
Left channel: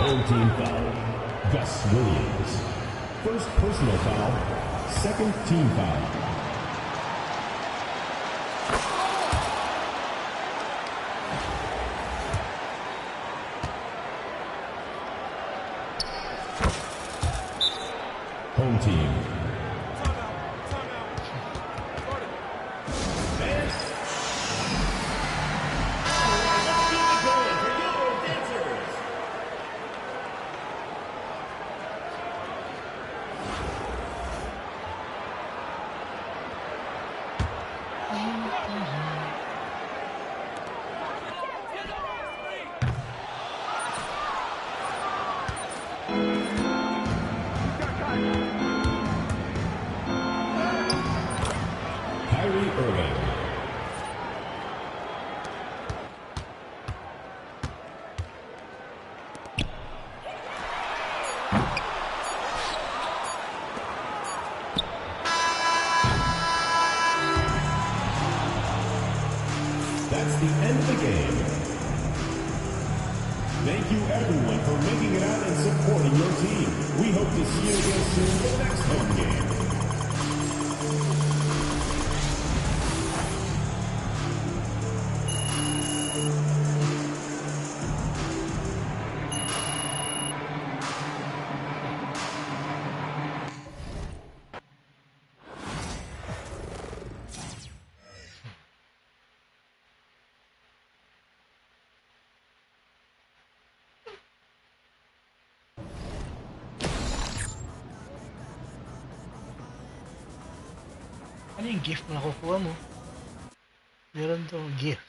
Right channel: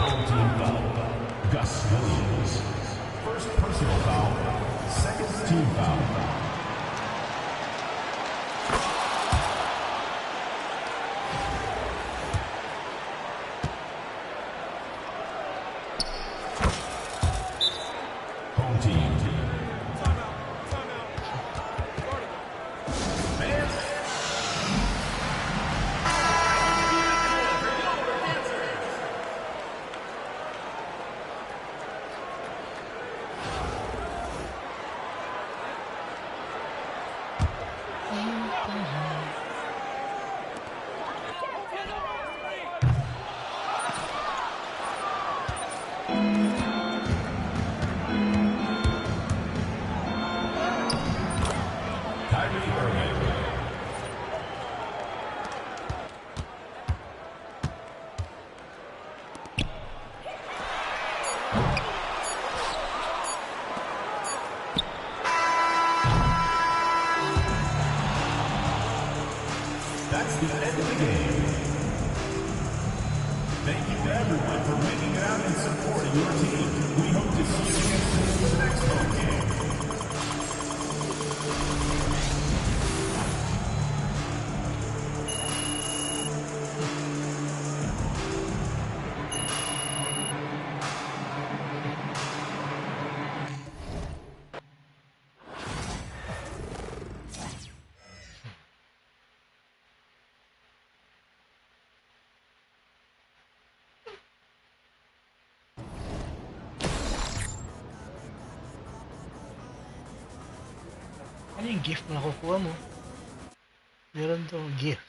Home team foul. Gus Williams. First personal foul. Second team foul. Home team. Timeout. Start it. Man. Let's do the Goma for your answers. Kyrie Irving. That's the end of the game. Thank you everyone for making it out and supporting your team. We hope to see you again soon for the next home game. Ano yung gift na nakukuha mo? Meron to gift.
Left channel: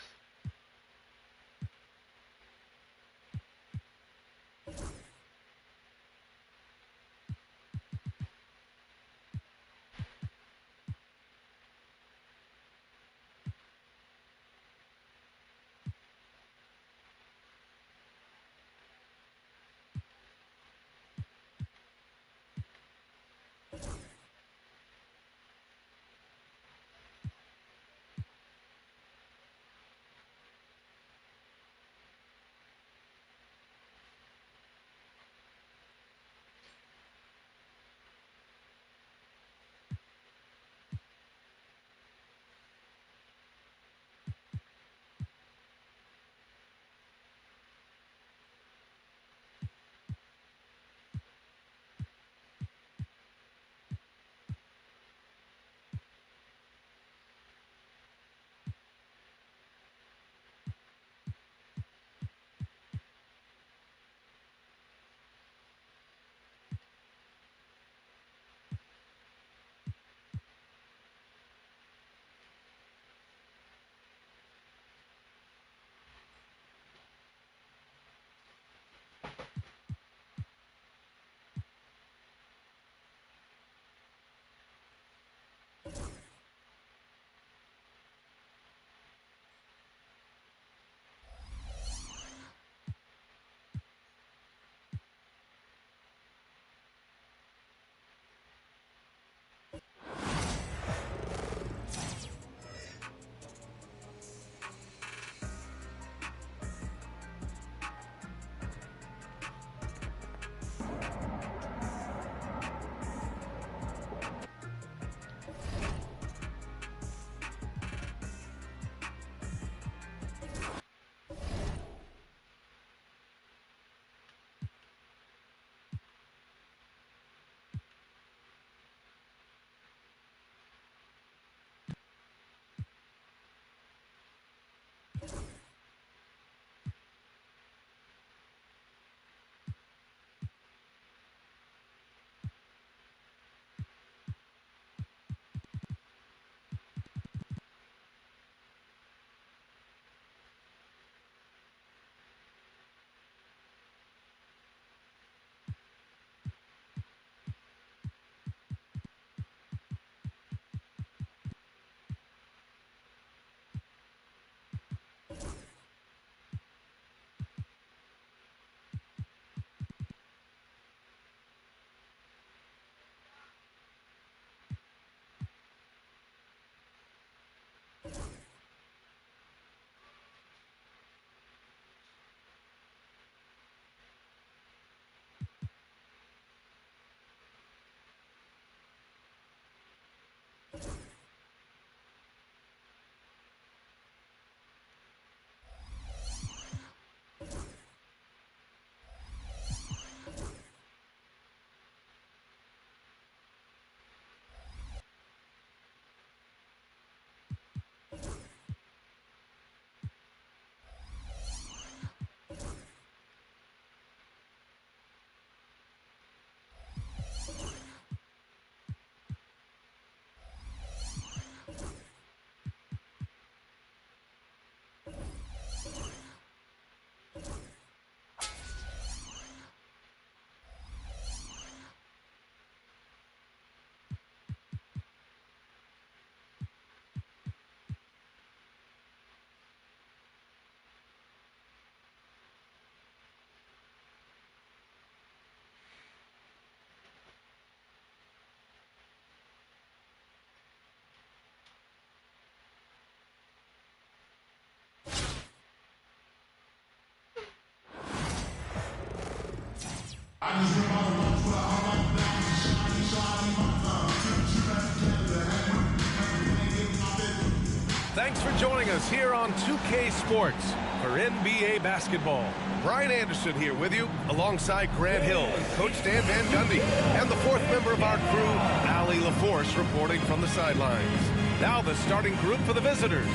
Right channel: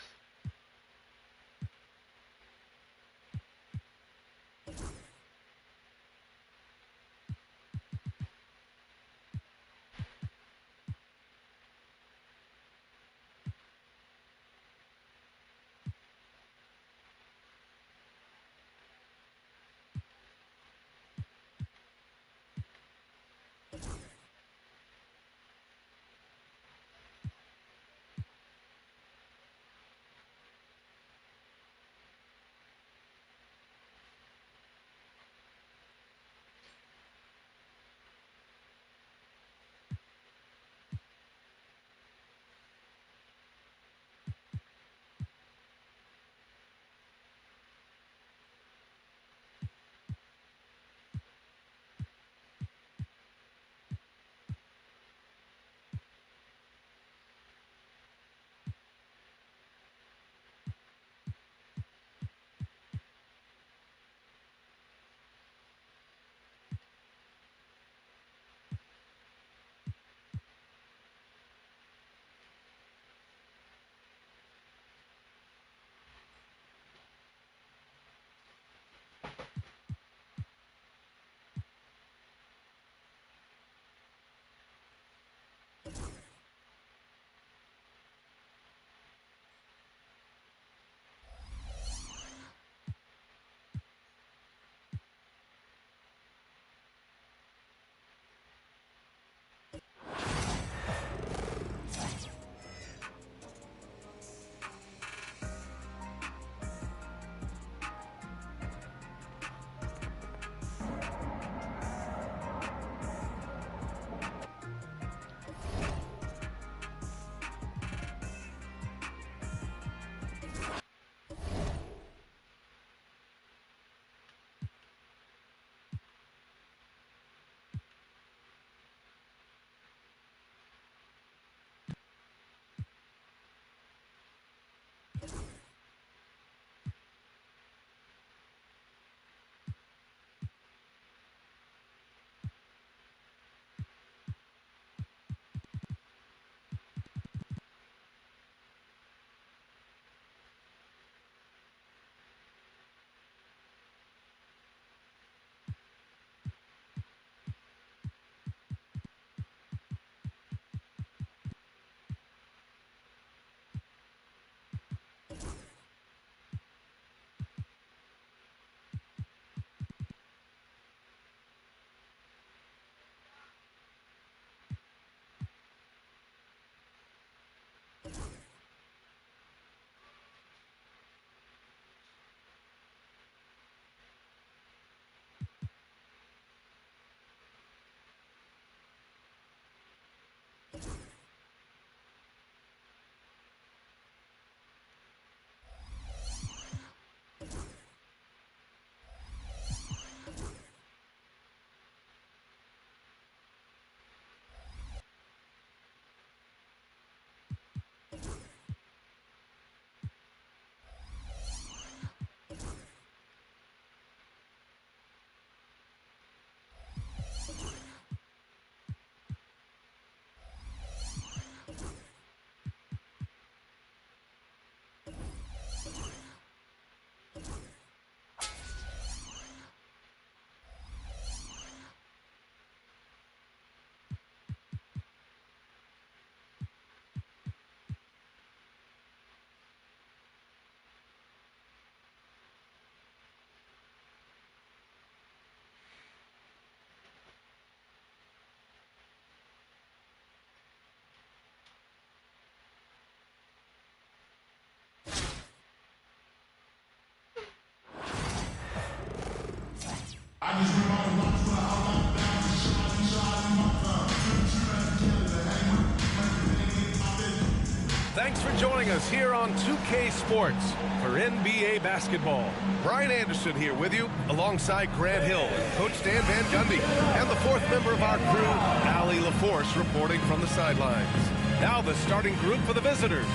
Thanks for joining us here on 2K Sports for NBA basketball. Brian Anderson here with you, alongside Grant Hill and Coach Dan Van Gundy, and the fourth member of our crew, Allie LaForce, reporting from the sidelines. Now the starting group for the visitors.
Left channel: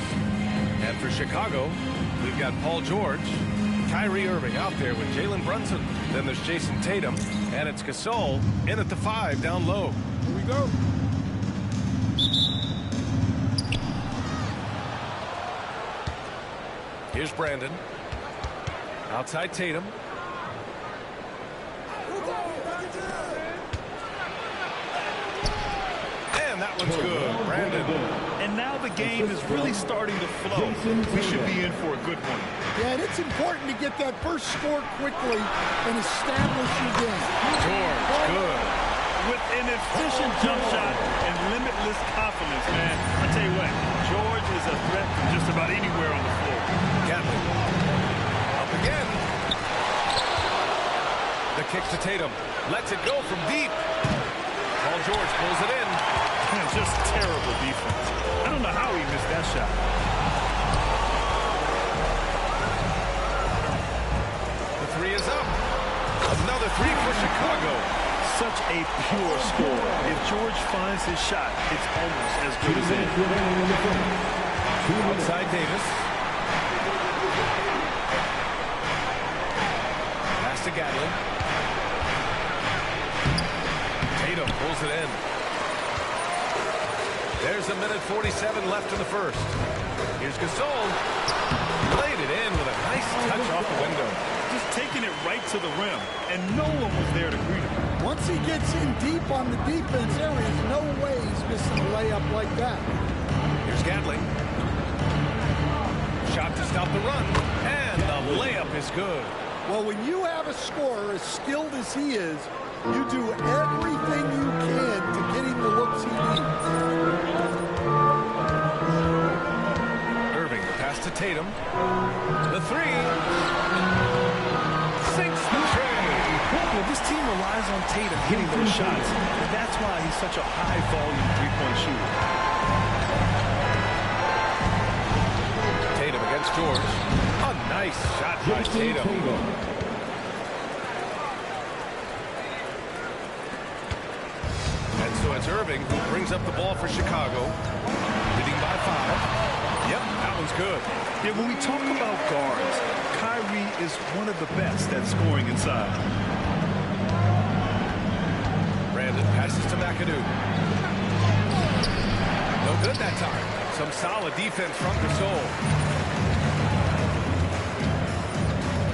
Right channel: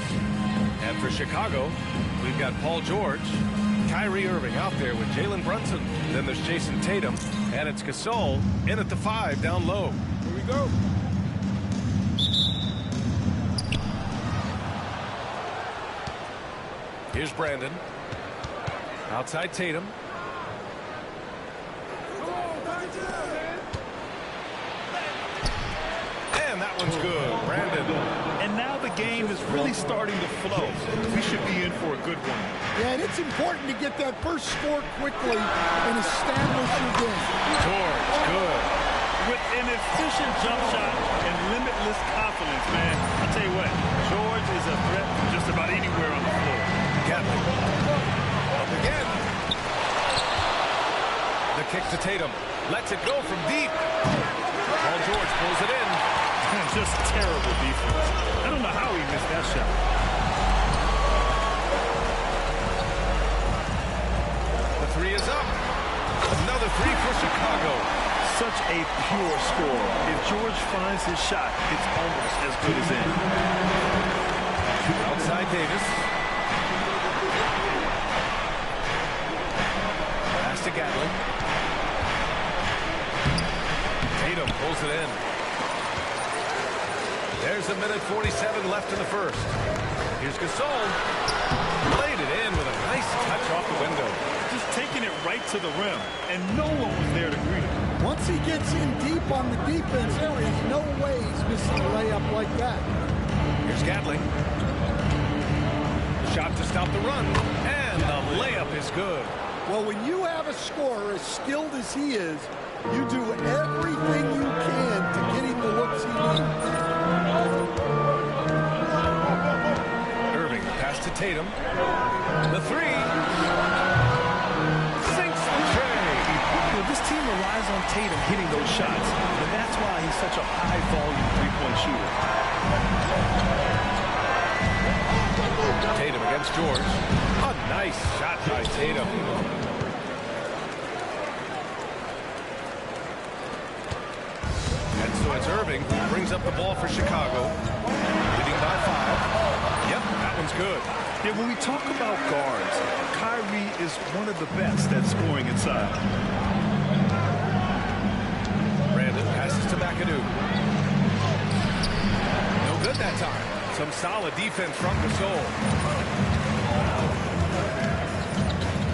And for Chicago, we've got Paul George, Kyrie Irving out there with Jalen Brunson. Then there's Jason Tatum, and it's Gasol in at the 5 down low. Here we go. Here's Brandon. Outside Tatum. And that one's good. Brandon. And now the game is really starting to flow. We should be in for a good one. Yeah, and it's important to get that first score quickly and establish your game. George, good. With an efficient jump shot and limitless confidence, man. I'll tell you what, George is a threat from just about anywhere on the floor. Gatlin. Up again. The kick to Tatum. Lets it go from deep. Paul George pulls it in. Just terrible defense. I don't know how he missed that shot. The 3 is up. Another 3 for Chicago. Such a pure score. If George finds his shot, it's almost as good as in. Outside Davis. Pass to Gatlin. Tatum pulls it in. There's a minute 47 left in the first. Here's Gasol. Laid it in with a nice touch off the window. Just taking it right to the rim, and no one was there to greet him. Once he gets in deep on the defense, there is no way he's missing a layup like that. Here's Gatling. Shot to stop the run, and the layup is good. Well, when you have a scorer as skilled as he is, you do everything you can to get him the looks he needs. Irving, the pass to Tatum. The 3. Sinks the tray. Well, this team relies on Tatum hitting those shots, and that's why he's such a high-volume three-point shooter. Tatum against George. A nice shot by Tatum. And so it's Irving who brings up the ball for Chicago, leading by 5. Yep, that one's good. Yeah, when we talk about guards, Kyrie is one of the best at scoring inside. Brandon passes to McAdoo. No good that time. Some solid defense from Gasol.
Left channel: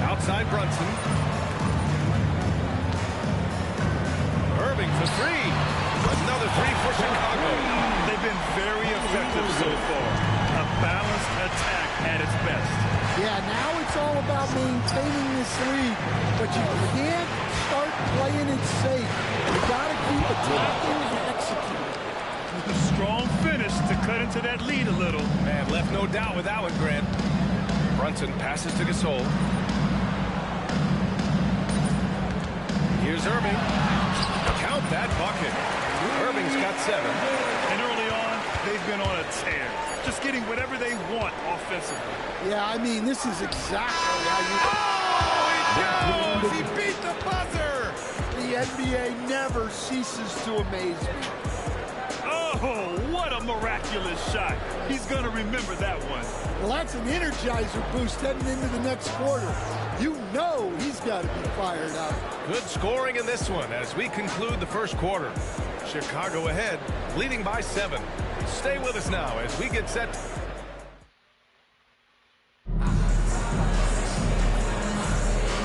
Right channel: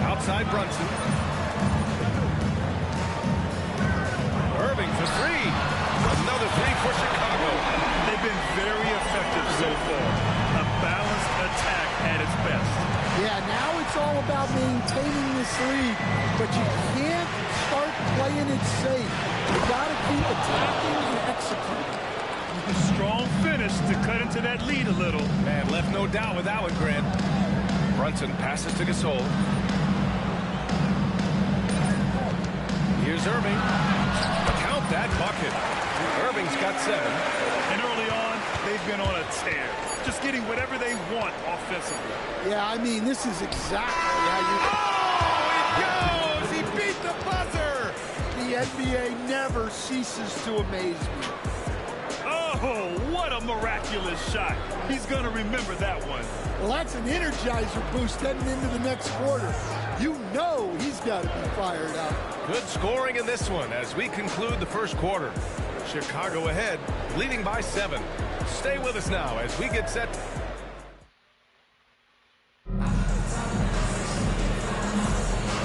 Outside Brunson. Irving for 3. Another 3 for Chicago. They've been very effective so far. A balanced attack at its best. Yeah, now it's all about maintaining this lead, but you can't start playing it safe. You got to keep attacking and executing. A strong finish to cut into that lead a little. Man, left no doubt with that one, Grant. Brunson passes to Gasol. Here's Irving. Count that bucket. Irving's got 7. And early on, they've been on a tear. Just getting whatever they want offensively. Yeah, I mean, this is exactly how you... Oh, he goes! He beat the buzzer! The NBA never ceases to amaze me. Oh, what a miraculous shot. He's going to remember that one. Well, that's an energizer boost heading into the next quarter. You know he's got to be fired up. Good scoring in this one as we conclude the first quarter. Chicago ahead, leading by 7. Stay with us now as we get set.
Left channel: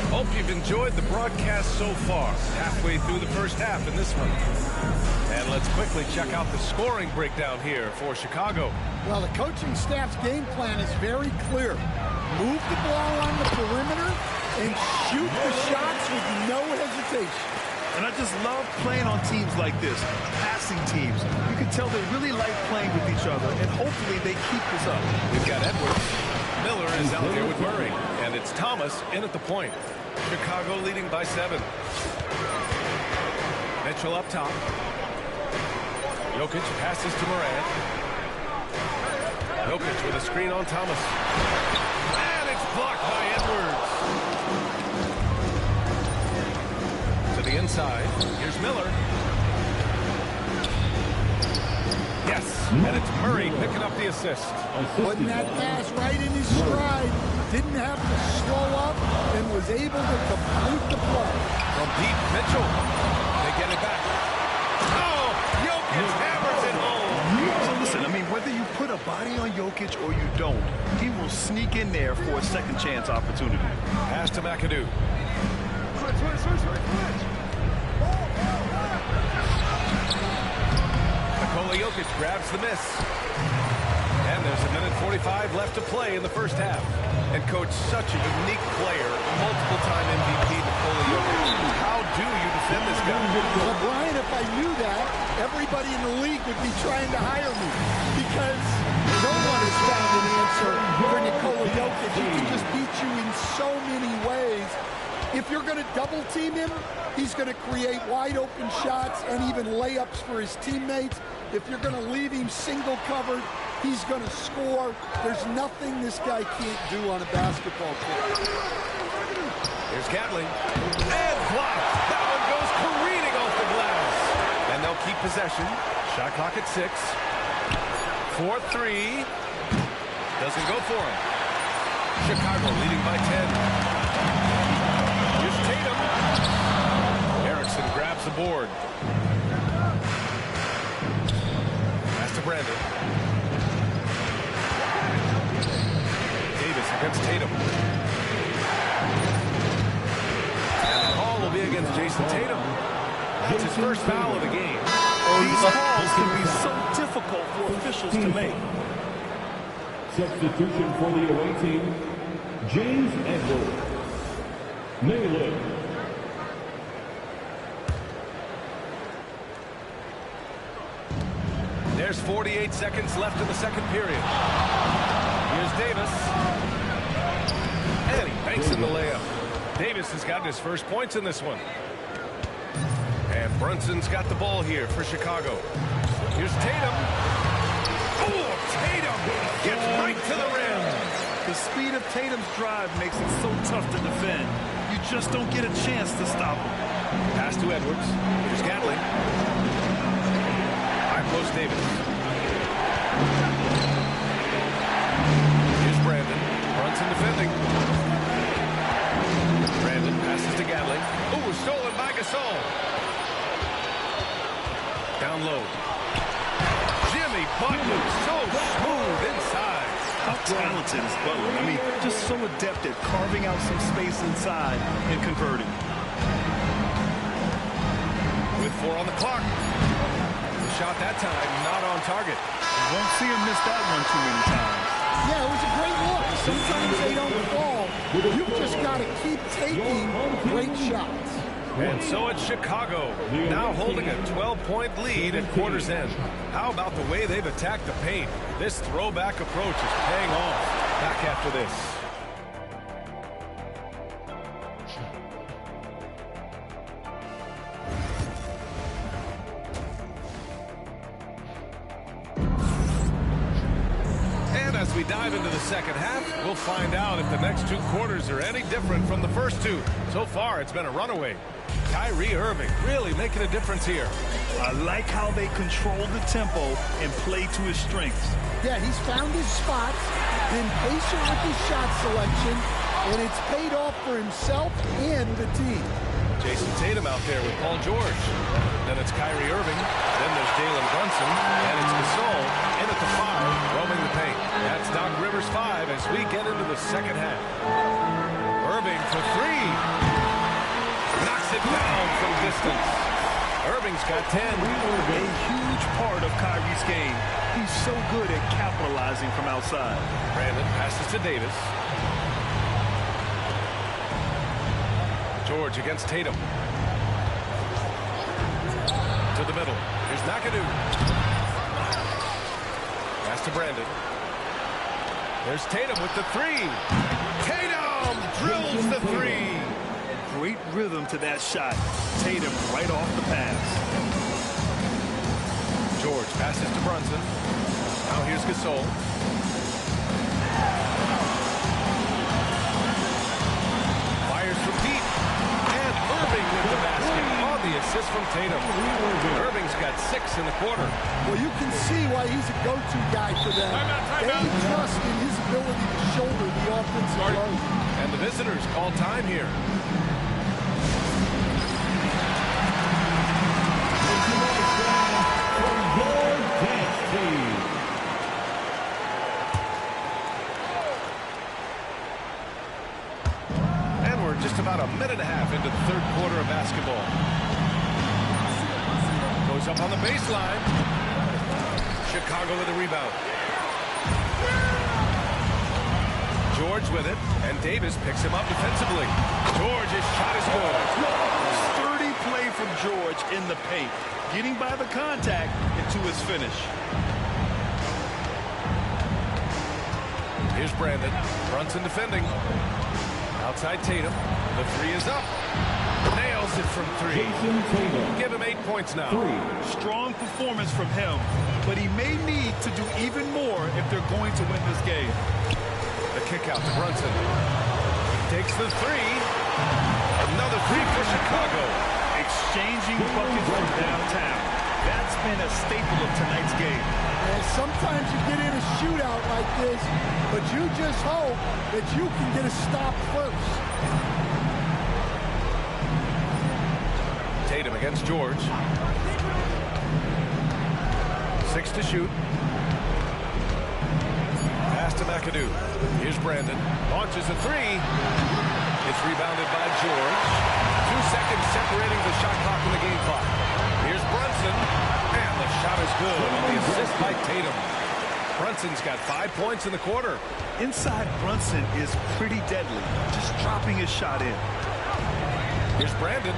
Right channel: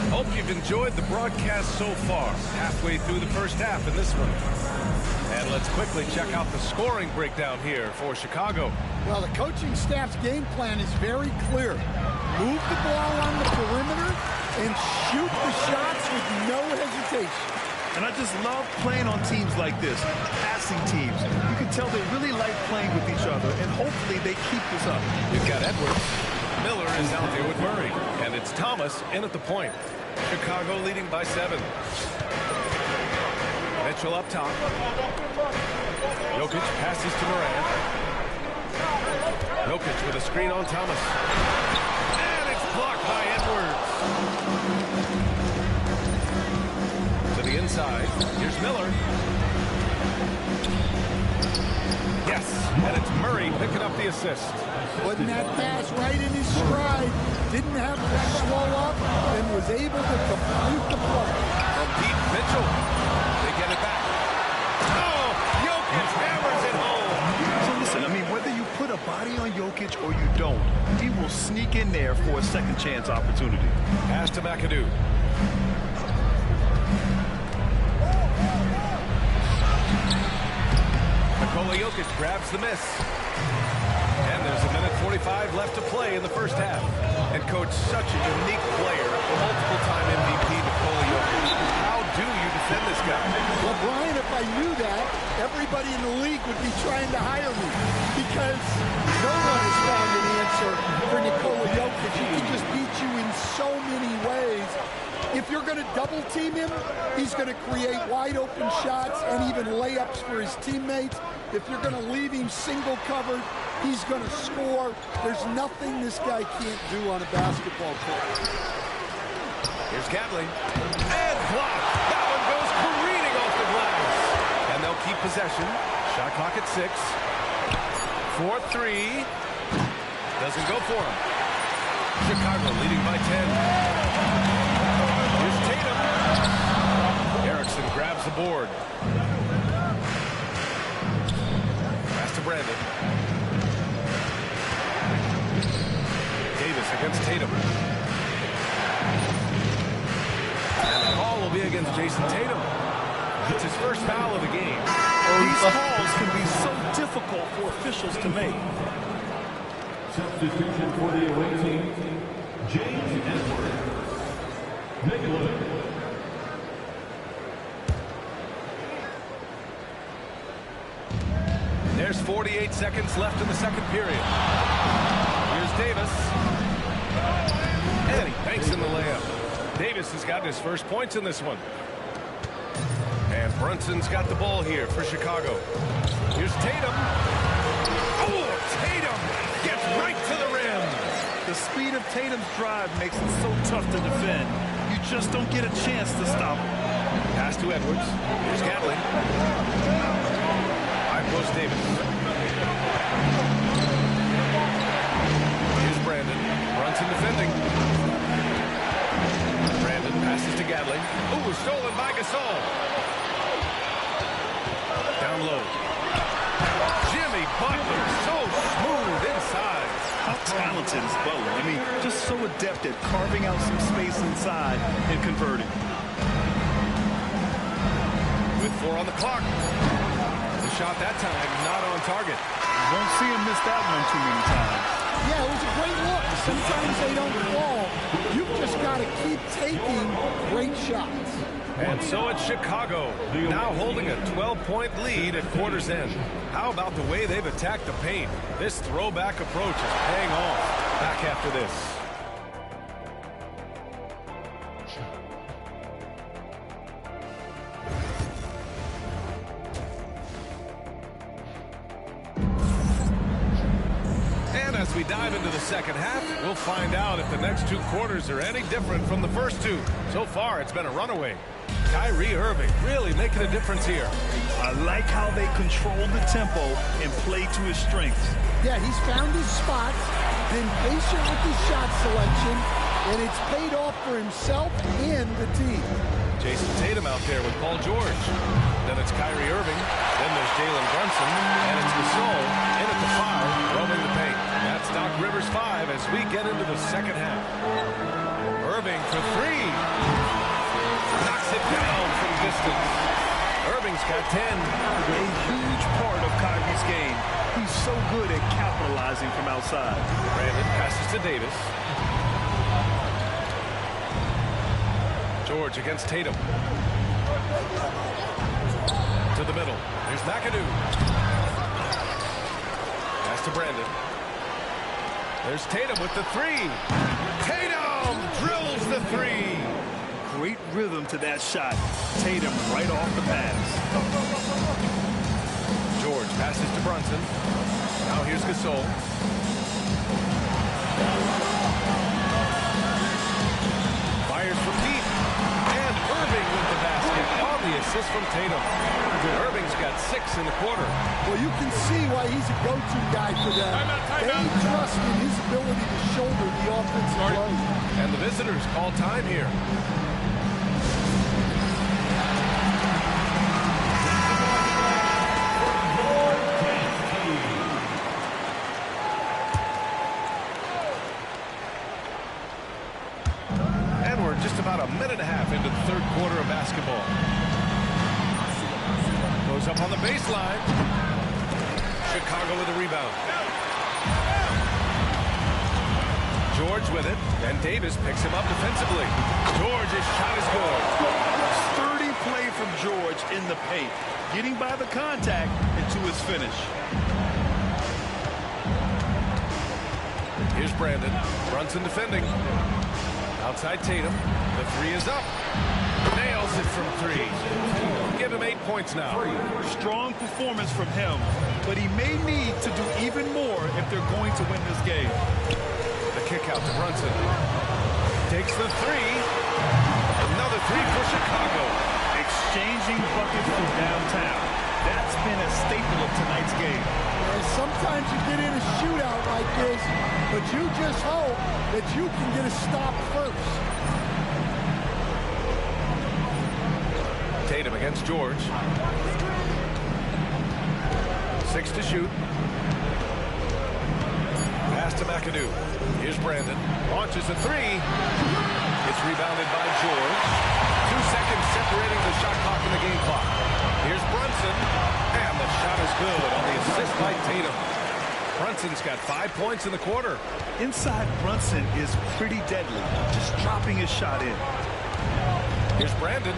Hope you've enjoyed the broadcast so far. Halfway through the first half in this one. And let's quickly check out the scoring breakdown here for Chicago. Well, the coaching staff's game plan is very clear. Move the ball on the perimeter and shoot the shots with no hesitation. And I just love playing on teams like this, passing teams. You can tell they really like playing with each other, and hopefully they keep this up. We've got Edwards. Miller is out there with Murray. And it's Thomas in at the point. Chicago leading by 7. Mitchell up top. Jokic passes to Morant. Jokic with a screen on Thomas. And it's blocked by Edwards. To the inside. Here's Miller. Yes, and it's Murray picking up the assist. Putting that pass right in his stride. Didn't have to slow up and was able to complete the play. From deep, Mitchell. They get it back. Oh, Jokic hammers it home. So listen, I mean, whether you put a body on Jokic or you don't, he will sneak in there for a second chance opportunity. Pass to McAdoo. Nikola Jokic grabs the miss. And there's a minute 45 left to play in the first half. And coach, such a unique player, multiple-time MVP Nikola Jokic. How do you defend this guy? Well, Brian, if I knew that, everybody in the league would be trying to hire me because no one has found an answer for Nikola Jokic. He can just beat you in so many ways. If you're going to double team him, he's going to create wide open shots and even layups for his teammates. If you're going to leave him single covered, he's going to score. There's nothing this guy can't do on a basketball court. Here's Gatling. And blocked. That one goes careening off the glass. And they'll keep possession. Shot clock at 6. 4-3. Doesn't go for him. Chicago leading by 10. Here's Tatum. Erickson grabs the board. Pass to Brandon. Davis against Tatum. And the call will be against Jason Tatum. That's his first foul of the game. These calls can be so difficult for officials to make. Substitution for the away team, James Edwards. Negative. There's 48 seconds left in the second period. Here's Davis. And he banks in the layup. Davis has gotten his first points in this one. And Brunson's got the ball here for Chicago. Here's Tatum. Oh, Tatum gets right to the rim. The speed of Tatum's drive makes it so tough to defend. You just don't get a chance to stop him. Pass to Edwards. Here's Gatling. High post Davis. Here's Brandon. Brunson defending. Brandon passes to Gatling. Ooh, stolen by Gasol. Down low. Jimmy Butler, so smooth inside. How talented is Butler? I mean, just so adept at carving out some space inside and converting. With 4 on the clock. The shot that time, not on target. You won't see him miss that one too many times. Yeah, it was a great look. Sometimes they don't fall. You've just got to keep taking great shots. And so it's Chicago, now holding a 12-point lead at quarter's end. How about the way they've attacked the paint? This throwback approach is paying off. Back after this. And as we dive into the second half, we'll find out if the next 2 quarters are any different from the first 2. So far, it's been a runaway. Kyrie Irving really making a difference here. I like how they control the tempo and play to his strengths. Yeah, he's found his spots, been patient with his shot selection, and it's paid off for himself and the team. Jason Tatum out there with Paul George. Then it's Kyrie Irving. Then there's Jalen Brunson. And it's Gasol in at the 5, roaming the paint. That's Doc Rivers' 5 as we get into the second half. Irving for 3. Knocks it down from distance. Irving's got 10. A huge part of Kyrie's game. He's so good at capitalizing from outside. Brandon passes to Davis. George against Tatum. To the middle. Here's McAdoo. Pass to Brandon. There's Tatum with the 3. Tatum drills the 3. great rhythm to that shot. Tatum right off the pass. George passes to Brunson. Now here's Gasol. Fires from deep. And Irving with the basket on the assist from Tatum. Irving's got 6 in the quarter. Well, you can see why he's a go-to guy for them. They trust in his ability to shoulder the offensive load. And the visitors call time here. Just about a minute and a half into the third quarter of basketball. Goes up on the baseline. Chicago with a rebound. George with it, and Davis picks him up defensively. George's shot is good. Sturdy play from George in the paint, getting by the contact into his finish. Here's Brandon. Brunson defending. Outside Tatum. The 3 is up. Nails it from 3. Give him 8 points now. Strong performance from him, but he may need to do even more if they're going to win this game. The kick out to Brunson. Takes the 3. Another 3 for Chicago. Exchanging buckets from downtown. That's been a staple of tonight's game. And sometimes you get in a shootout like this, but you just hope that you can get a stop first. Tatum against George. 6 to shoot. Pass to McAdoo. Here's Brandon. Launches a 3. It's rebounded by George. 2 seconds separating the shot clock and the game clock. Here's Brunson. And the shot is good on the assist by Tatum. Brunson's got 5 points in the quarter. Inside Brunson is pretty deadly, just dropping his shot in. Here's Brandon.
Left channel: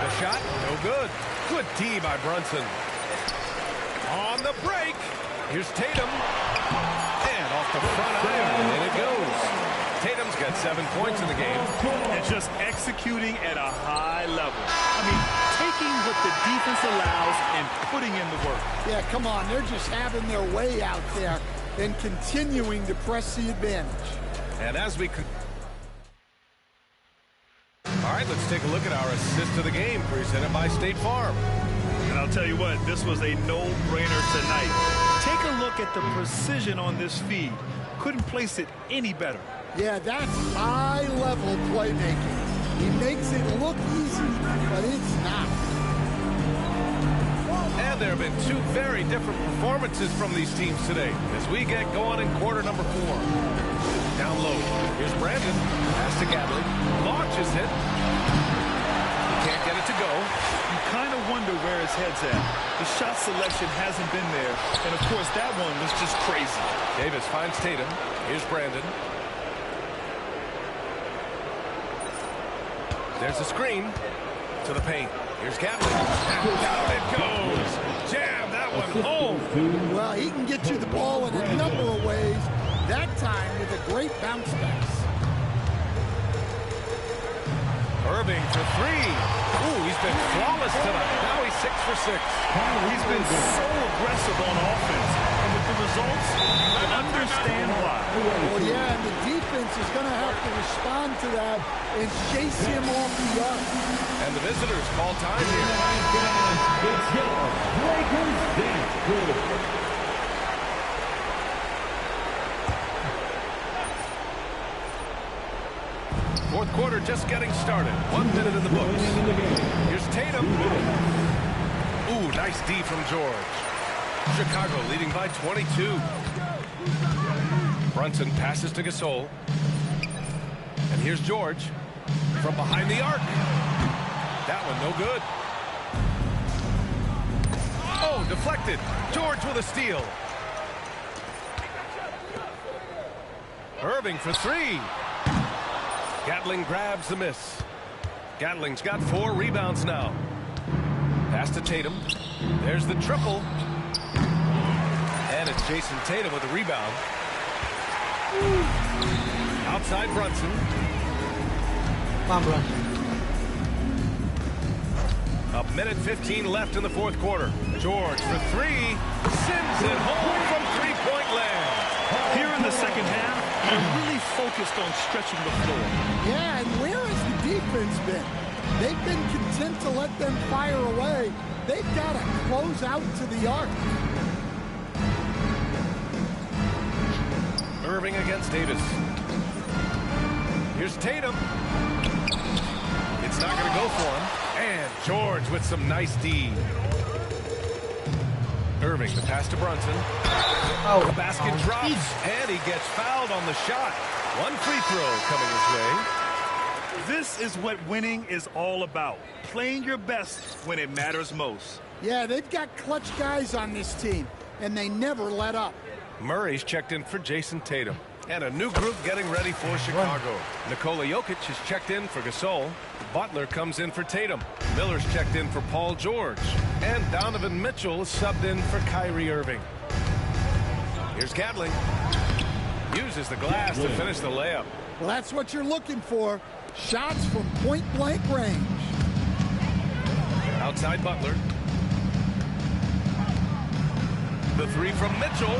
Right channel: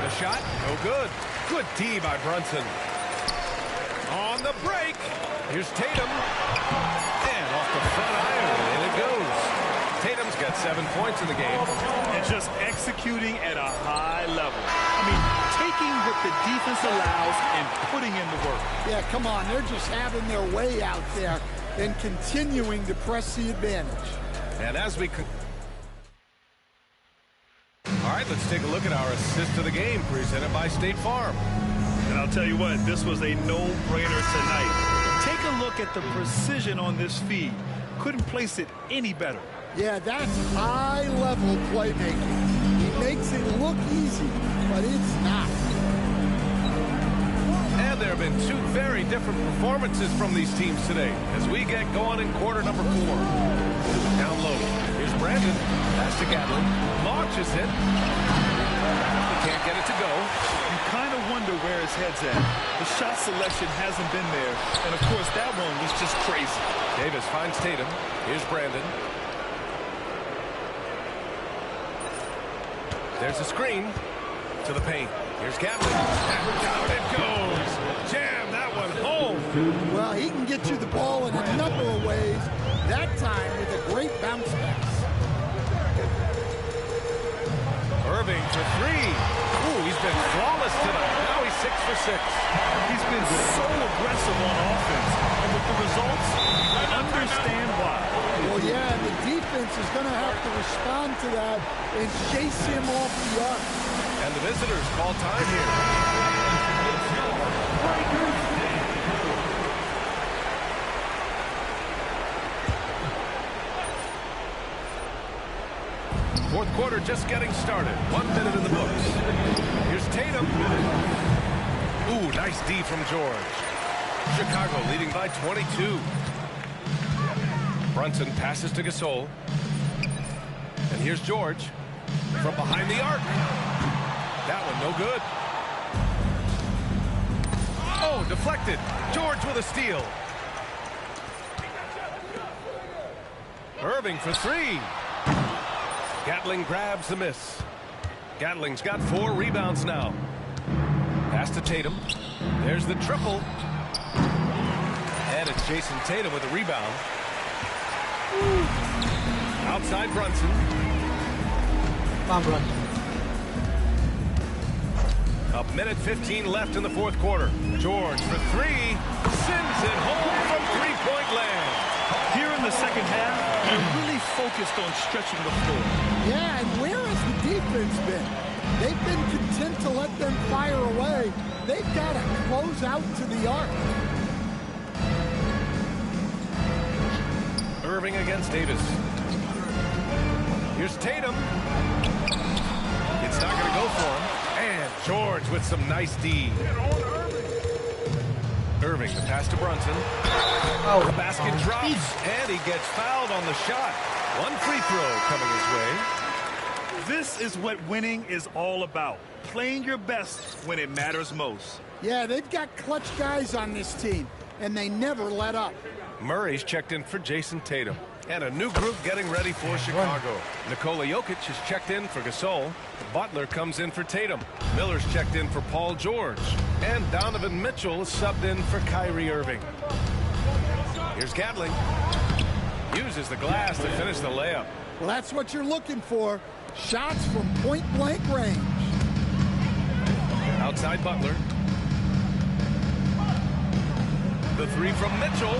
The shot, no good. Good D by Brunson. On the break, here's Tatum. And off the front iron, and it goes. Tatum's got 7 points in the game. And just executing at a high level. I mean, taking what the defense allows and putting in the work. Yeah, come on. They're just having their way out there and continuing to press the advantage. And as we... All right, let's take a look at our assist of the game presented by State Farm. And I'll tell you what, this was a no-brainer tonight. Take a look at the precision on this feed. Couldn't place it any better. Yeah, that's high-level playmaking. He makes it look easy, but it's not. And there have been 2 very different performances from these teams today as we get going in quarter number 4. Down low. Here's Brandon. Pass to Gatling. Launches it. He can't get it to go. You kind of wonder where his head's at. The shot selection hasn't been there. And, of course, that one was just crazy. Davis finds Tatum. Here's Brandon. There's a screen to the paint. Here's Gatling. And down it goes. Jam that one home. Well, he can get you the ball in a number of ways. That time with a great bounce pass. Irving for 3. Ooh, he's been flawless tonight. Now he's 6 for 6. He's been so aggressive on offense. And with the results, you understand why. Well, yeah, and the defense is going to have to respond to that and chase him off the arc. And the visitors call time here. Fourth quarter just getting started. 1 minute in the books. Here's Tatum. Ooh, nice D from George. Chicago leading by 22. Brunson passes to Gasol. And here's George from behind the arc. That one no good. Oh, deflected. George with a steal. Irving for 3. Gatling grabs the miss. Gatling's got 4 rebounds now. Pass to Tatum. There's the triple. And it's Jason Tatum with a rebound. Outside Brunson. Come on, Bronson. A minute 15 left in the fourth quarter. George for three. Sends it home from three-point land. Here in the second half, they're really focused on stretching the floor. Yeah, and where has the defense been? They've been content to let them fire away. They've got to close out to the arc. Irving against Davis. Here's Tatum. It's not going to go for him. And George with some nice D. Irving, the pass to Brunson. Oh, the basket drops, and he gets fouled on the shot. One free throw coming his way. This is what winning is all about. Playing your best when it matters most. Yeah, they've got clutch guys on this team, and they never let up. Murray's checked in for Jason Tatum. And a new group getting ready for Chicago. Nikola Jokic is checked in for Gasol. Butler comes in for Tatum. Miller's checked in for Paul George. And Donovan Mitchell is subbed in for Kyrie Irving. Here's Gatling. Uses the glass to finish the layup. Well, that's what you're looking for. Shots from point-blank range. Outside Butler. The three from Mitchell.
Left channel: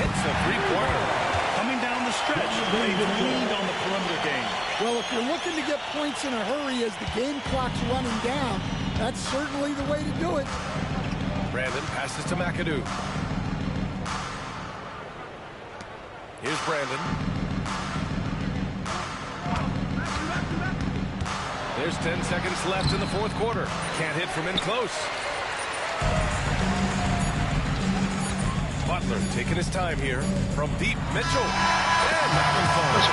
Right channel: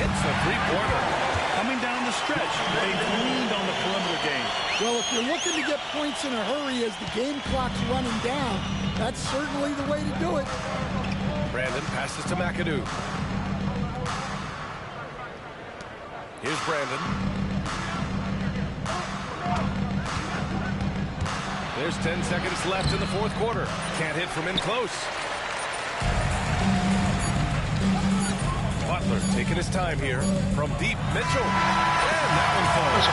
Hits the three-pointer. Coming down the stretch, they've leaned on the perimeter game. Well, if you're looking to get points in a hurry as the game clock's running down, that's certainly the way to do it. Brandon passes to McAdoo. Here's Brandon. There's 10 seconds left in the fourth quarter. Can't hit from in close. Butler taking his time here. From deep, Mitchell. And that one falls.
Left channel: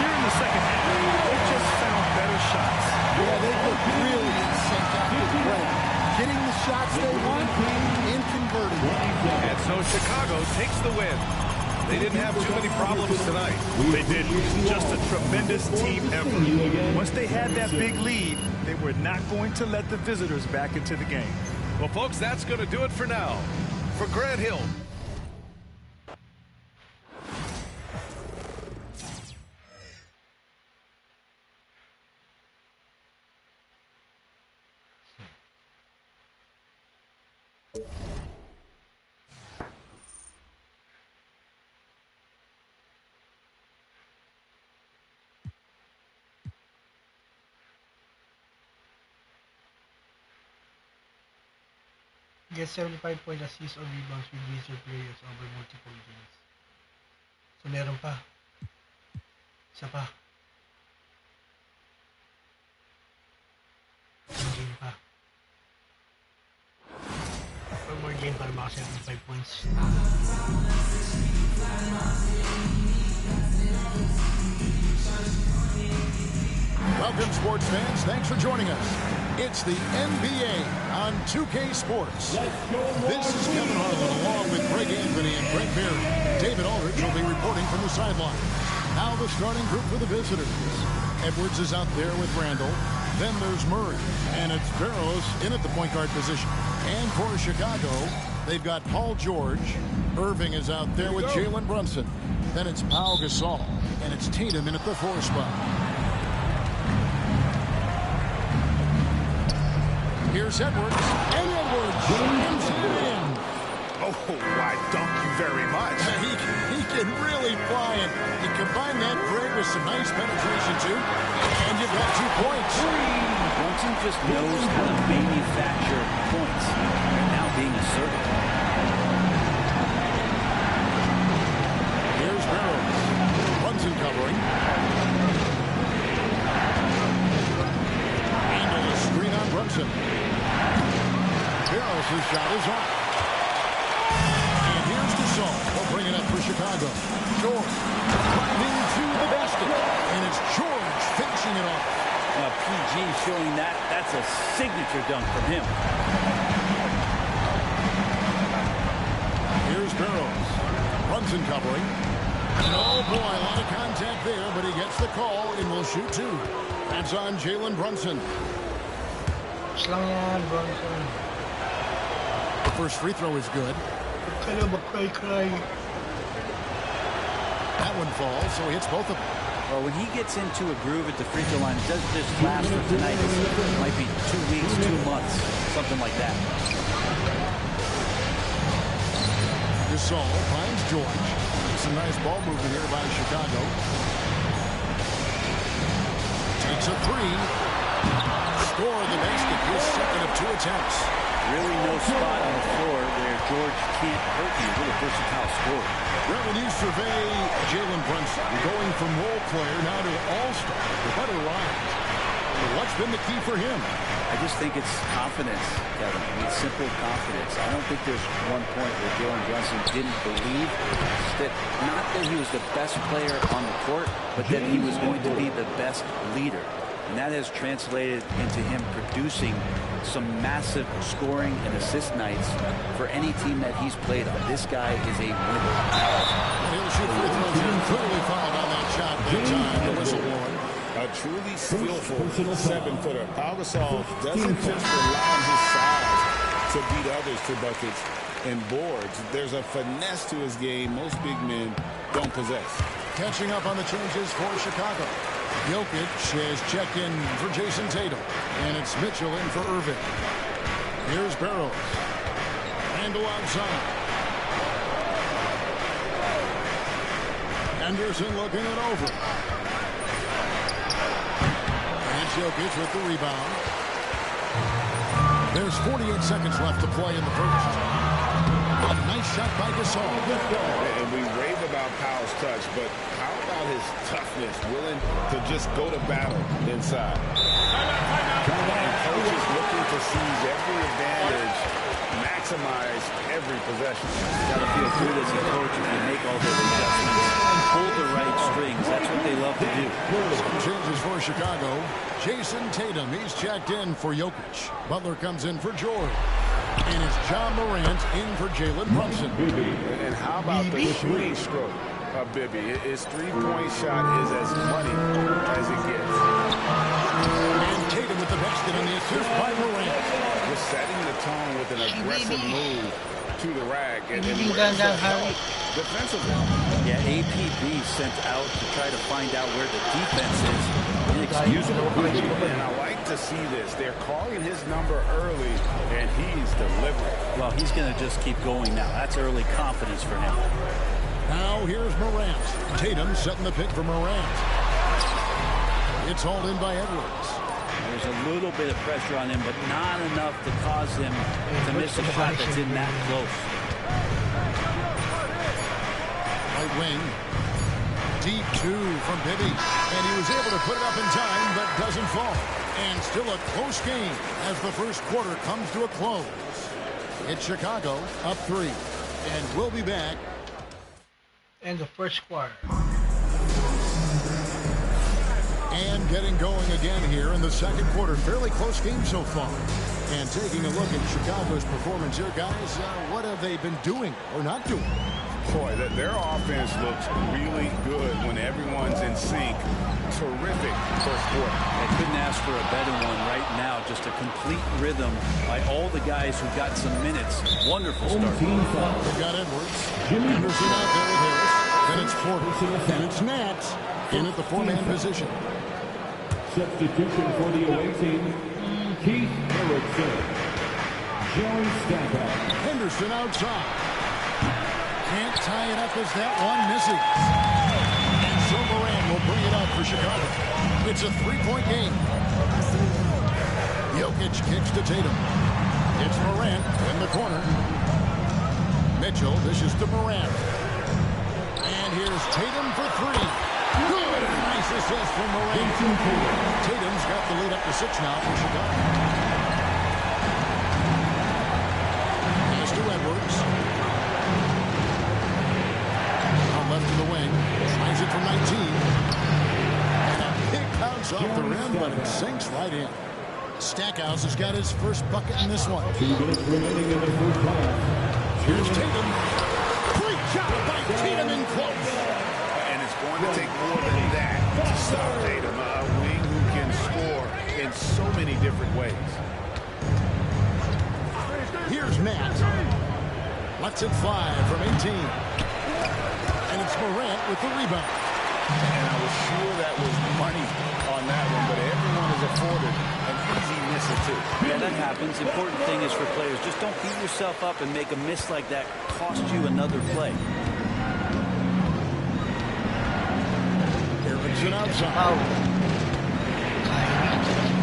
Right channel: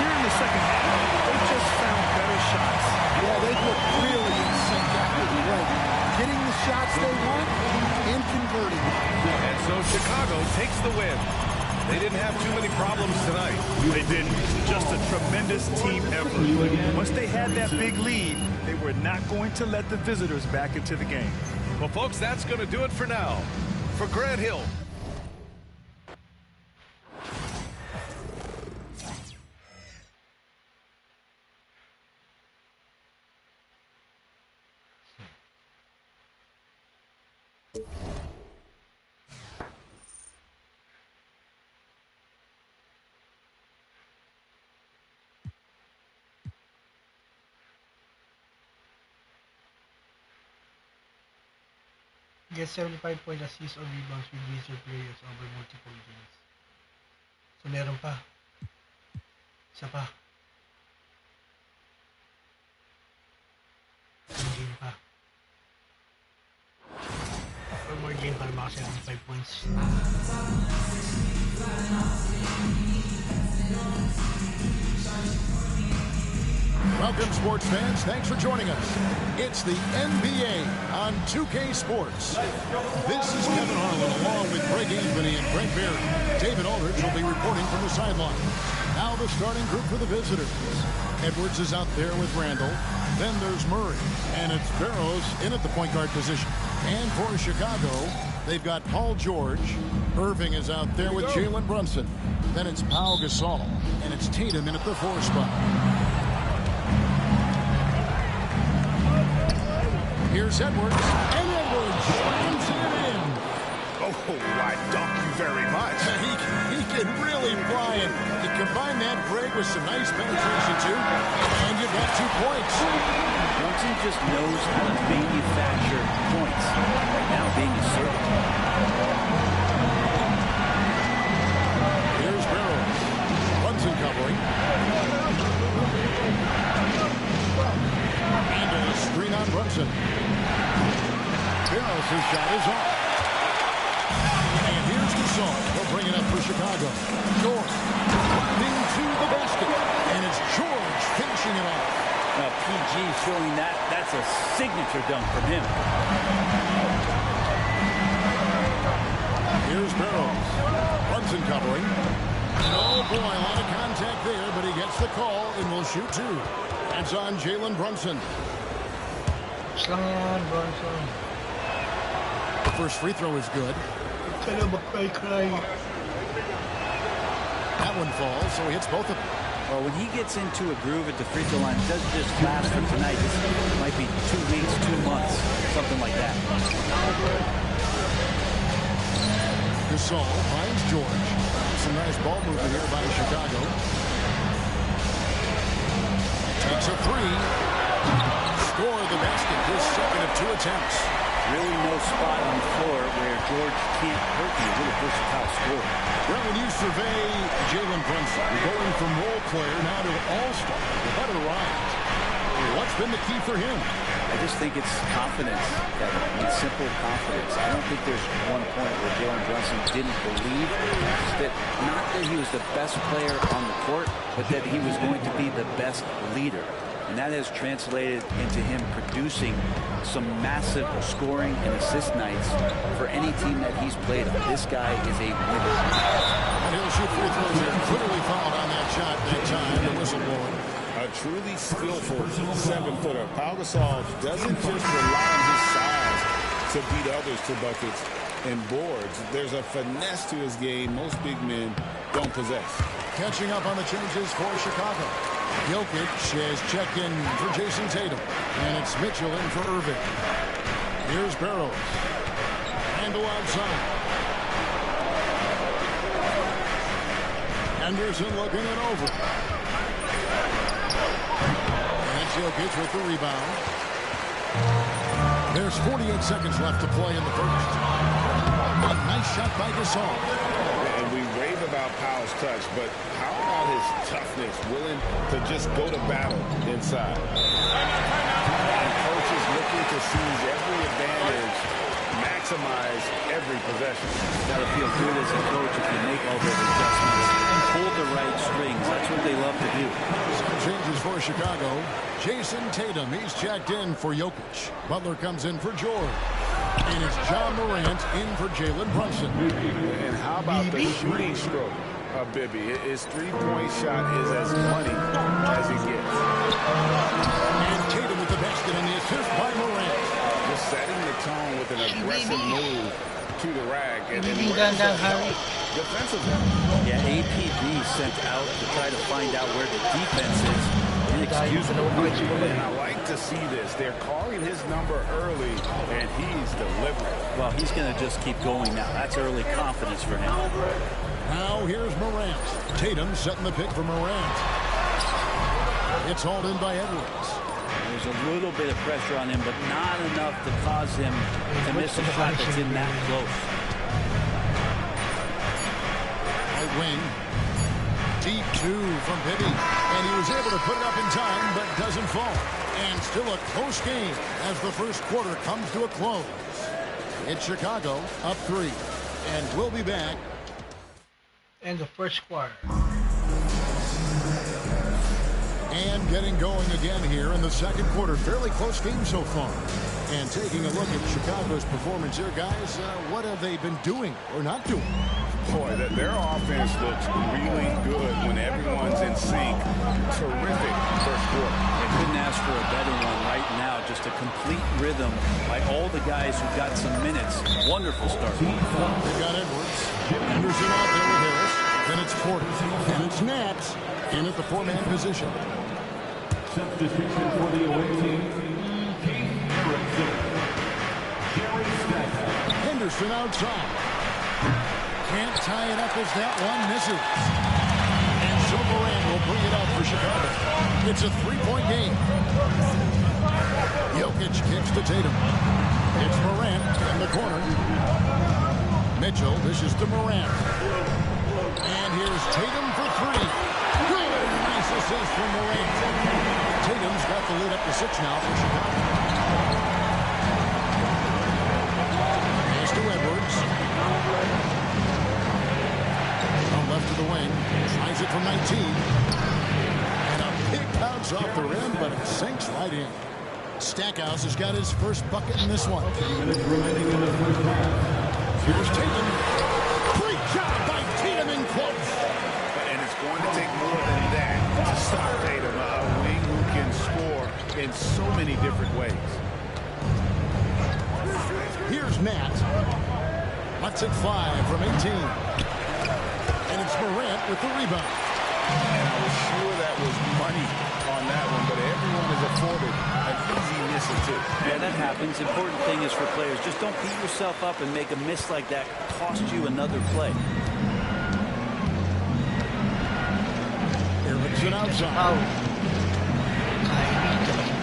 Here in the second half, they've just found better shots. Yeah, they've looked really in sync after the break. Getting the shots they want and converting them. And so Chicago takes the win. They didn't have too many problems tonight. They didn't. Just a tremendous team effort. Once they had that big lead, they were not going to let the visitors back into the game. Well, folks, that's going to do it for now. For Grant Hill. Get 75 point assists or rebounds with lesser players over multiple games. So meron pa. Isa pa. One game pa. One more game para maka 75 points. Welcome, sports fans. Thanks for joining us. It's the NBA on 2K Sports. This is Kevin Harlan along with Greg Anthony and Brent Berry. David Aldridge will be reporting from the sideline. Now the starting group for the visitors. Edwards is out there with Randall. Then there's Murray. And it's Barrows in at the point guard position. And for Chicago, they've got Paul George. Irving is out there with Jalen Brunson. Then it's Pau Gasol. And it's Tatum in at the 4 spot. Here's Edwards, and Edwards slams it in. Oh, why, dunk you very much. He can really fly, and you combine that, Greg, with some nice penetration, too, and you've got 2 points. Brunson just knows how to manufacture points. Right now, being assertive. Here's Barrows. Brunson covering. Into the screen on Brunson. Barrows' shot is off. And here's Gasol. He'll bring it up for Chicago. George driving to the basket. And it's George finishing it off. Now, PG showing that's a signature dunk from him. Here's Barrows. Brunson covering. Oh, boy, a lot of contact there, but he gets the call and will shoot 2. That's on Jalen Brunson. Slang yan, Brunson. The first free throw is good. Cry. That one falls, so he hits both of them. Well, when he gets into a groove at the free throw line, it doesn't just last for tonight. This might be 2 weeks, 2 months, something like that. Gasol finds George. It's a nice ball movement here by Chicago. Takes a three. Score the basket. His second of 2 attempts. Really no spot on the floor where George can't hurt you. Really versatile scorer. Well, when you survey Jalen Brunson, going from role player now to all-star, what a rise. What's been the key for him? I just think it's confidence, Kevin. I mean, simple confidence. I don't think there's one point where Jalen Brunson didn't believe that, not that he was the best player on the court, but that he was going to be the best leader. And that has translated into him producing some massive scoring and assist nights for any team that he's played on. This guy is a winner. And he'll shoot free throws here. Clearly fouled on that shot that time. The whistle blowing. A truly skillful 7-footer. Pau Gasol doesn't just rely on his size to beat others to buckets and boards. There's a finesse to his game most big men don't possess. Catching up on the changes for Chicago. Jokic has checked in for Jason Tatum. And it's Mitchell in for Irving. Here's Barrows. Randle outside. Anderson looking it over. And it's Jokic with the rebound. There's 48 seconds left to play in the first. A nice shot by Gasol. And we rave about Powell's touch, but how about his toughness, willing to just go to battle inside? And coaches looking to seize every advantage, maximize every possession. Got to feel good as a coach if you make all those adjustments and pull the right strings. That's what they love to do. Some changes for Chicago. Jason Tatum, he's checked in for Jokic. Butler comes in for George. And it's John Morant in for Jalen Brunson. And how about the shooting stroke of Bibby? His three-point shot is as money as it gets. And Tatum with the basket on the assist by Morant. Just setting the tone with an aggressive move to the rack. And defensively. Yeah, APB sent out to try to find out where the defense is. Inexcusable. And I like to see this. They're calling his number early, and he's delivering. Well, he's going to just keep going now. That's early confidence for him. Now here's Morant. Tatum setting the pick for Morant. It's hauled in by Edwards. There's a little bit of pressure on him, but not enough to cause him to miss a shot that's in that close. Right wing. Deep two from Bibby. And he was able to put it up in time, but doesn't fall. And still a close game as the first quarter comes to a close. It's Chicago up 3. And we'll be back. In the first quarter. And getting going again here in the second quarter. Fairly close game so far. And taking a look at Chicago's performance here, guys, what have they been doing or not doing? Boy, their offense looks really good when everyone's in sync. Terrific first quarter. I couldn't ask for a better one right now. Just a complete rhythm by all the guys who got some minutes. Wonderful start. They've got Edwards. Anderson out there with Harris. Then it's Porter. And it's Nats in at the 4-man position. Substitution for the away team, Keith Erickson. Jerry Stackhouse. Henderson outside. Can't tie it up as that one misses. And so Morant will bring it up for Chicago. It's a 3-point game. Jokic kicks to Tatum. It's Morant in the corner. Mitchell dishes to Morant. And here's Tatum for 3. Good, and a nice assist from Morant. Tatum's got the lead up to 6 now for Chicago. Pass to Edwards. Left to the wing. Tries it from 19. And a big bounce off the rim, but it sinks right in. Stackhouse has got his first bucket in this one. 2 minutes remaining in the first half. Here's Tatum. Great job by Tatum in close. And it's going to take more than that to stop Tatum. A wing who can score in so many different ways. Here's Nat. Lets it fly from 18. And it's Morant with the rebound. And I was sure that was money on that one, but everyone is afforded an easy miss or two. Yeah, that happens. Important thing is for players, just don't beat yourself up and make a miss like that cost you another play. Erickson outside.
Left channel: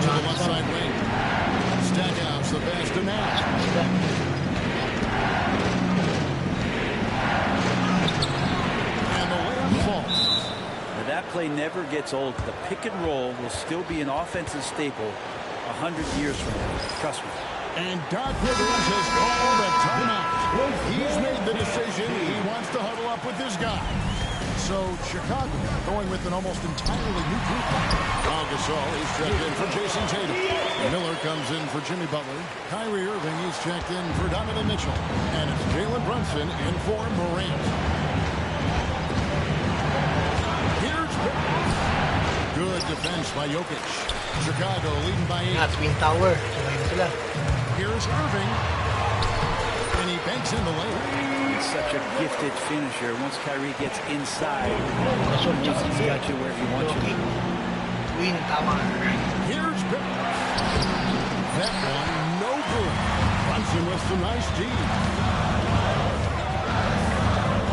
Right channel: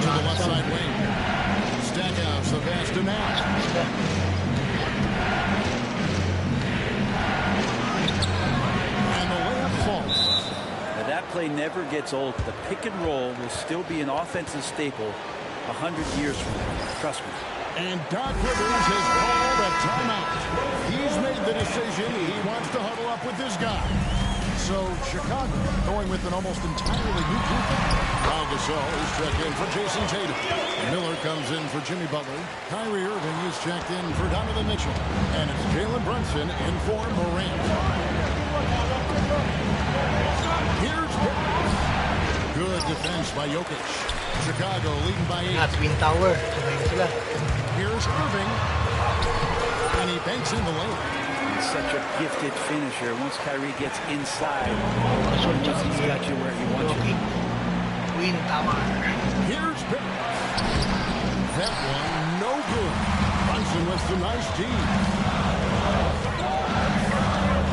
To the left side wing. Stackhouse, the pass to Nash. And the layup falls. Now that play never gets old. The pick and roll will still be an offensive staple 100 years from now. Trust me. And Doc Rivers has called a timeout. He's made the decision. He wants to huddle up with his guys. So Chicago going with an almost entirely new group. Pau Gasol is checked in for Jason Tatum. Miller comes in for Jimmy Butler. Kyrie Irving is checked in for Donovan Mitchell. And it's Jalen Brunson in for Morant. Here's Pickens. Good defense by Jokic. Chicago leading by 8. Twin Tower. Sabay na sila. Here's Irving. And he banks in the layup. He's such a gifted finisher. Once Kyrie gets inside, he's got you where he wants you. Twin Tower. Here's Pickens. That one, no good. Brunson with some nice D.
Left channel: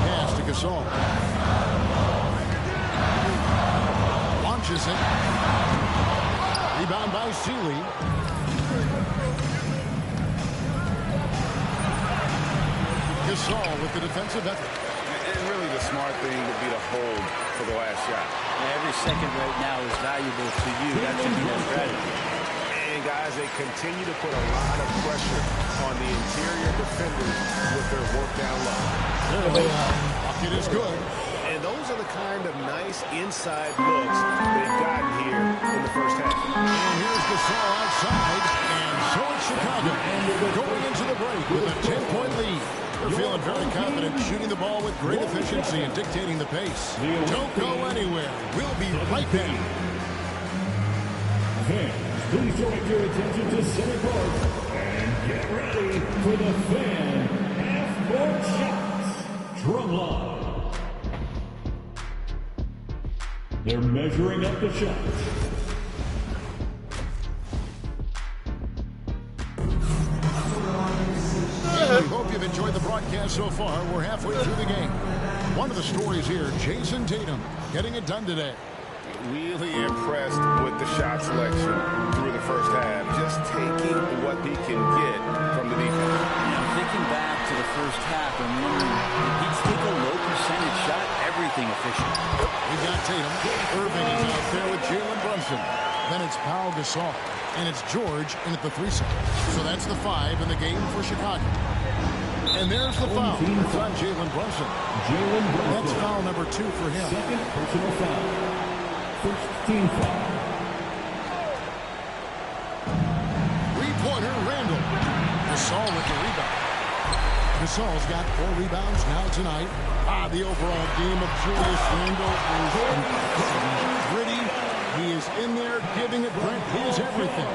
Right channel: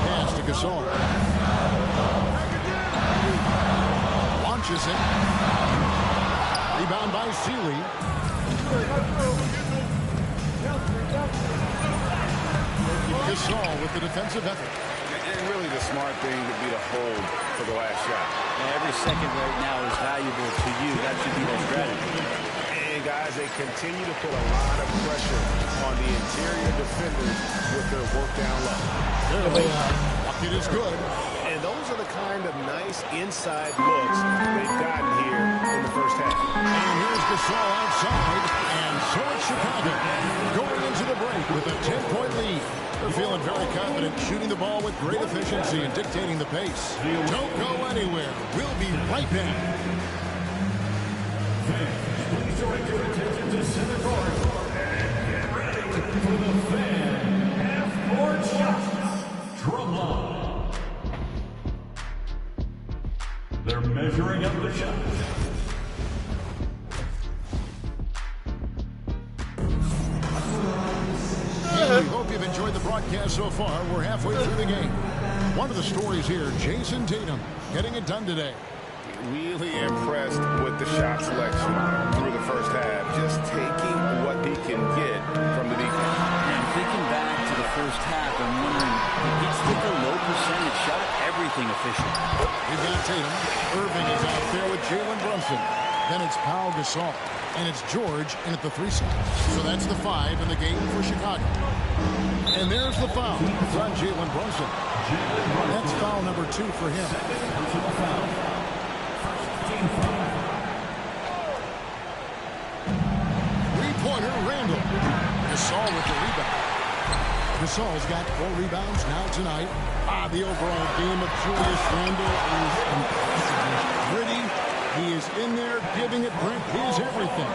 Pass to Gasol. Launches it. Rebound by Sealy. Gasol with the defensive effort. And really the smart thing would be to hold for the last shot. Every second right now is valuable to you. That should be their strategy. And guys, they continue to put a lot of pressure on the interior defenders with their work down low. Bucket is good. And those are the kind of nice inside looks they've gotten here in the first half. And here's Gasol outside. And so it's Chicago going into the break with a 10-point lead. They're feeling very confident, shooting the ball with great efficiency and dictating the pace. Don't go anywhere. We'll be right back. Fans, please direct your attention to center court and get ready for the fan half-court shots. Drumline. They're measuring up the shots. We hope you've enjoyed the broadcast so far. We're halfway through the game. One of the stories here, Jason Tatum getting it done today. Really impressed with the shot selection through the first half. Just taking what he can get from the defense. Yeah, I'm thinking back to the first half. I'm wondering, did he take a low percentage shot? Everything efficient. We've got Tatum. Irving is out there with Jalen Brunson. Then it's Pau Gasol. And it's George in at the 3 side. So that's the 5 in the game for Chicago. And there's the foul. It's on Jalen Brunson. That's foul number 2 for him. Second personal foul. First team foul. Three-pointer, Randall. Gasol with the rebound. Gasol's got 4 rebounds now tonight. The overall game of Julius Randle is impressive. He's gritty. He is in there giving it Brent his everything.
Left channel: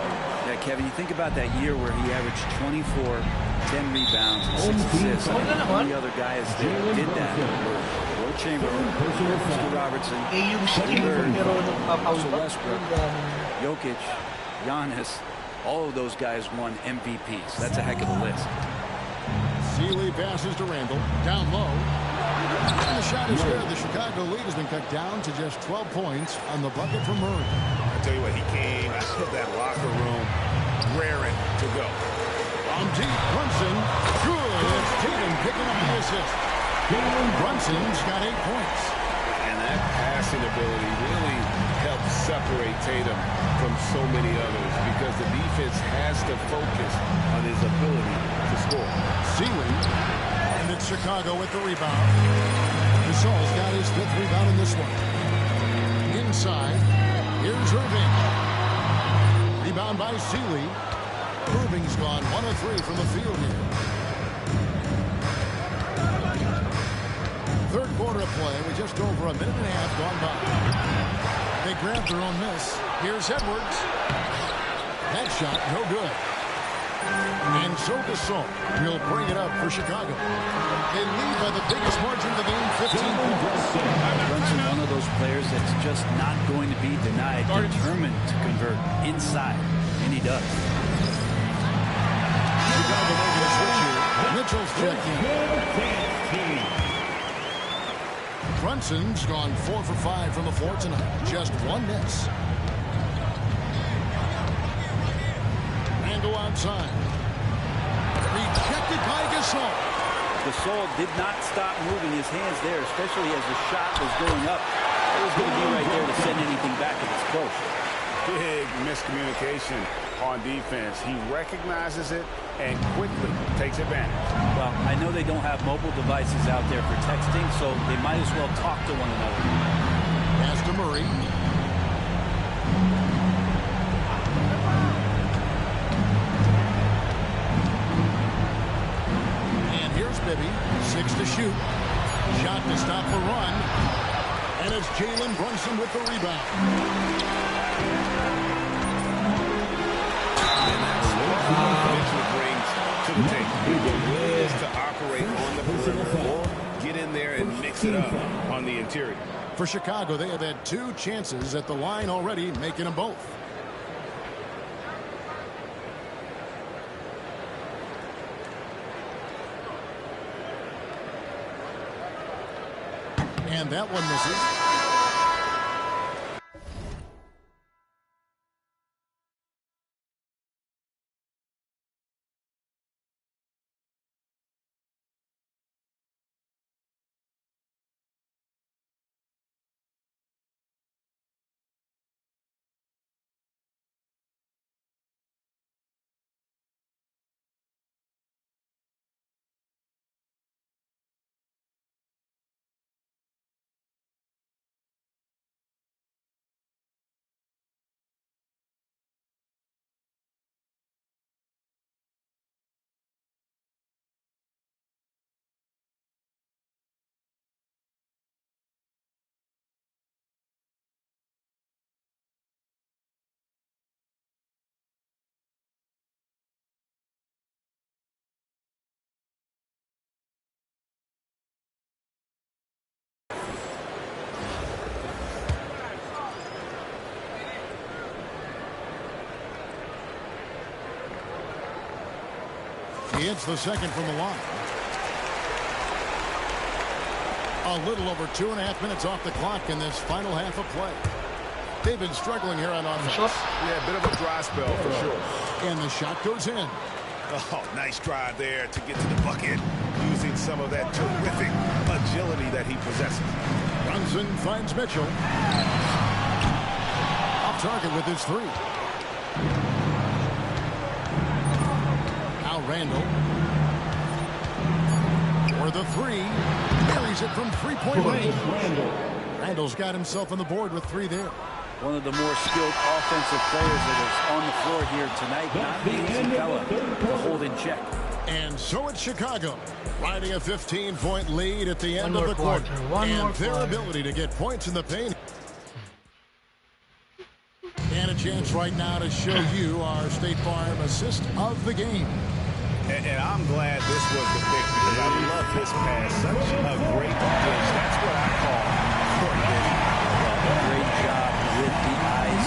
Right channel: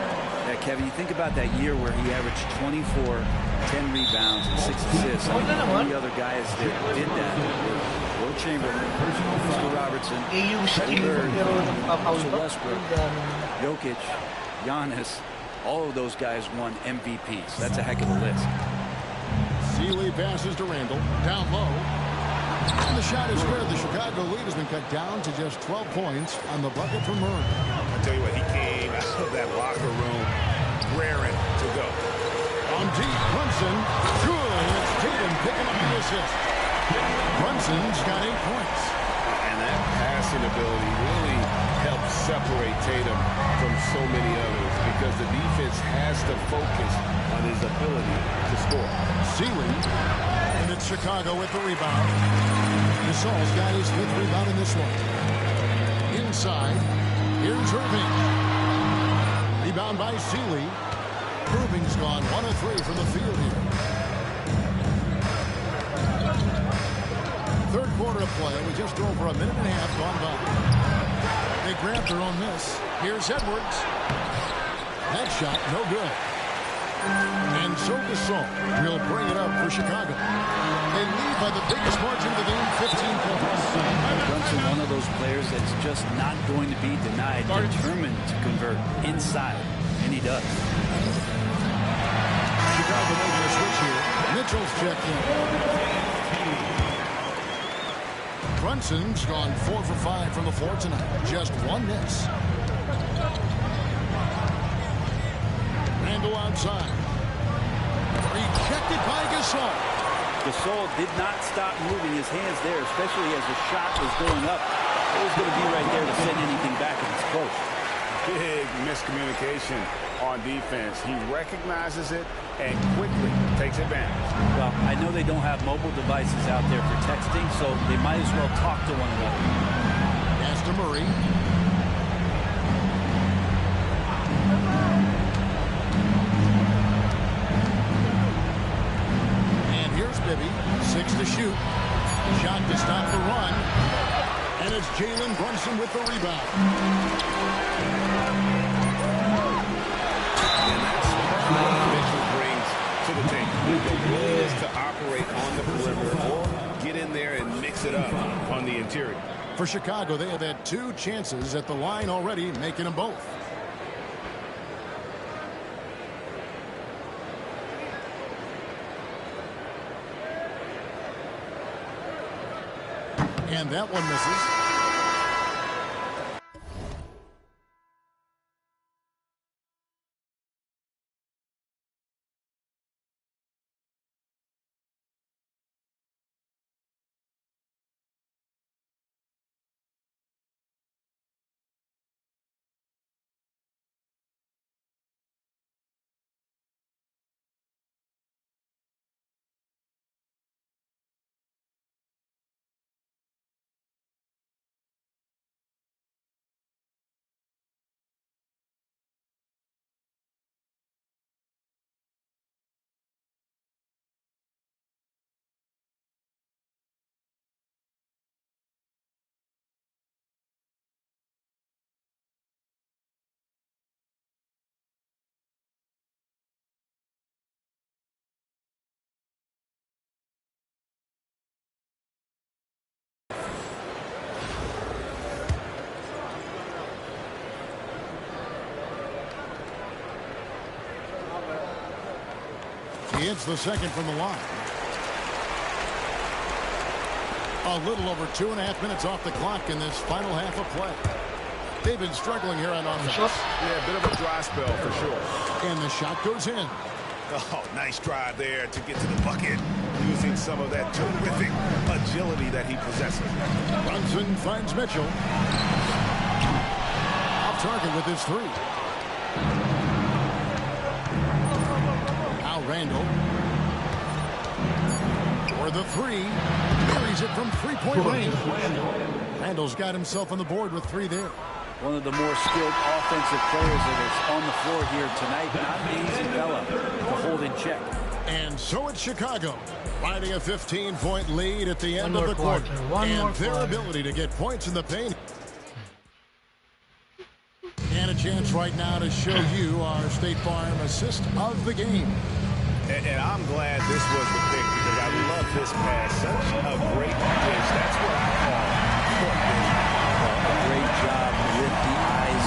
Yeah, Kevin, you think about that year where he averaged 24, 10 rebounds, and 6 assists. I mean, the only other guys that did that were Will Chamberlain, Mr. Robertson, Eddie Bird, Russell Westbrook, Jokic, Giannis. All of those guys won MVPs. That's a heck of a list. Sealy passes to Randall. Down low. And the shot is good. The Chicago lead has been cut down to just 12 points on the bucket from Murray. I tell you what, he came out of that locker room raring to go. On deep, Brunson. Good. It's Tatum picking up the assist. Brunson's got 8 points. And that passing ability really helps separate Tatum from so many others because the defense has to focus on his ability to score. Sealy. And it's Chicago with the rebound. Gasol's got his 5th rebound in this one. Inside, here's Irving. Rebound by Sealy. Irving's gone 1 of 3 from the field here. Third quarter of play with just over a minute and a half gone by. They grabbed their own miss. Here's Edwards. That shot, no good. And so Gasol will bring it up for Chicago. They lead by the biggest margin of the game, 15 points. Brunson, one of those players that's just not going to be denied, determined to convert inside, and he does. Chicago making a switch here. Mitchell's checked in. Brunson's gone 4 for 5 from the floor tonight. Just one miss. Randle outside. Rejected by Gasol. Gasol did not stop moving his hands there, especially as the shot was going up. It was going to be right there to send anything back if it's close. Big miscommunication on defense. He recognizes it and quickly takes advantage. Well, I know they don't have mobile devices out there for texting, so they might as well talk to one another. Pass to Murray. And here's Bibby. 6 to shoot. Shot to stop the run. And it's Jalen Brunson with the rebound. And that's what Mitchell brings to the table. The willingness to operate on the perimeter or get in there and mix it up on the interior. For Chicago, they have had 2 chances at the line already, making them both. And that one misses. He hits the second from the line. A little over 2.5 minutes off the clock in this final half of play. They've been struggling here on offense. Yeah, a bit of a dry spell for sure. And the shot goes in. Oh, nice drive there to get to the bucket, using some of that terrific agility that he possesses. Brunson finds Mitchell. Off target with his 3. Now Randle. For the 3. Buries it from 3-point range. Randle's got himself on the board with 3 there. One of the more skilled offensive players that is on the floor here tonight. Not an easy fella to hold in check. And so it's Chicago, riding a 15-point lead at the end of the quarter. And their ability to get points in the paint. And a chance right now to show you our State Farm assist of the game. And I'm glad this was the pick because I love this pass. Such a great dish. That's what I call court vision. Well, a great job with the eyes.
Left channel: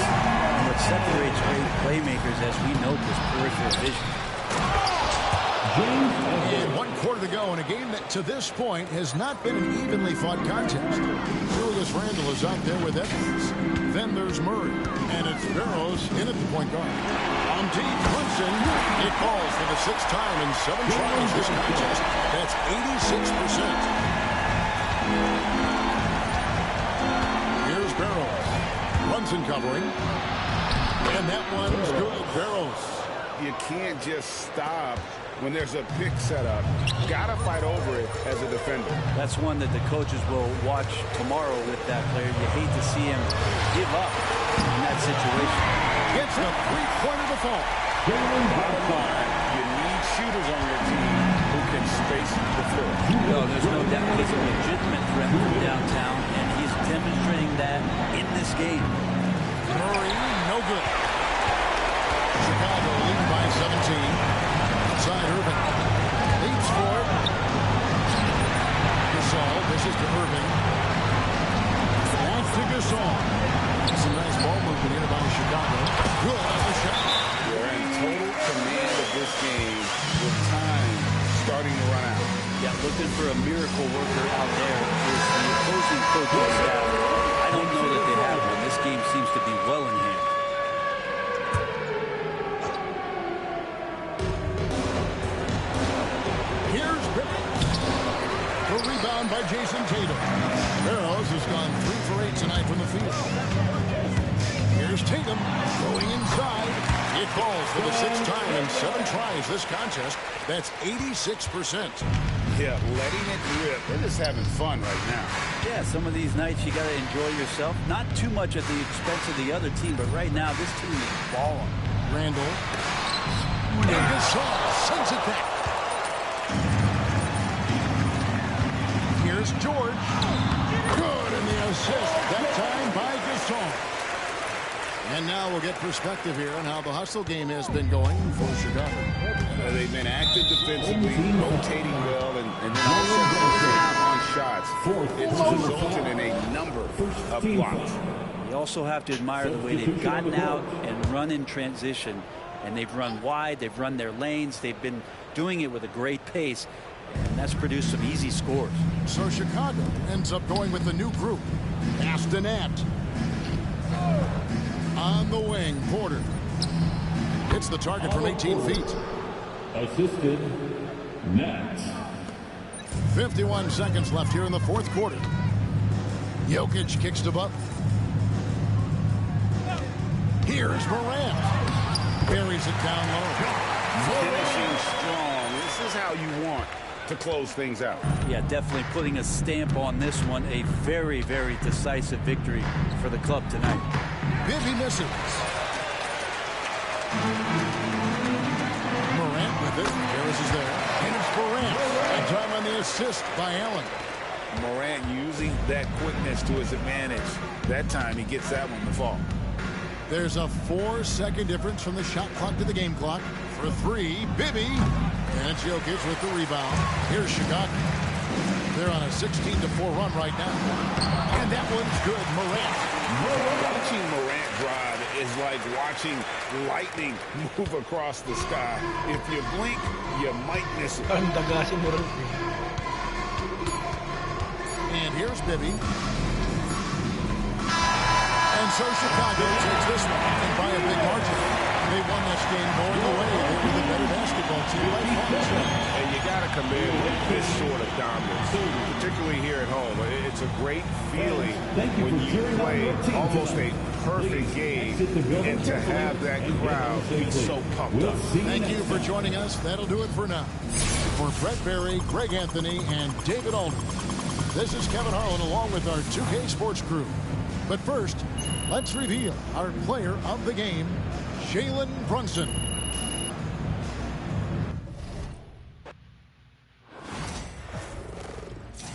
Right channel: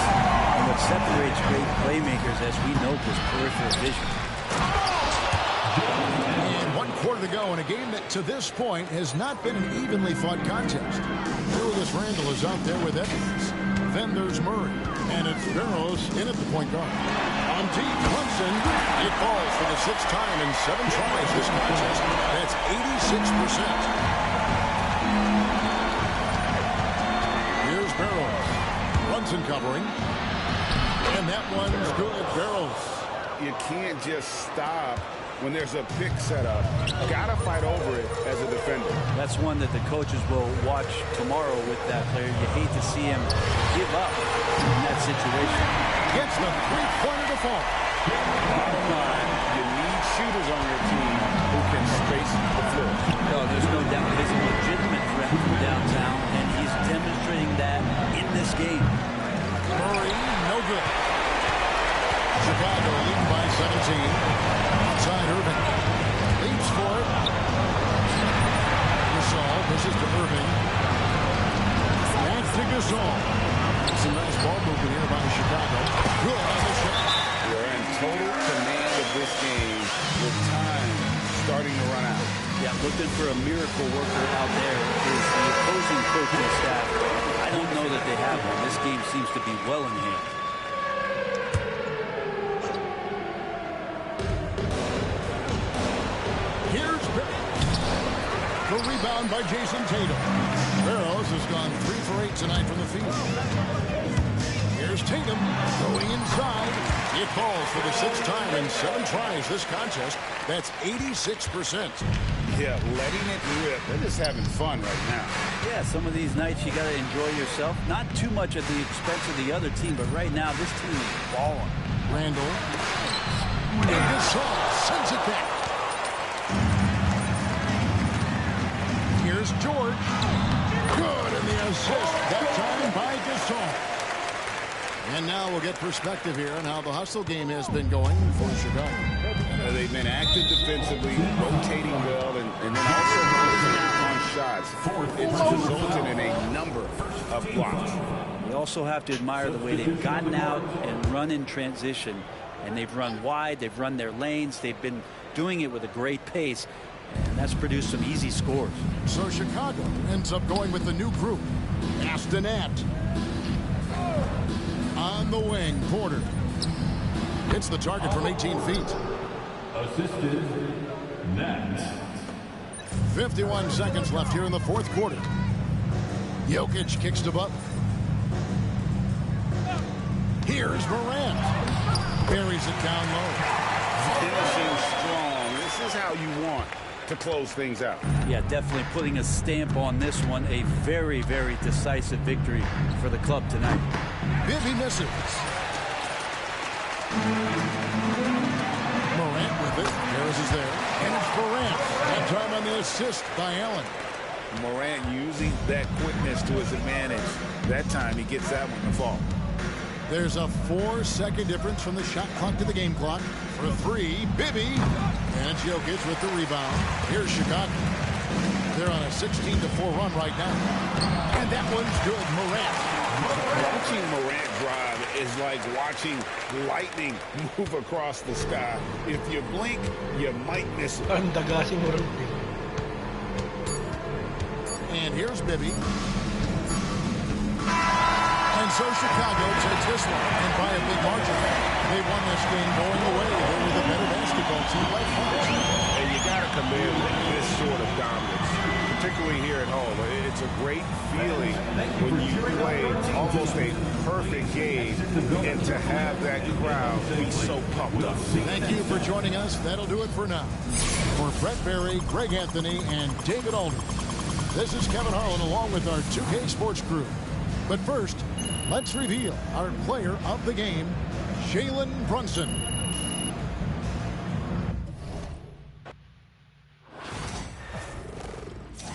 And what separates great playmakers, as we note, is peripheral vision. And 1 quarter to go in a game that to this point has not been an evenly fought contest. Julius Randle is out there with Evans. Then there's Murray. And it's Barrows in at the point guard. On deep, Brunson. It falls for the 6th time in 7 tries this contest. That's 86%. Here's Barrows. Brunson covering. And that one's good. Barrows. You can't just stop when there's a pick set up. Gotta fight over it as a defender. That's one that the coaches will watch tomorrow with that player. You hate to see him give up in that situation. Gets the 3-pointer to fall. Bottom line, you need shooters on your team who can space the floor. No, there's no doubt he's a legitimate threat from downtown, and he's demonstrating that in this game. Murray, no good. Chicago leading by 17. Outside Irving. Leaps for it. Gasol dishes to Irving. Back to Gasol. Some nice ball movement here by Chicago. Good on the shot. You're in total command of this game with time starting to run out. Yeah, looking for a miracle worker out there is the opposing coaching staff. I don't know that they have one. This game seems to be well in hand. Here's the rebound by Jason Tatum. Barrows has gone 3 for 8 tonight from the field. Here's Tatum going inside. It falls for the 6th time in 7 tries this contest. That's 86%. Yeah, letting it rip. They're just having fun right now. Yeah, some of these nights you got to enjoy yourself. Not too much at the expense of the other team, but right now this team is balling. Randall. And Gasol sends it back. Here's George. Good, and the assist that time by Gasol. And now we'll get perspective here on how the hustle game has been going for Chicago. They've been active defensively, rotating well, and then also closing out on shots. It's resulted in a number of blocks. You also have to admire the way they've gotten out and run in transition. And they've run wide, they've run their lanes, they've been doing it with a great pace. And that's produced some easy scores. So Chicago ends up going with the new group. Astonat. On the wing, Porter. Hits the target from 18 feet. Assisted, Nat. 51 seconds left here in the 4th quarter. Jokic kicks to Butler. Here's Morant. Buries it down low. Finishing strong. This is how you want to close things out. Yeah, definitely putting a stamp on this one. A very, very decisive victory for the club tonight. Bibby misses. Morant with it. Harris is there. And it's Morant. That time on the assist by Allen. Morant using that quickness to his advantage. That time he gets that one to fall. There's a 4-second difference from the shot clock to the game clock. For 3, Bibby. And it's Jokic with the rebound. Here's Chicago. They're on a 16-4 run right now. And that one's good. Morant. Watching Morant drive is like watching lightning move across the sky. If you blink, you might miss it. And here's Bibby. And so Chicago takes this one, and by a big margin. They won this game going away. They were the better basketball team by far. And you got to commend this sort of dominance, particularly here at home. It's a great feeling when you play almost a perfect game and to have that crowd be so pumped up. Thank you for joining us. That'll do it for now. For Brett Berry, Greg Anthony, and David Aldridge, this is Kevin Harlan along with our 2K Sports crew. But first, let's reveal our player of the game, Jalen Brunson.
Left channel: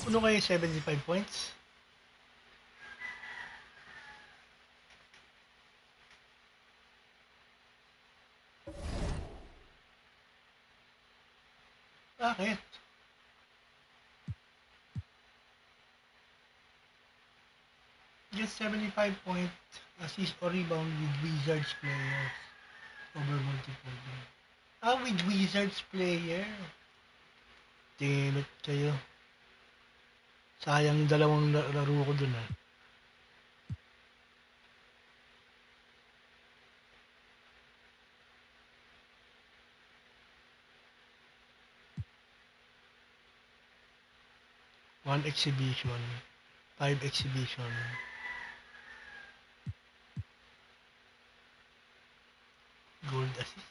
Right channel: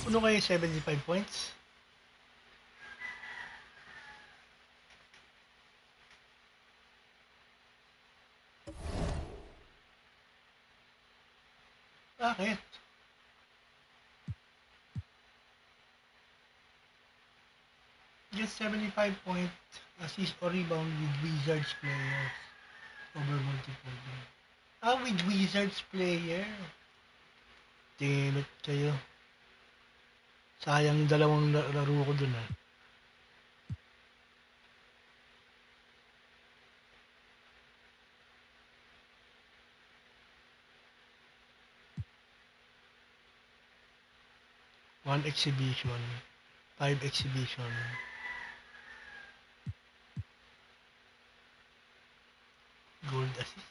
Ano kayo 75 points? Bakit? Just 75 point assist or rebound with Wizards players over multiple games. With Wizards player. Tilot kayo. Sayang dalawang laro ko dun . One exhibition. 5 exhibition. Gold assist.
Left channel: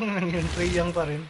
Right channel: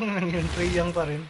Yun, Trae Young pa rin.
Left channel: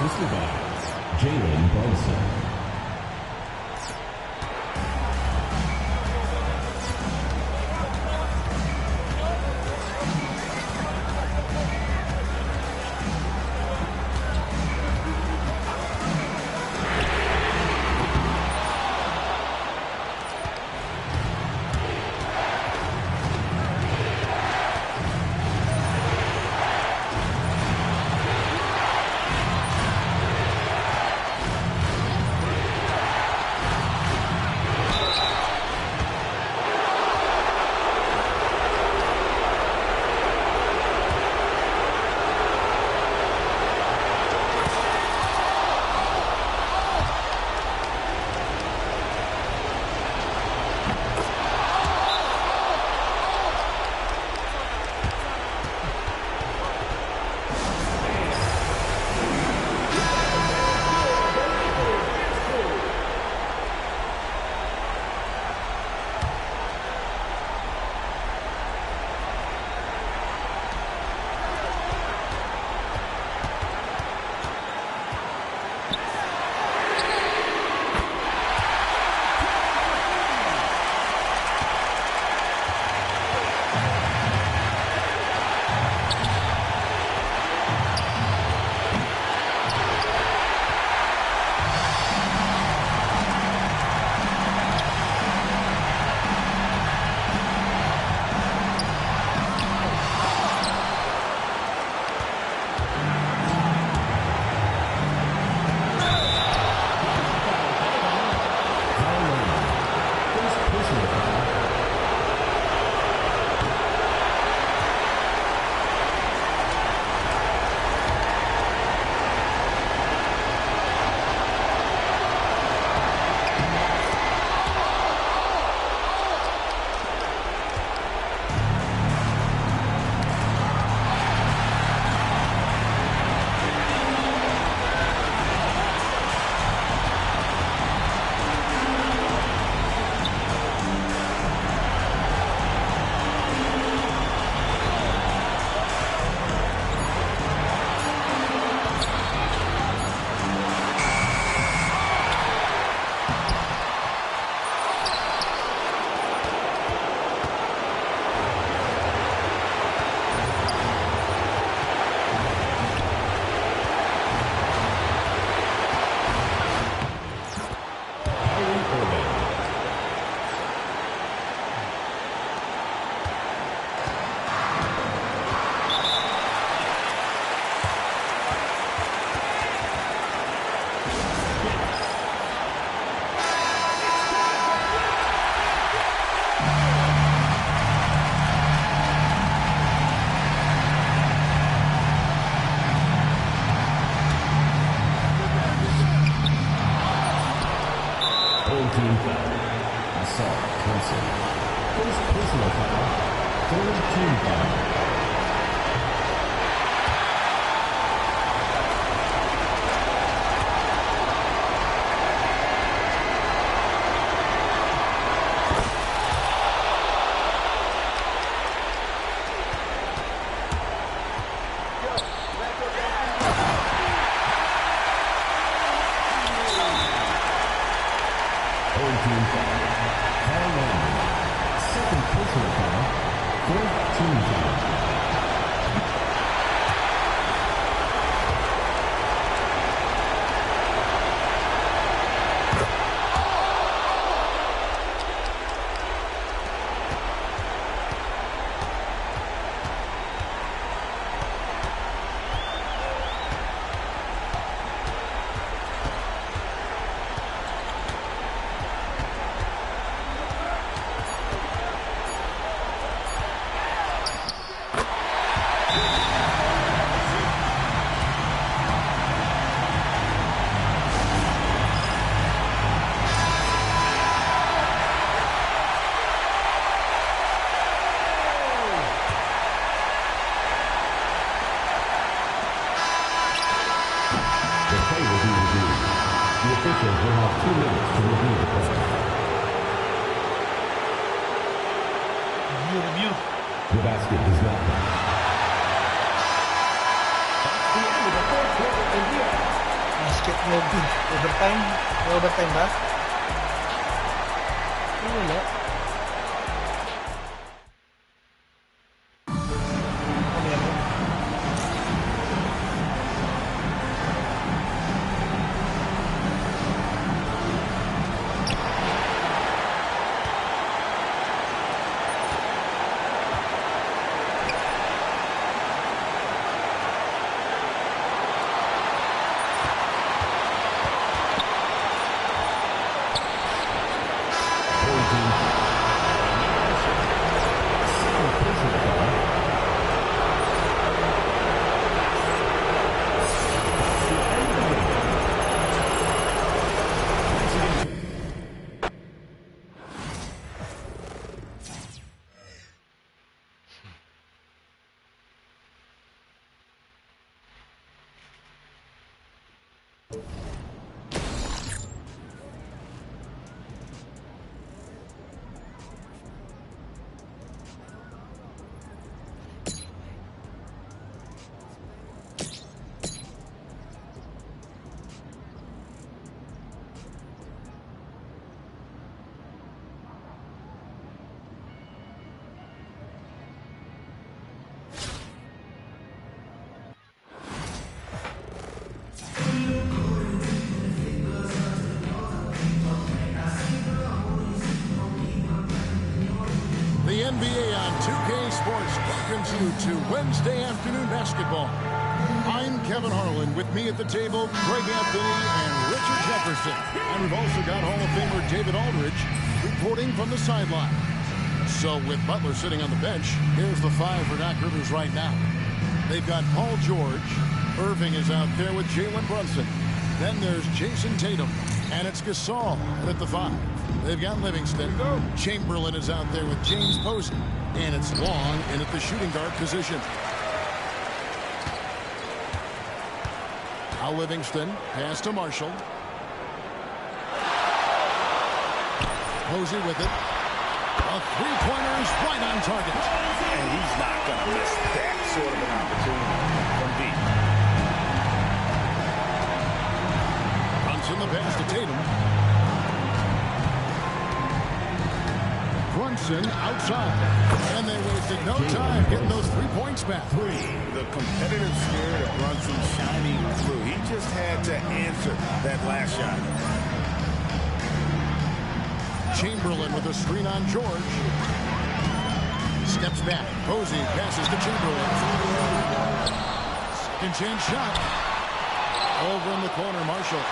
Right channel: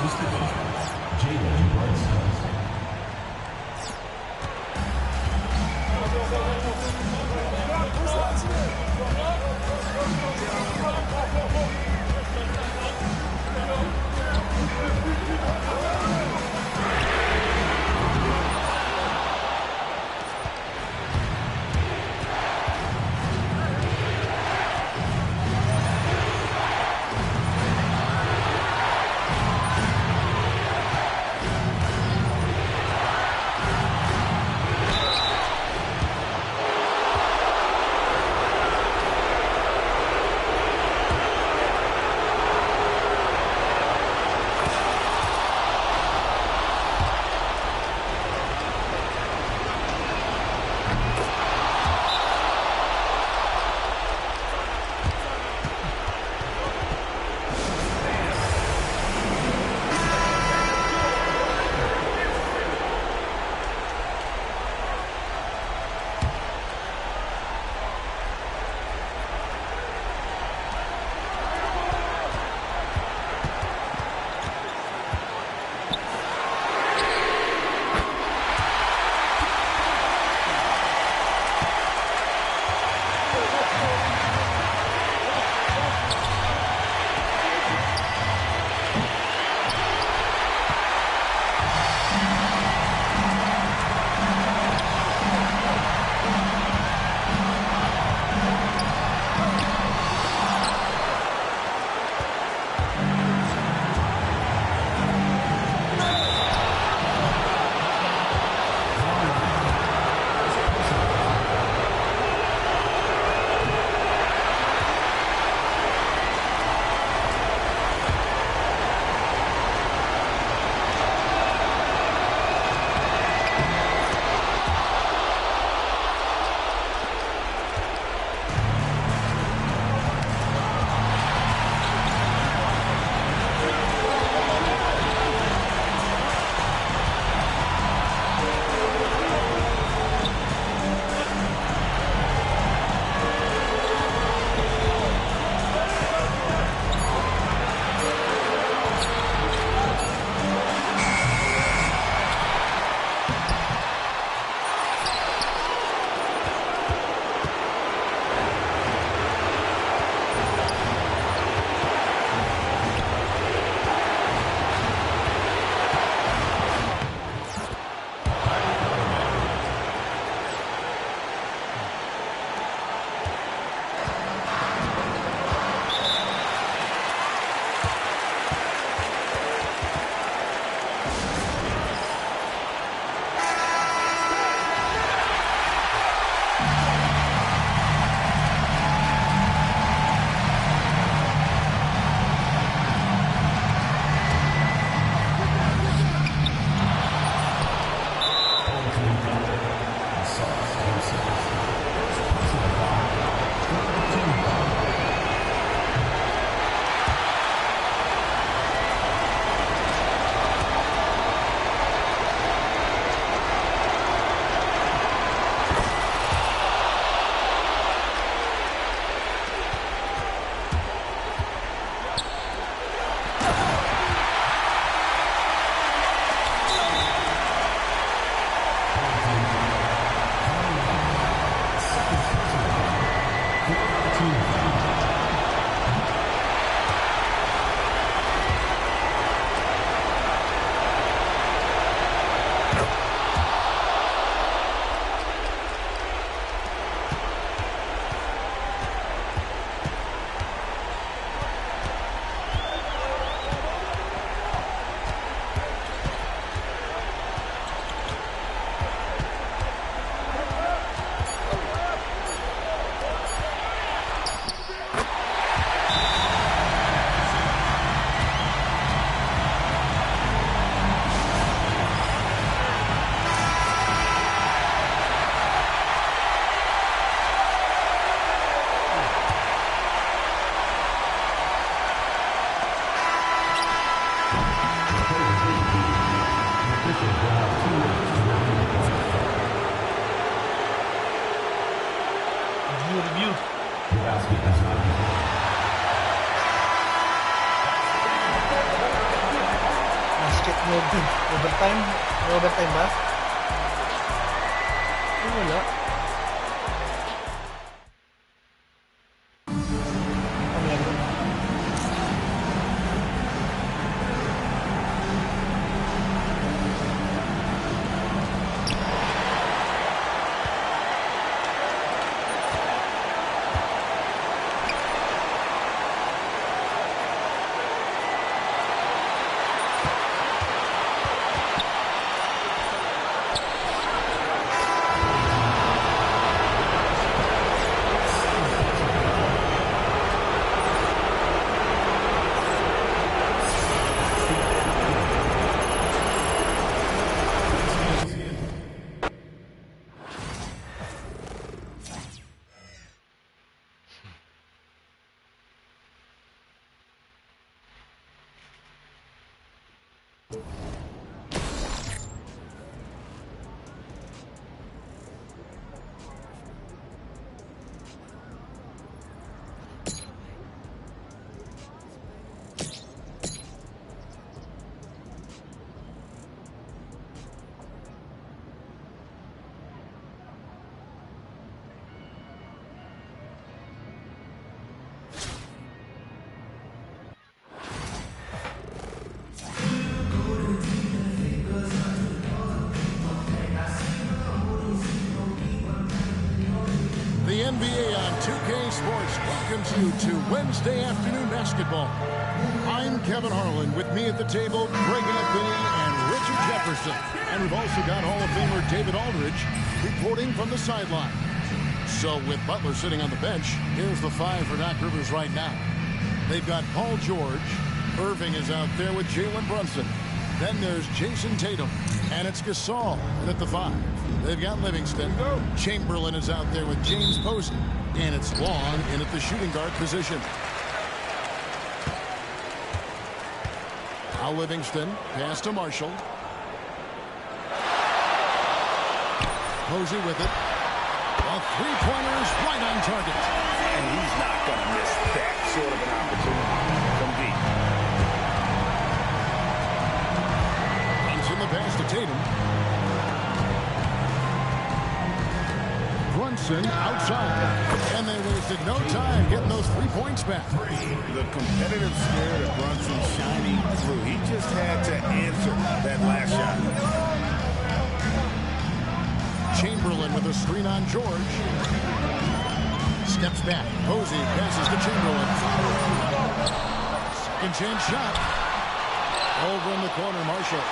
assisted by Jalen Brunson. Thompson. First personal foul, third team foul. Review. The basket is not done. Basket no good. Overtime? May overtime ba? Ay, wala. Oh, meron. The NBA on 2K Sports welcomes you to Wednesday afternoon basketball. I'm Kevin Harlan. With me at the table, Greg Anthony and Richard Jefferson. And we've also got Hall of Famer David Aldridge reporting from the sideline. So with Butler sitting on the bench, here's the five for Doc Rivers right now. They've got Paul George. Irving is out there with Jalen Brunson. Then there's Jason Tatum. And it's Gasol. And at the five, they've got Livingston. Chamberlain is out there with James Posey. And it's Long in at the shooting guard position. Now Livingston, pass to Marshall. Posey with it. A three-pointer is right on target. And he's not going to miss that sort of an opportunity from deep. Brunson the pass to Tatum. Brunson outside. And they wasted no time getting those 3 points back. The competitive spirit of Brunson shining through. He just had to answer that last shot. Chamberlain with a screen on George. Steps back. Posey passes to Chamberlain. Second chance shot. Over in the corner, Marshall.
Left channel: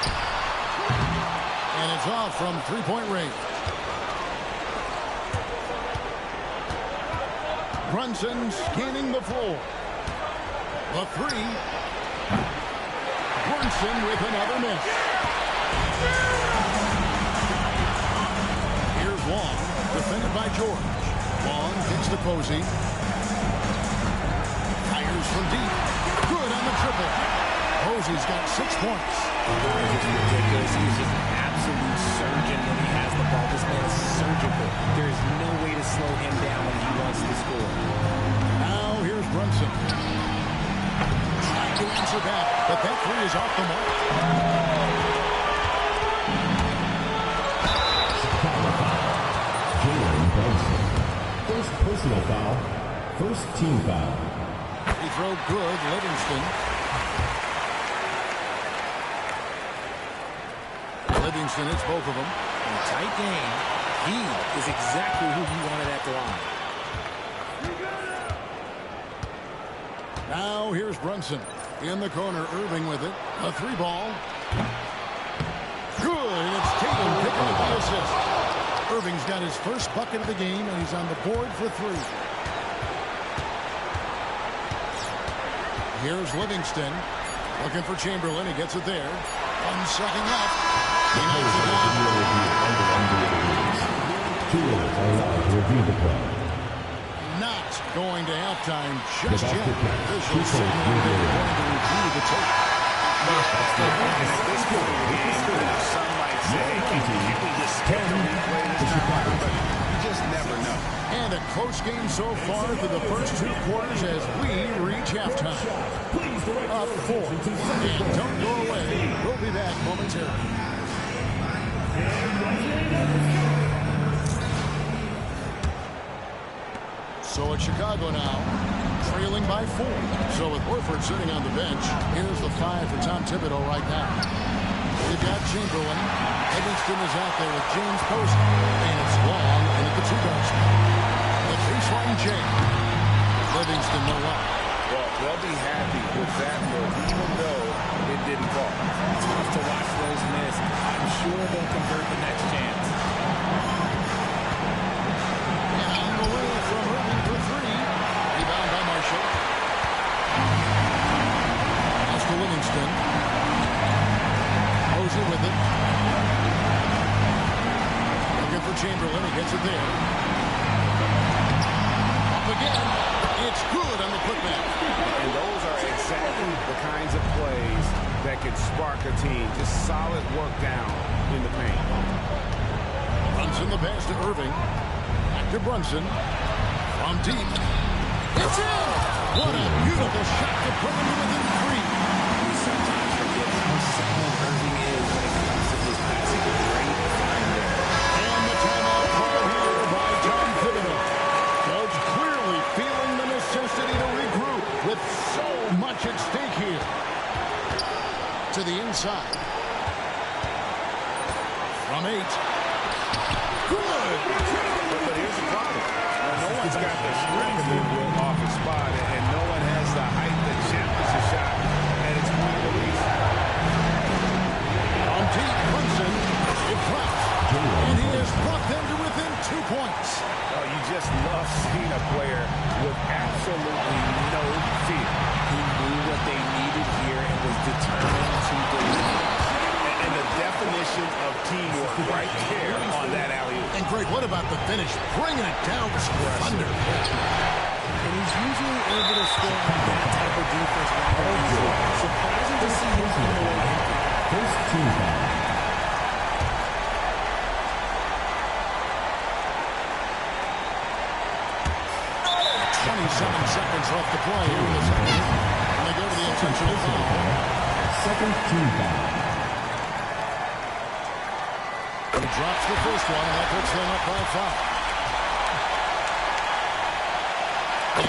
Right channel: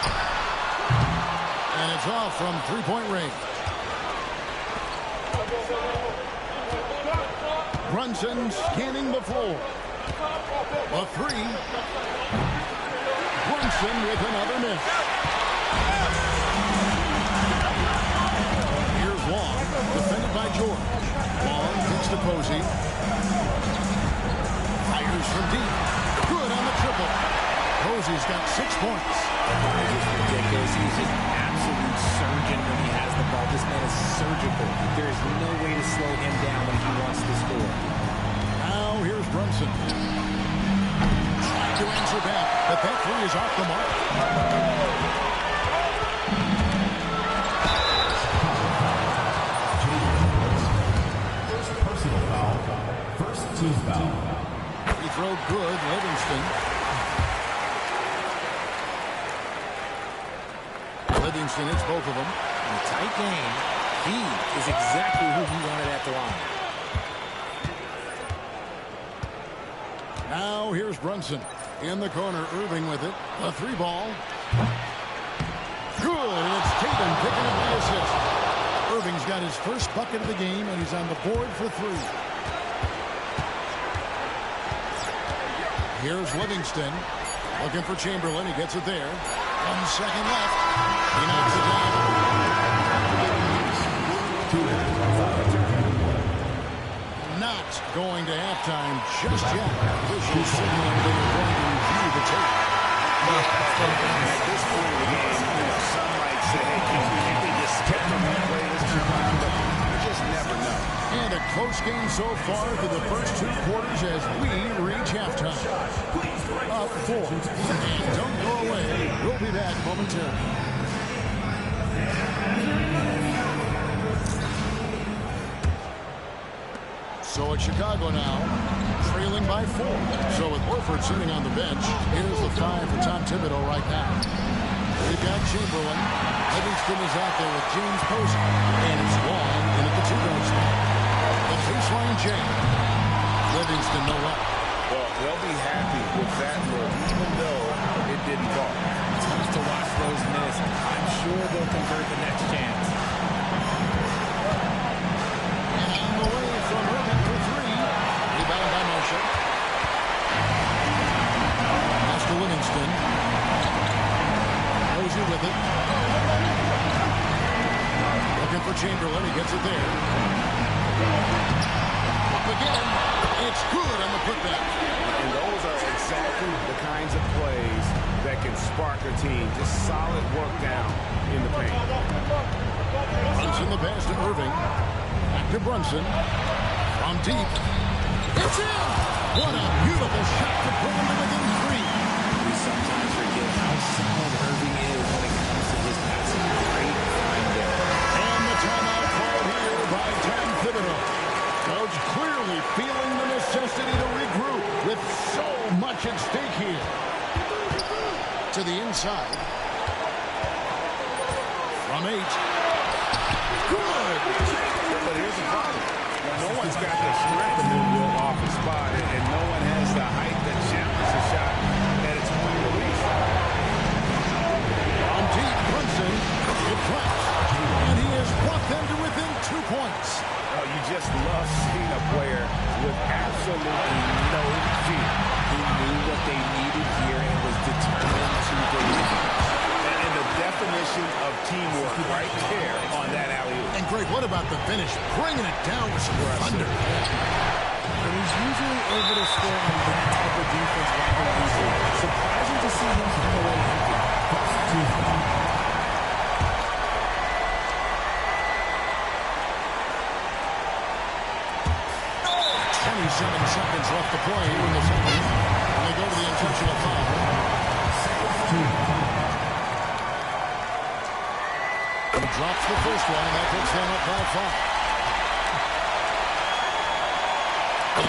And it's off from three-point range. Brunson scanning the floor. A three. Brunson with another miss. Here's Long, defended by George. Long kicks to Posey. Fires from deep. Good on the triple. Posey's got 6 points. That is just ridiculous. He's just an absolute surgeon when he has the ball. This man is surgical. There is no way to slow him down when he wants to score. Now here's Brunson. Trying to answer back, but that three is off the mark. First personal foul. First team foul. Free throw good, Livingston. Livingston hits both of them. In a tight game, he is exactly who he wanted at the line. Now here's Brunson. In the corner, Irving with it. A 3-ball. Good, and it's Tatum picking up the assist. Irving's got his first bucket of the game, and he's on the board for 3. Here's Livingston. Looking for Chamberlain. He gets it there. 1 second left. He knocks it down. 2 minutes are allowed to review the play. Not going to halftime just yet. Officials signaling they are going to review the tape. And at this point in the game, you know, some might say, hey, can't we just skip the replay this time around? But you just never know. And a close game so far through the first 2 quarters as we reach halftime. Up 4. And don't go away. We'll be back momentarily. So it's Chicago now, trailing by 4. So with Horford sitting on the bench, here's the 5 for Tom Thibodeau right now. We've got Chamberlain. Livingston is out there with James Posey. And it's Long in at the 2-guard spot. The baseline jam. Livingston no luck. Well, they'll be happy with that look, even though it didn't fall. Tough to watch those miss. I'm sure they'll convert the next chance. And on the way from Irving for 3. Rebound by Marshall. Pass to Livingston. Posey with it. Looking for Chamberlain. He gets it there. Up again. It's good on the putback. And those are exactly the kinds of plays that can spark a team. Just solid work down in the paint. Brunson the pass to Irving. Back to Brunson. From deep. It's in! What a beautiful shot to bring him to within 3. We sometimes forget how solid Irving is when it comes to his passing. Great find there. And the timeout called here by Tom Thibodeau. Coach clearly feeling the necessity to regroup with so much at stake here. To the inside. From 8. Good! But here's the problem. No one's got the strength to move Will off his spot, and no one has the height to challenge the shot at its point of release. On deep, Brunson, it drops, and he has brought them to within 2 points. Oh, you just love seeing a player with absolutely no fear. He knew what they needed here and was determined to deliver. And the definition of teamwork right there on that alley-oop. And Greg, what about the finish? Bringing it down with some thunder. And he's usually able to score on that type of defense rather easily. Surprising to see him come away empty. First team foul. 27 seconds left to play here in the second. And they go to the intentional foul. Second team foul. He drops the first one, and that puts them up by 5.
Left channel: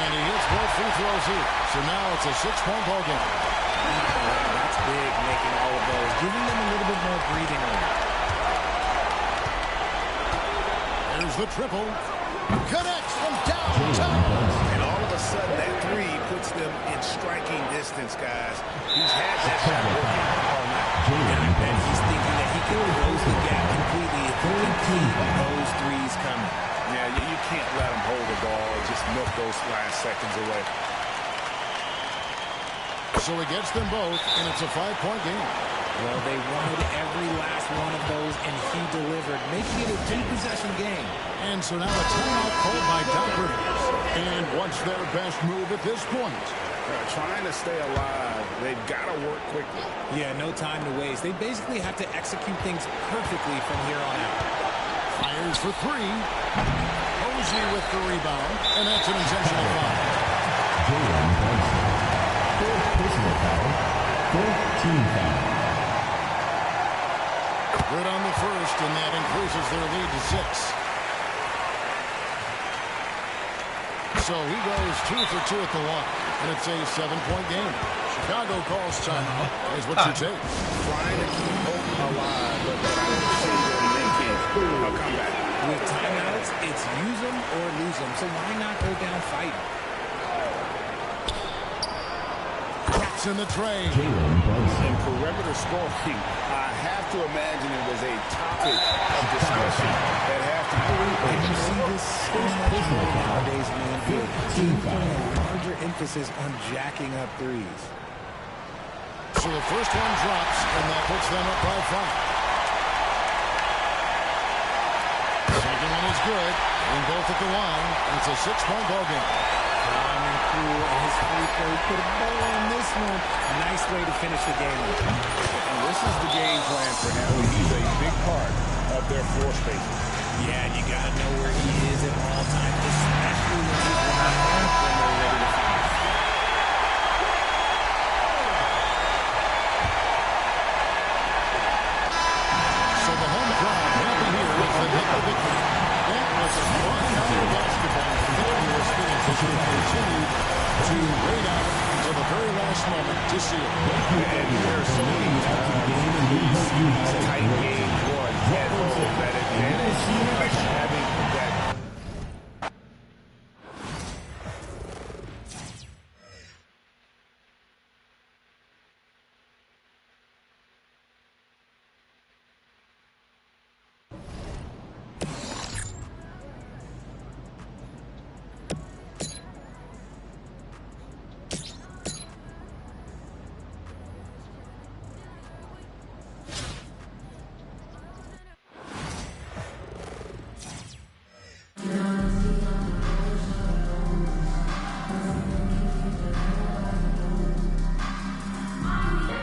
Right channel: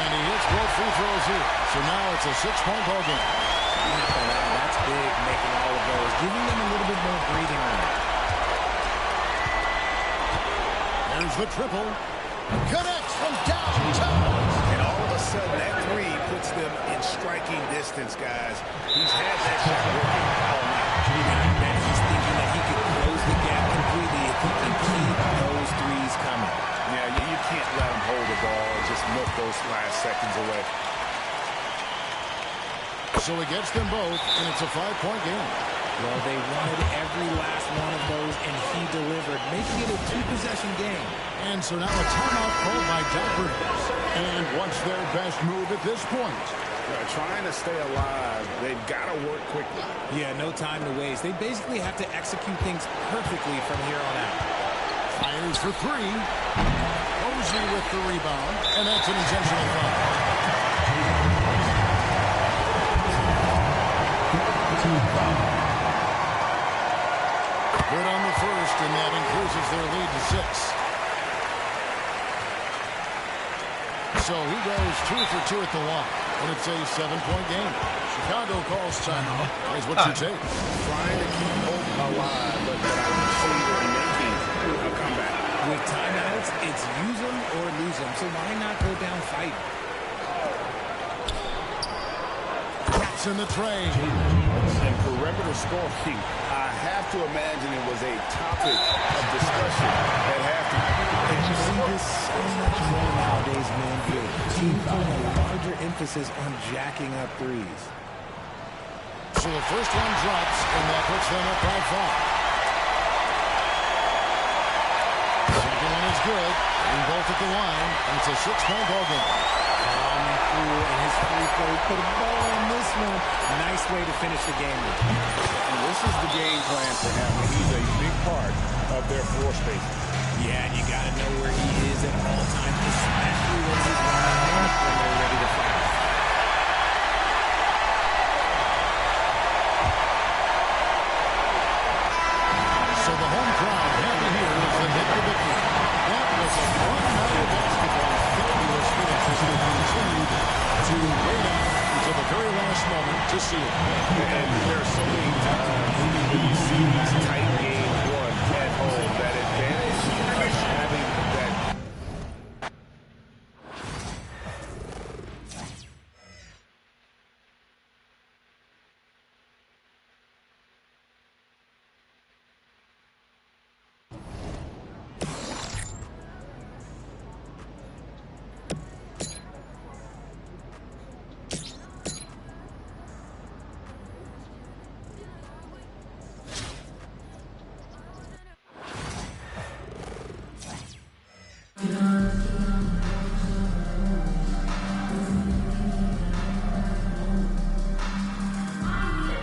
And he hits both free throws here. So now it's a 6-point ball game. I'm not gonna lie, that's big, making all of those, giving them a little bit more breathing room. There's the triple. Connects from downtown. And all of a sudden, that 3 puts them in striking distance, guys. He's had that shot working all night. And I bet he's thinking that he can close the gap completely if he can keep those 3s coming. Yeah, you can't let him hold the ball and just milk those last seconds away. So he gets them both, and it's a 5-point game. Well, they wanted every last one of those, and he delivered, making it a two-possession game. And so now a timeout called by Doc Rivers. And what's their best move at this point? Trying to stay alive, they've got to work quickly. Yeah, no time to waste. They basically have to execute things perfectly from here on out. Fires for three. Posey with the rebound, and that's an intentional foul. Personal foul. 14 foul. Good on the first, and that increases their lead to 6. So he goes 2 for 2 at the line, and it's a 7-point game. Chicago calls timeout. Here's what you take. Trying to keep hope alive, but I don't see them making a comeback. With timeouts, it's use them or lose them, so why not go down fighting? Drops in the tray. And perimeter scoring, I have to imagine it was a topic of discussion at halftime. And you see this so much more nowadays in the NBA. Teams putting a larger emphasis on jacking up threes. So the first one drops, and that puts them up by 5. Second one is good. Getting both at the line, and it's a 6-point ball game. Calm and cool, and his free throw put a bow on this one. Nice way to finish the game. And this is the game plan for him. He's a big part of their floor spacing. Yeah, you got to know where he is at all times, especially when he's running out when they're ready to fire. So the home crowd happy here as they hit the victory. That was a fun night of basketball. Fabulous finish as they continued to wait out until the very last moment to seal it. And there are so many times you see these tight games won at home. That advantage of having that.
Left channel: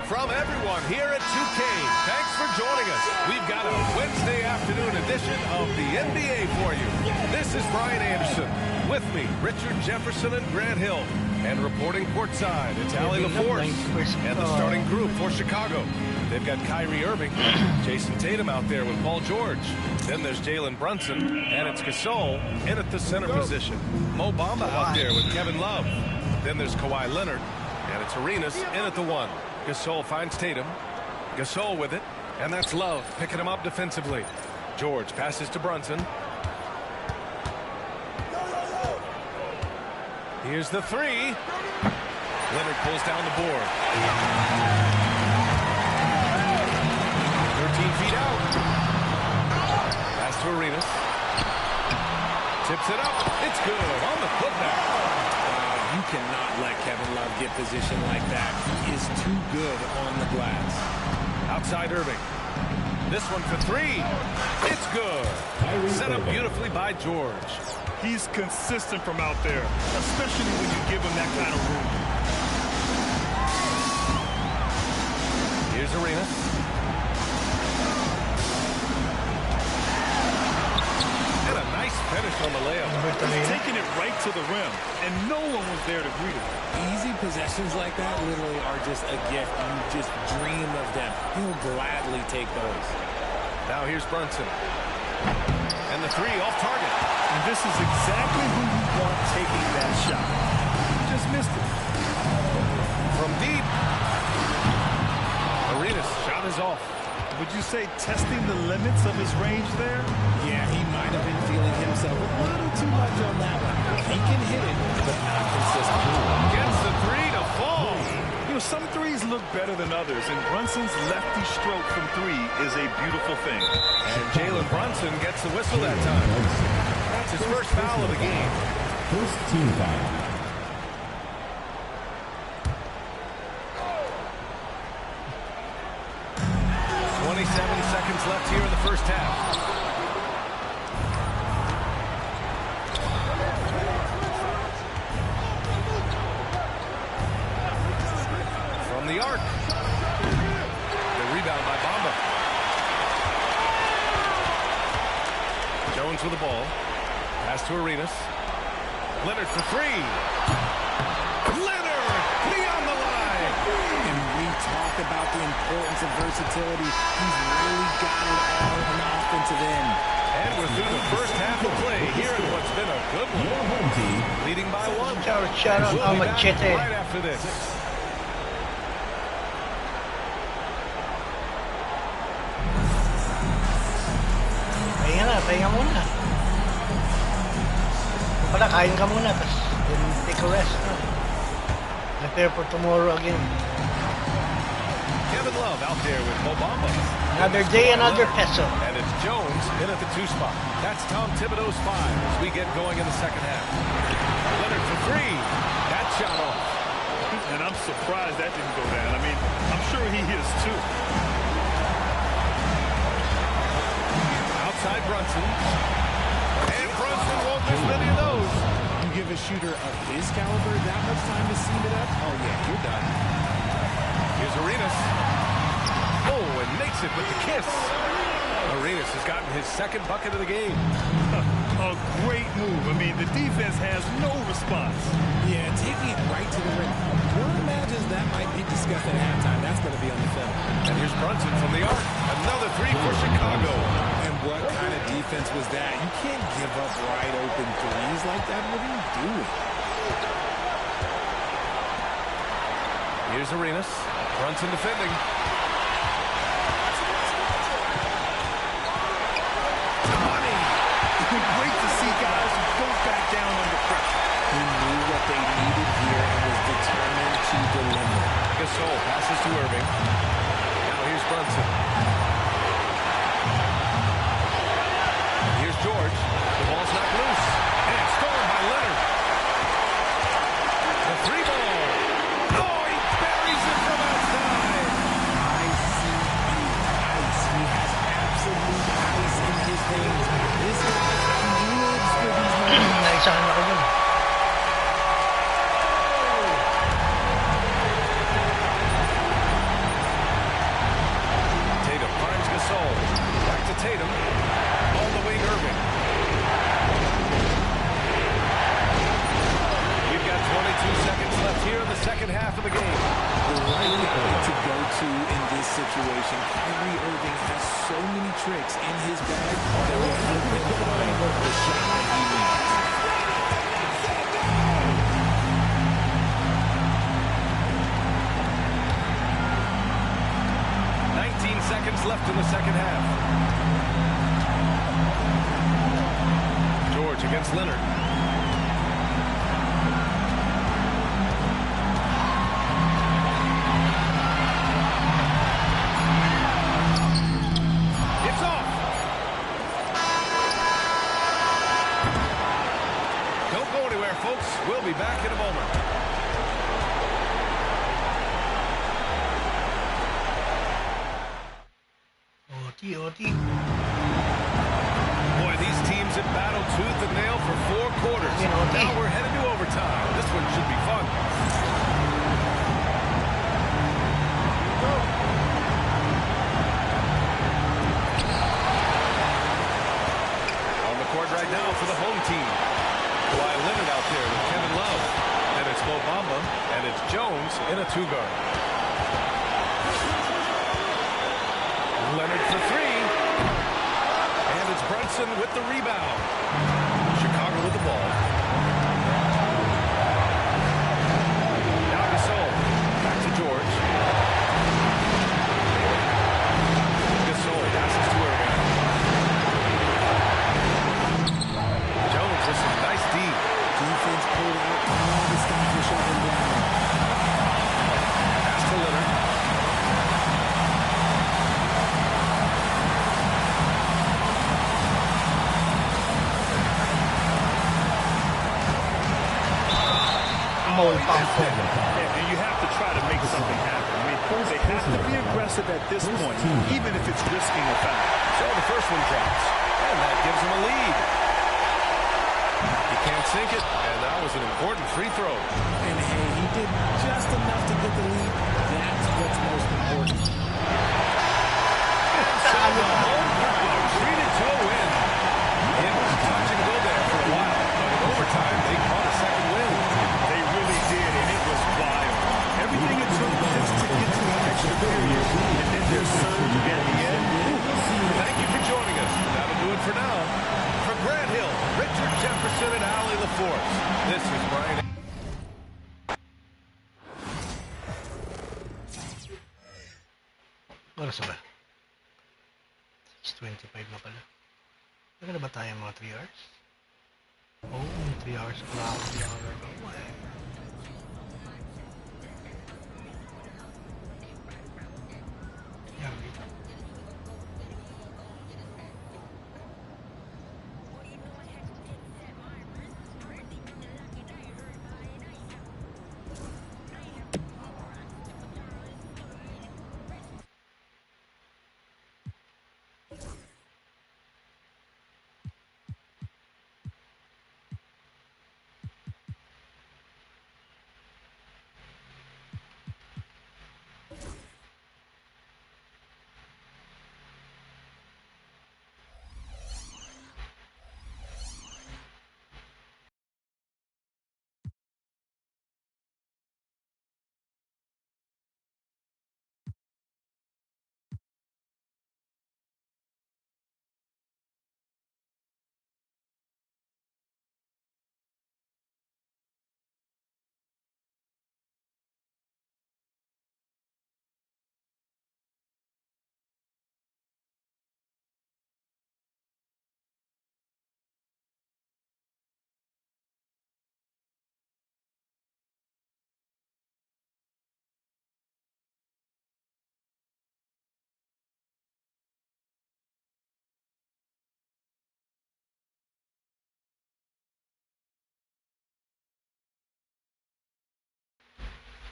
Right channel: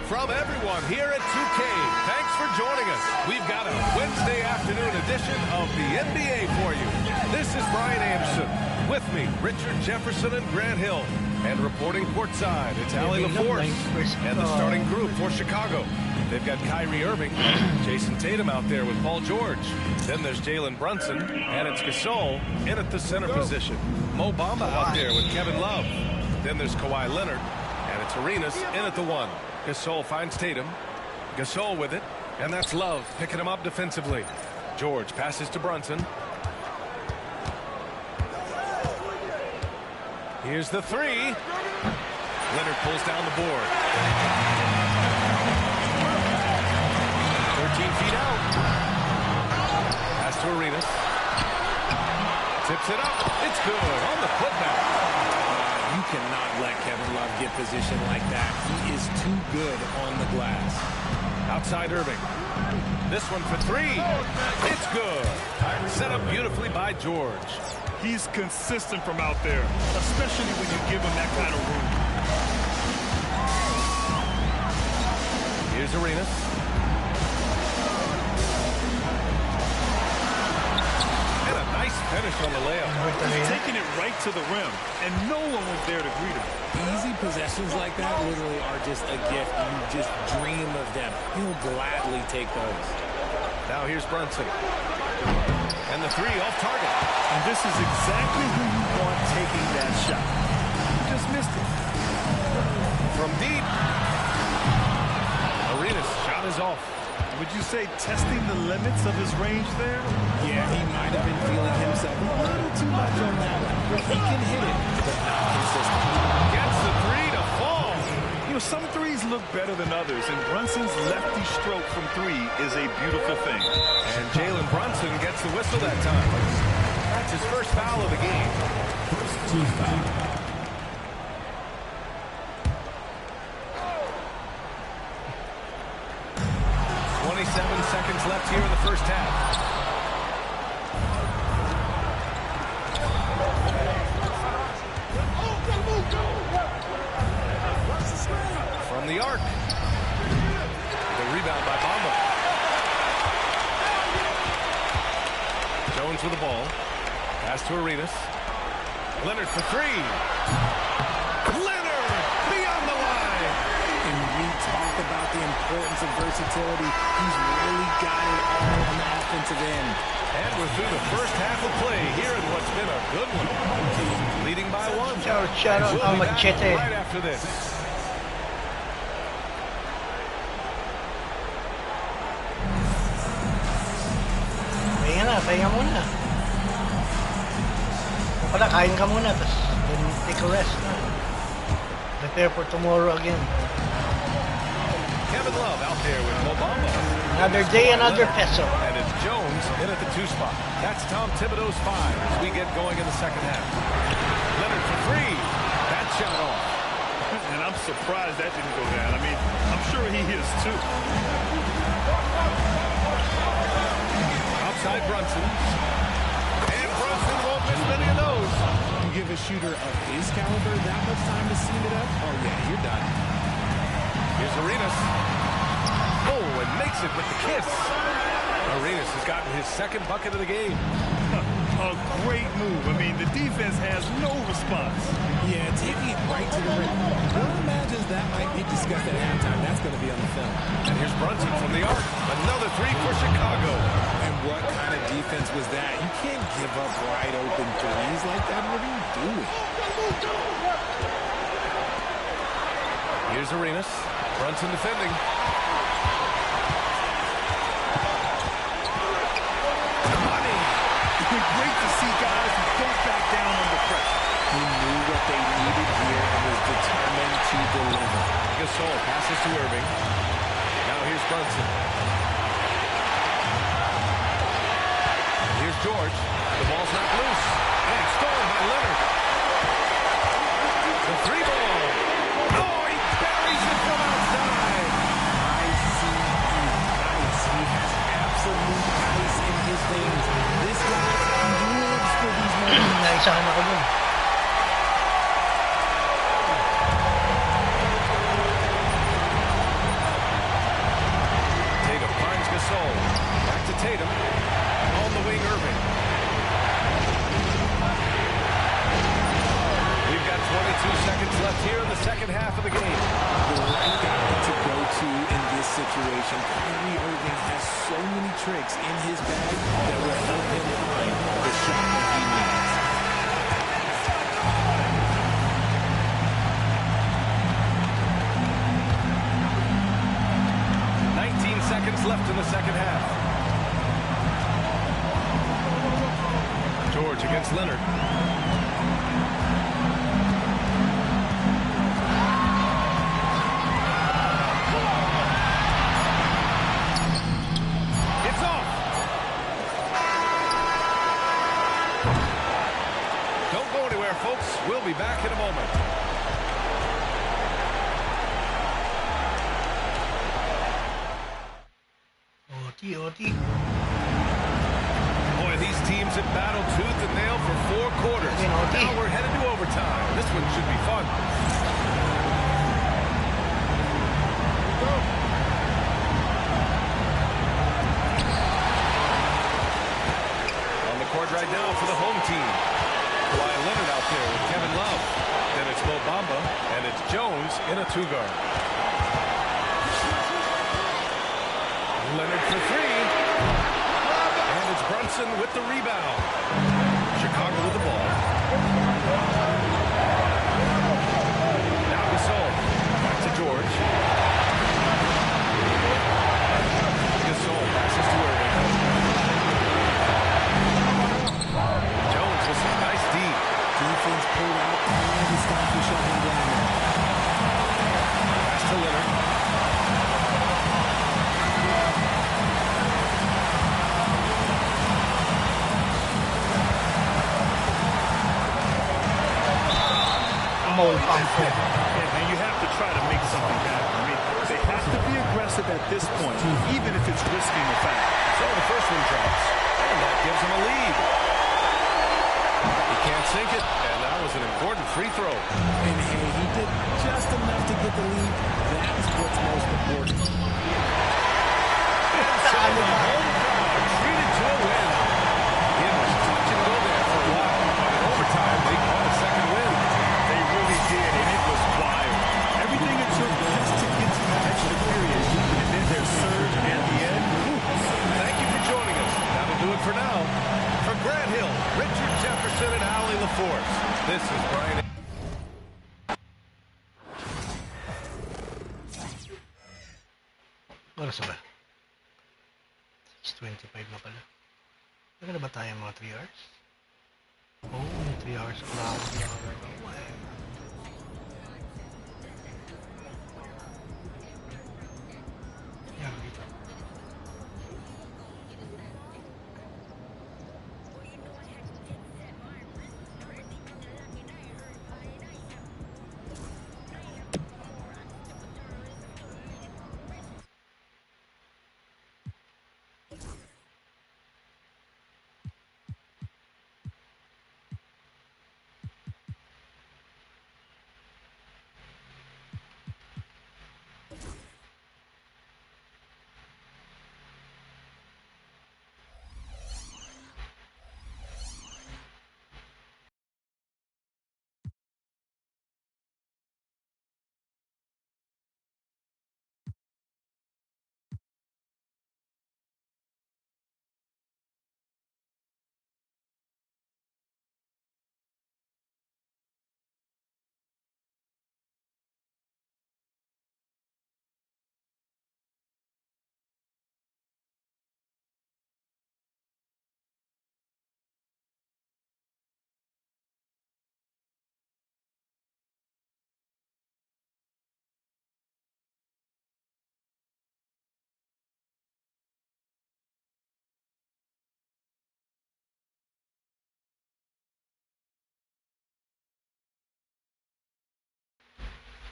From everyone here at 2K, thanks for joining us. We've got a Wednesday afternoon edition of the NBA for you. This is Brian Anderson. With me, Richard Jefferson and Grant Hill. And reporting courtside, it's Allie LaForce and the starting group for Chicago. They've got Kyrie Irving, Jason Tatum out there with Paul George. Then there's Jalen Brunson, and it's Gasol in at the center position. Mo Bamba out there with Kevin Love. Then there's Kawhi Leonard, and it's Arenas in at the 1. Gasol finds Tatum. Gasol with it, and that's Love picking him up defensively. George passes to Brunson. Here's the 3. Leonard pulls down the board. 13 feet out. Pass to Arenas. Tips it up. It's good on the putback. You cannot let Kevin Love get position like that. He is too good on the glass. Outside Irving. This one for 3. It's good. Set up beautifully by George. He's consistent from out there, especially when you give him that kind of room. Here's Arenas. And a nice finish on the layup. He's taking it right to the rim, and no one was there to greet him. Easy possessions like that literally are just a gift. You just dream of them. He'll gladly take those. Now here's Brunson. And the 3 off target. And this is exactly who you want taking that shot. He just missed it. From deep. Arenas' shot is off. Would you say testing the limits of his range there? Yeah, he might have been feeling himself a little too much on that one. He can hit it, but not consistently. Gets the 3 to fall. You know, some threes look better than others, and Brunson's lefty stroke from 3 is a beautiful thing. And Jalen Brunson gets the whistle that time. That's his first foul of the game. First team foul. 27 seconds left here in the first half. From the arc. The rebound by Bamba. Jones with the ball. Pass to Arenas. Leonard for three. Leonard beyond the line. And we talk about the importance of versatility. He's really got it all on the offensive end. And we're through the first half of play here in what's been a good one. Leading by one. Shout out We'll be back Machete. right after this. Pahinga muna. O pala, kain ka muna, tapos then take a rest. No? Prepare for tomorrow again. Kevin Love out there with Mobamba. Another day, another peso. And it's Jones in at the 2 spot. That's Tom Thibodeau's 5 as we get going in the second half. Leonard for three. That shot off. And I'm surprised that didn't go down. I mean, I'm sure he is too. Outside Brunson. And Brunson won't miss many of those. You give a shooter of his caliber that much time to seam it up, oh yeah, you're done. Here's Arenas. Oh, and makes it with the kiss. Arenas has gotten his second bucket of the game. A great move. I mean, the defense has no response. Yeah, taking it right to the rim. One imagines that might be discussed at halftime. That's going to be on the film. And here's Brunson from the arc. Another three for Chicago. And what kind of defense was that? You can't give up wide open threes like that. What are you doing? Here's Arenas. Brunson defending. Great to see guys who don't back down under pressure. He knew what they needed here and was determined to deliver. Gasol passes to Irving. Now here's Brunson. And here's George. The ball's knocked loose. And stolen by Leonard. The three ball. Oh, he buries it from outside. Ice. He has absolute ice in his veins. This guy lives for these moments. Naisahan ako dun. Tatum finds Gasol. Back to Tatum. On the wing, Irving. We've got 22 seconds left here in the second half of the game. The right guy to go to in this situation. Kyrie Irving has so many tricks in his bag that will help him find the shot that he needs. Seconds left in the second half. George against Leonard. It's off. Don't go anywhere, folks. We'll be back in a moment. OT. Boy, these teams have battled tooth and nail for 4 quarters. Now we're headed to overtime. This one should be fun. Here we go. On the court right now for the home team. Kawhi Leonard out there with Kevin Love. Then it's Mo Bamba, and it's Jones in a 2-guard. Leonard for 3. And it's Brunson with the rebound. Chicago with the ball. Now Gasol. Back to George. Gasol passes to Irving. Jones with some nice D. Defense pulled out all the stops to shut him down there. Pass to Leonard. Oh, he missed it. And and you have to try to make something happen. I mean, they have to be aggressive at this point, even if it's risking a foul. So the first one drops, and that gives him a lead. He can't sink it, and that was an important free throw. And hey, he did just enough to get the lead. That's what's most important. And so the home crowd treated to a win. It was touch and go there for a while, but in overtime, they caught a second win. They really did, and it was wild. Everything it took just to get to an extra period, and then their surge at the end. Whew. Thank you for joining us. That'll do it for now. For Grant Hill, Richard Jefferson, and Allie LaForce, this is Brian. Oras ba? 6:25 na pala. Naka na ba tayo mga 3 hours? Oh, 3 hours ko na ako. Yan, dito.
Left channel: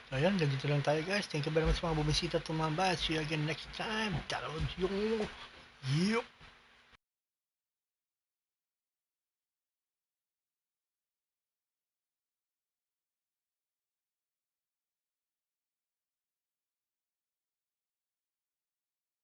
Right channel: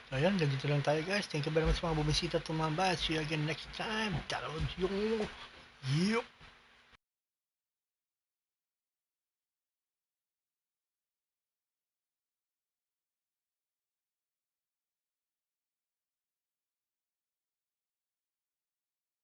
So ayan, ganito lang tayo guys. Thank you very much sa mga bumisita at tumambay. See you again next time. Download yung... Yup!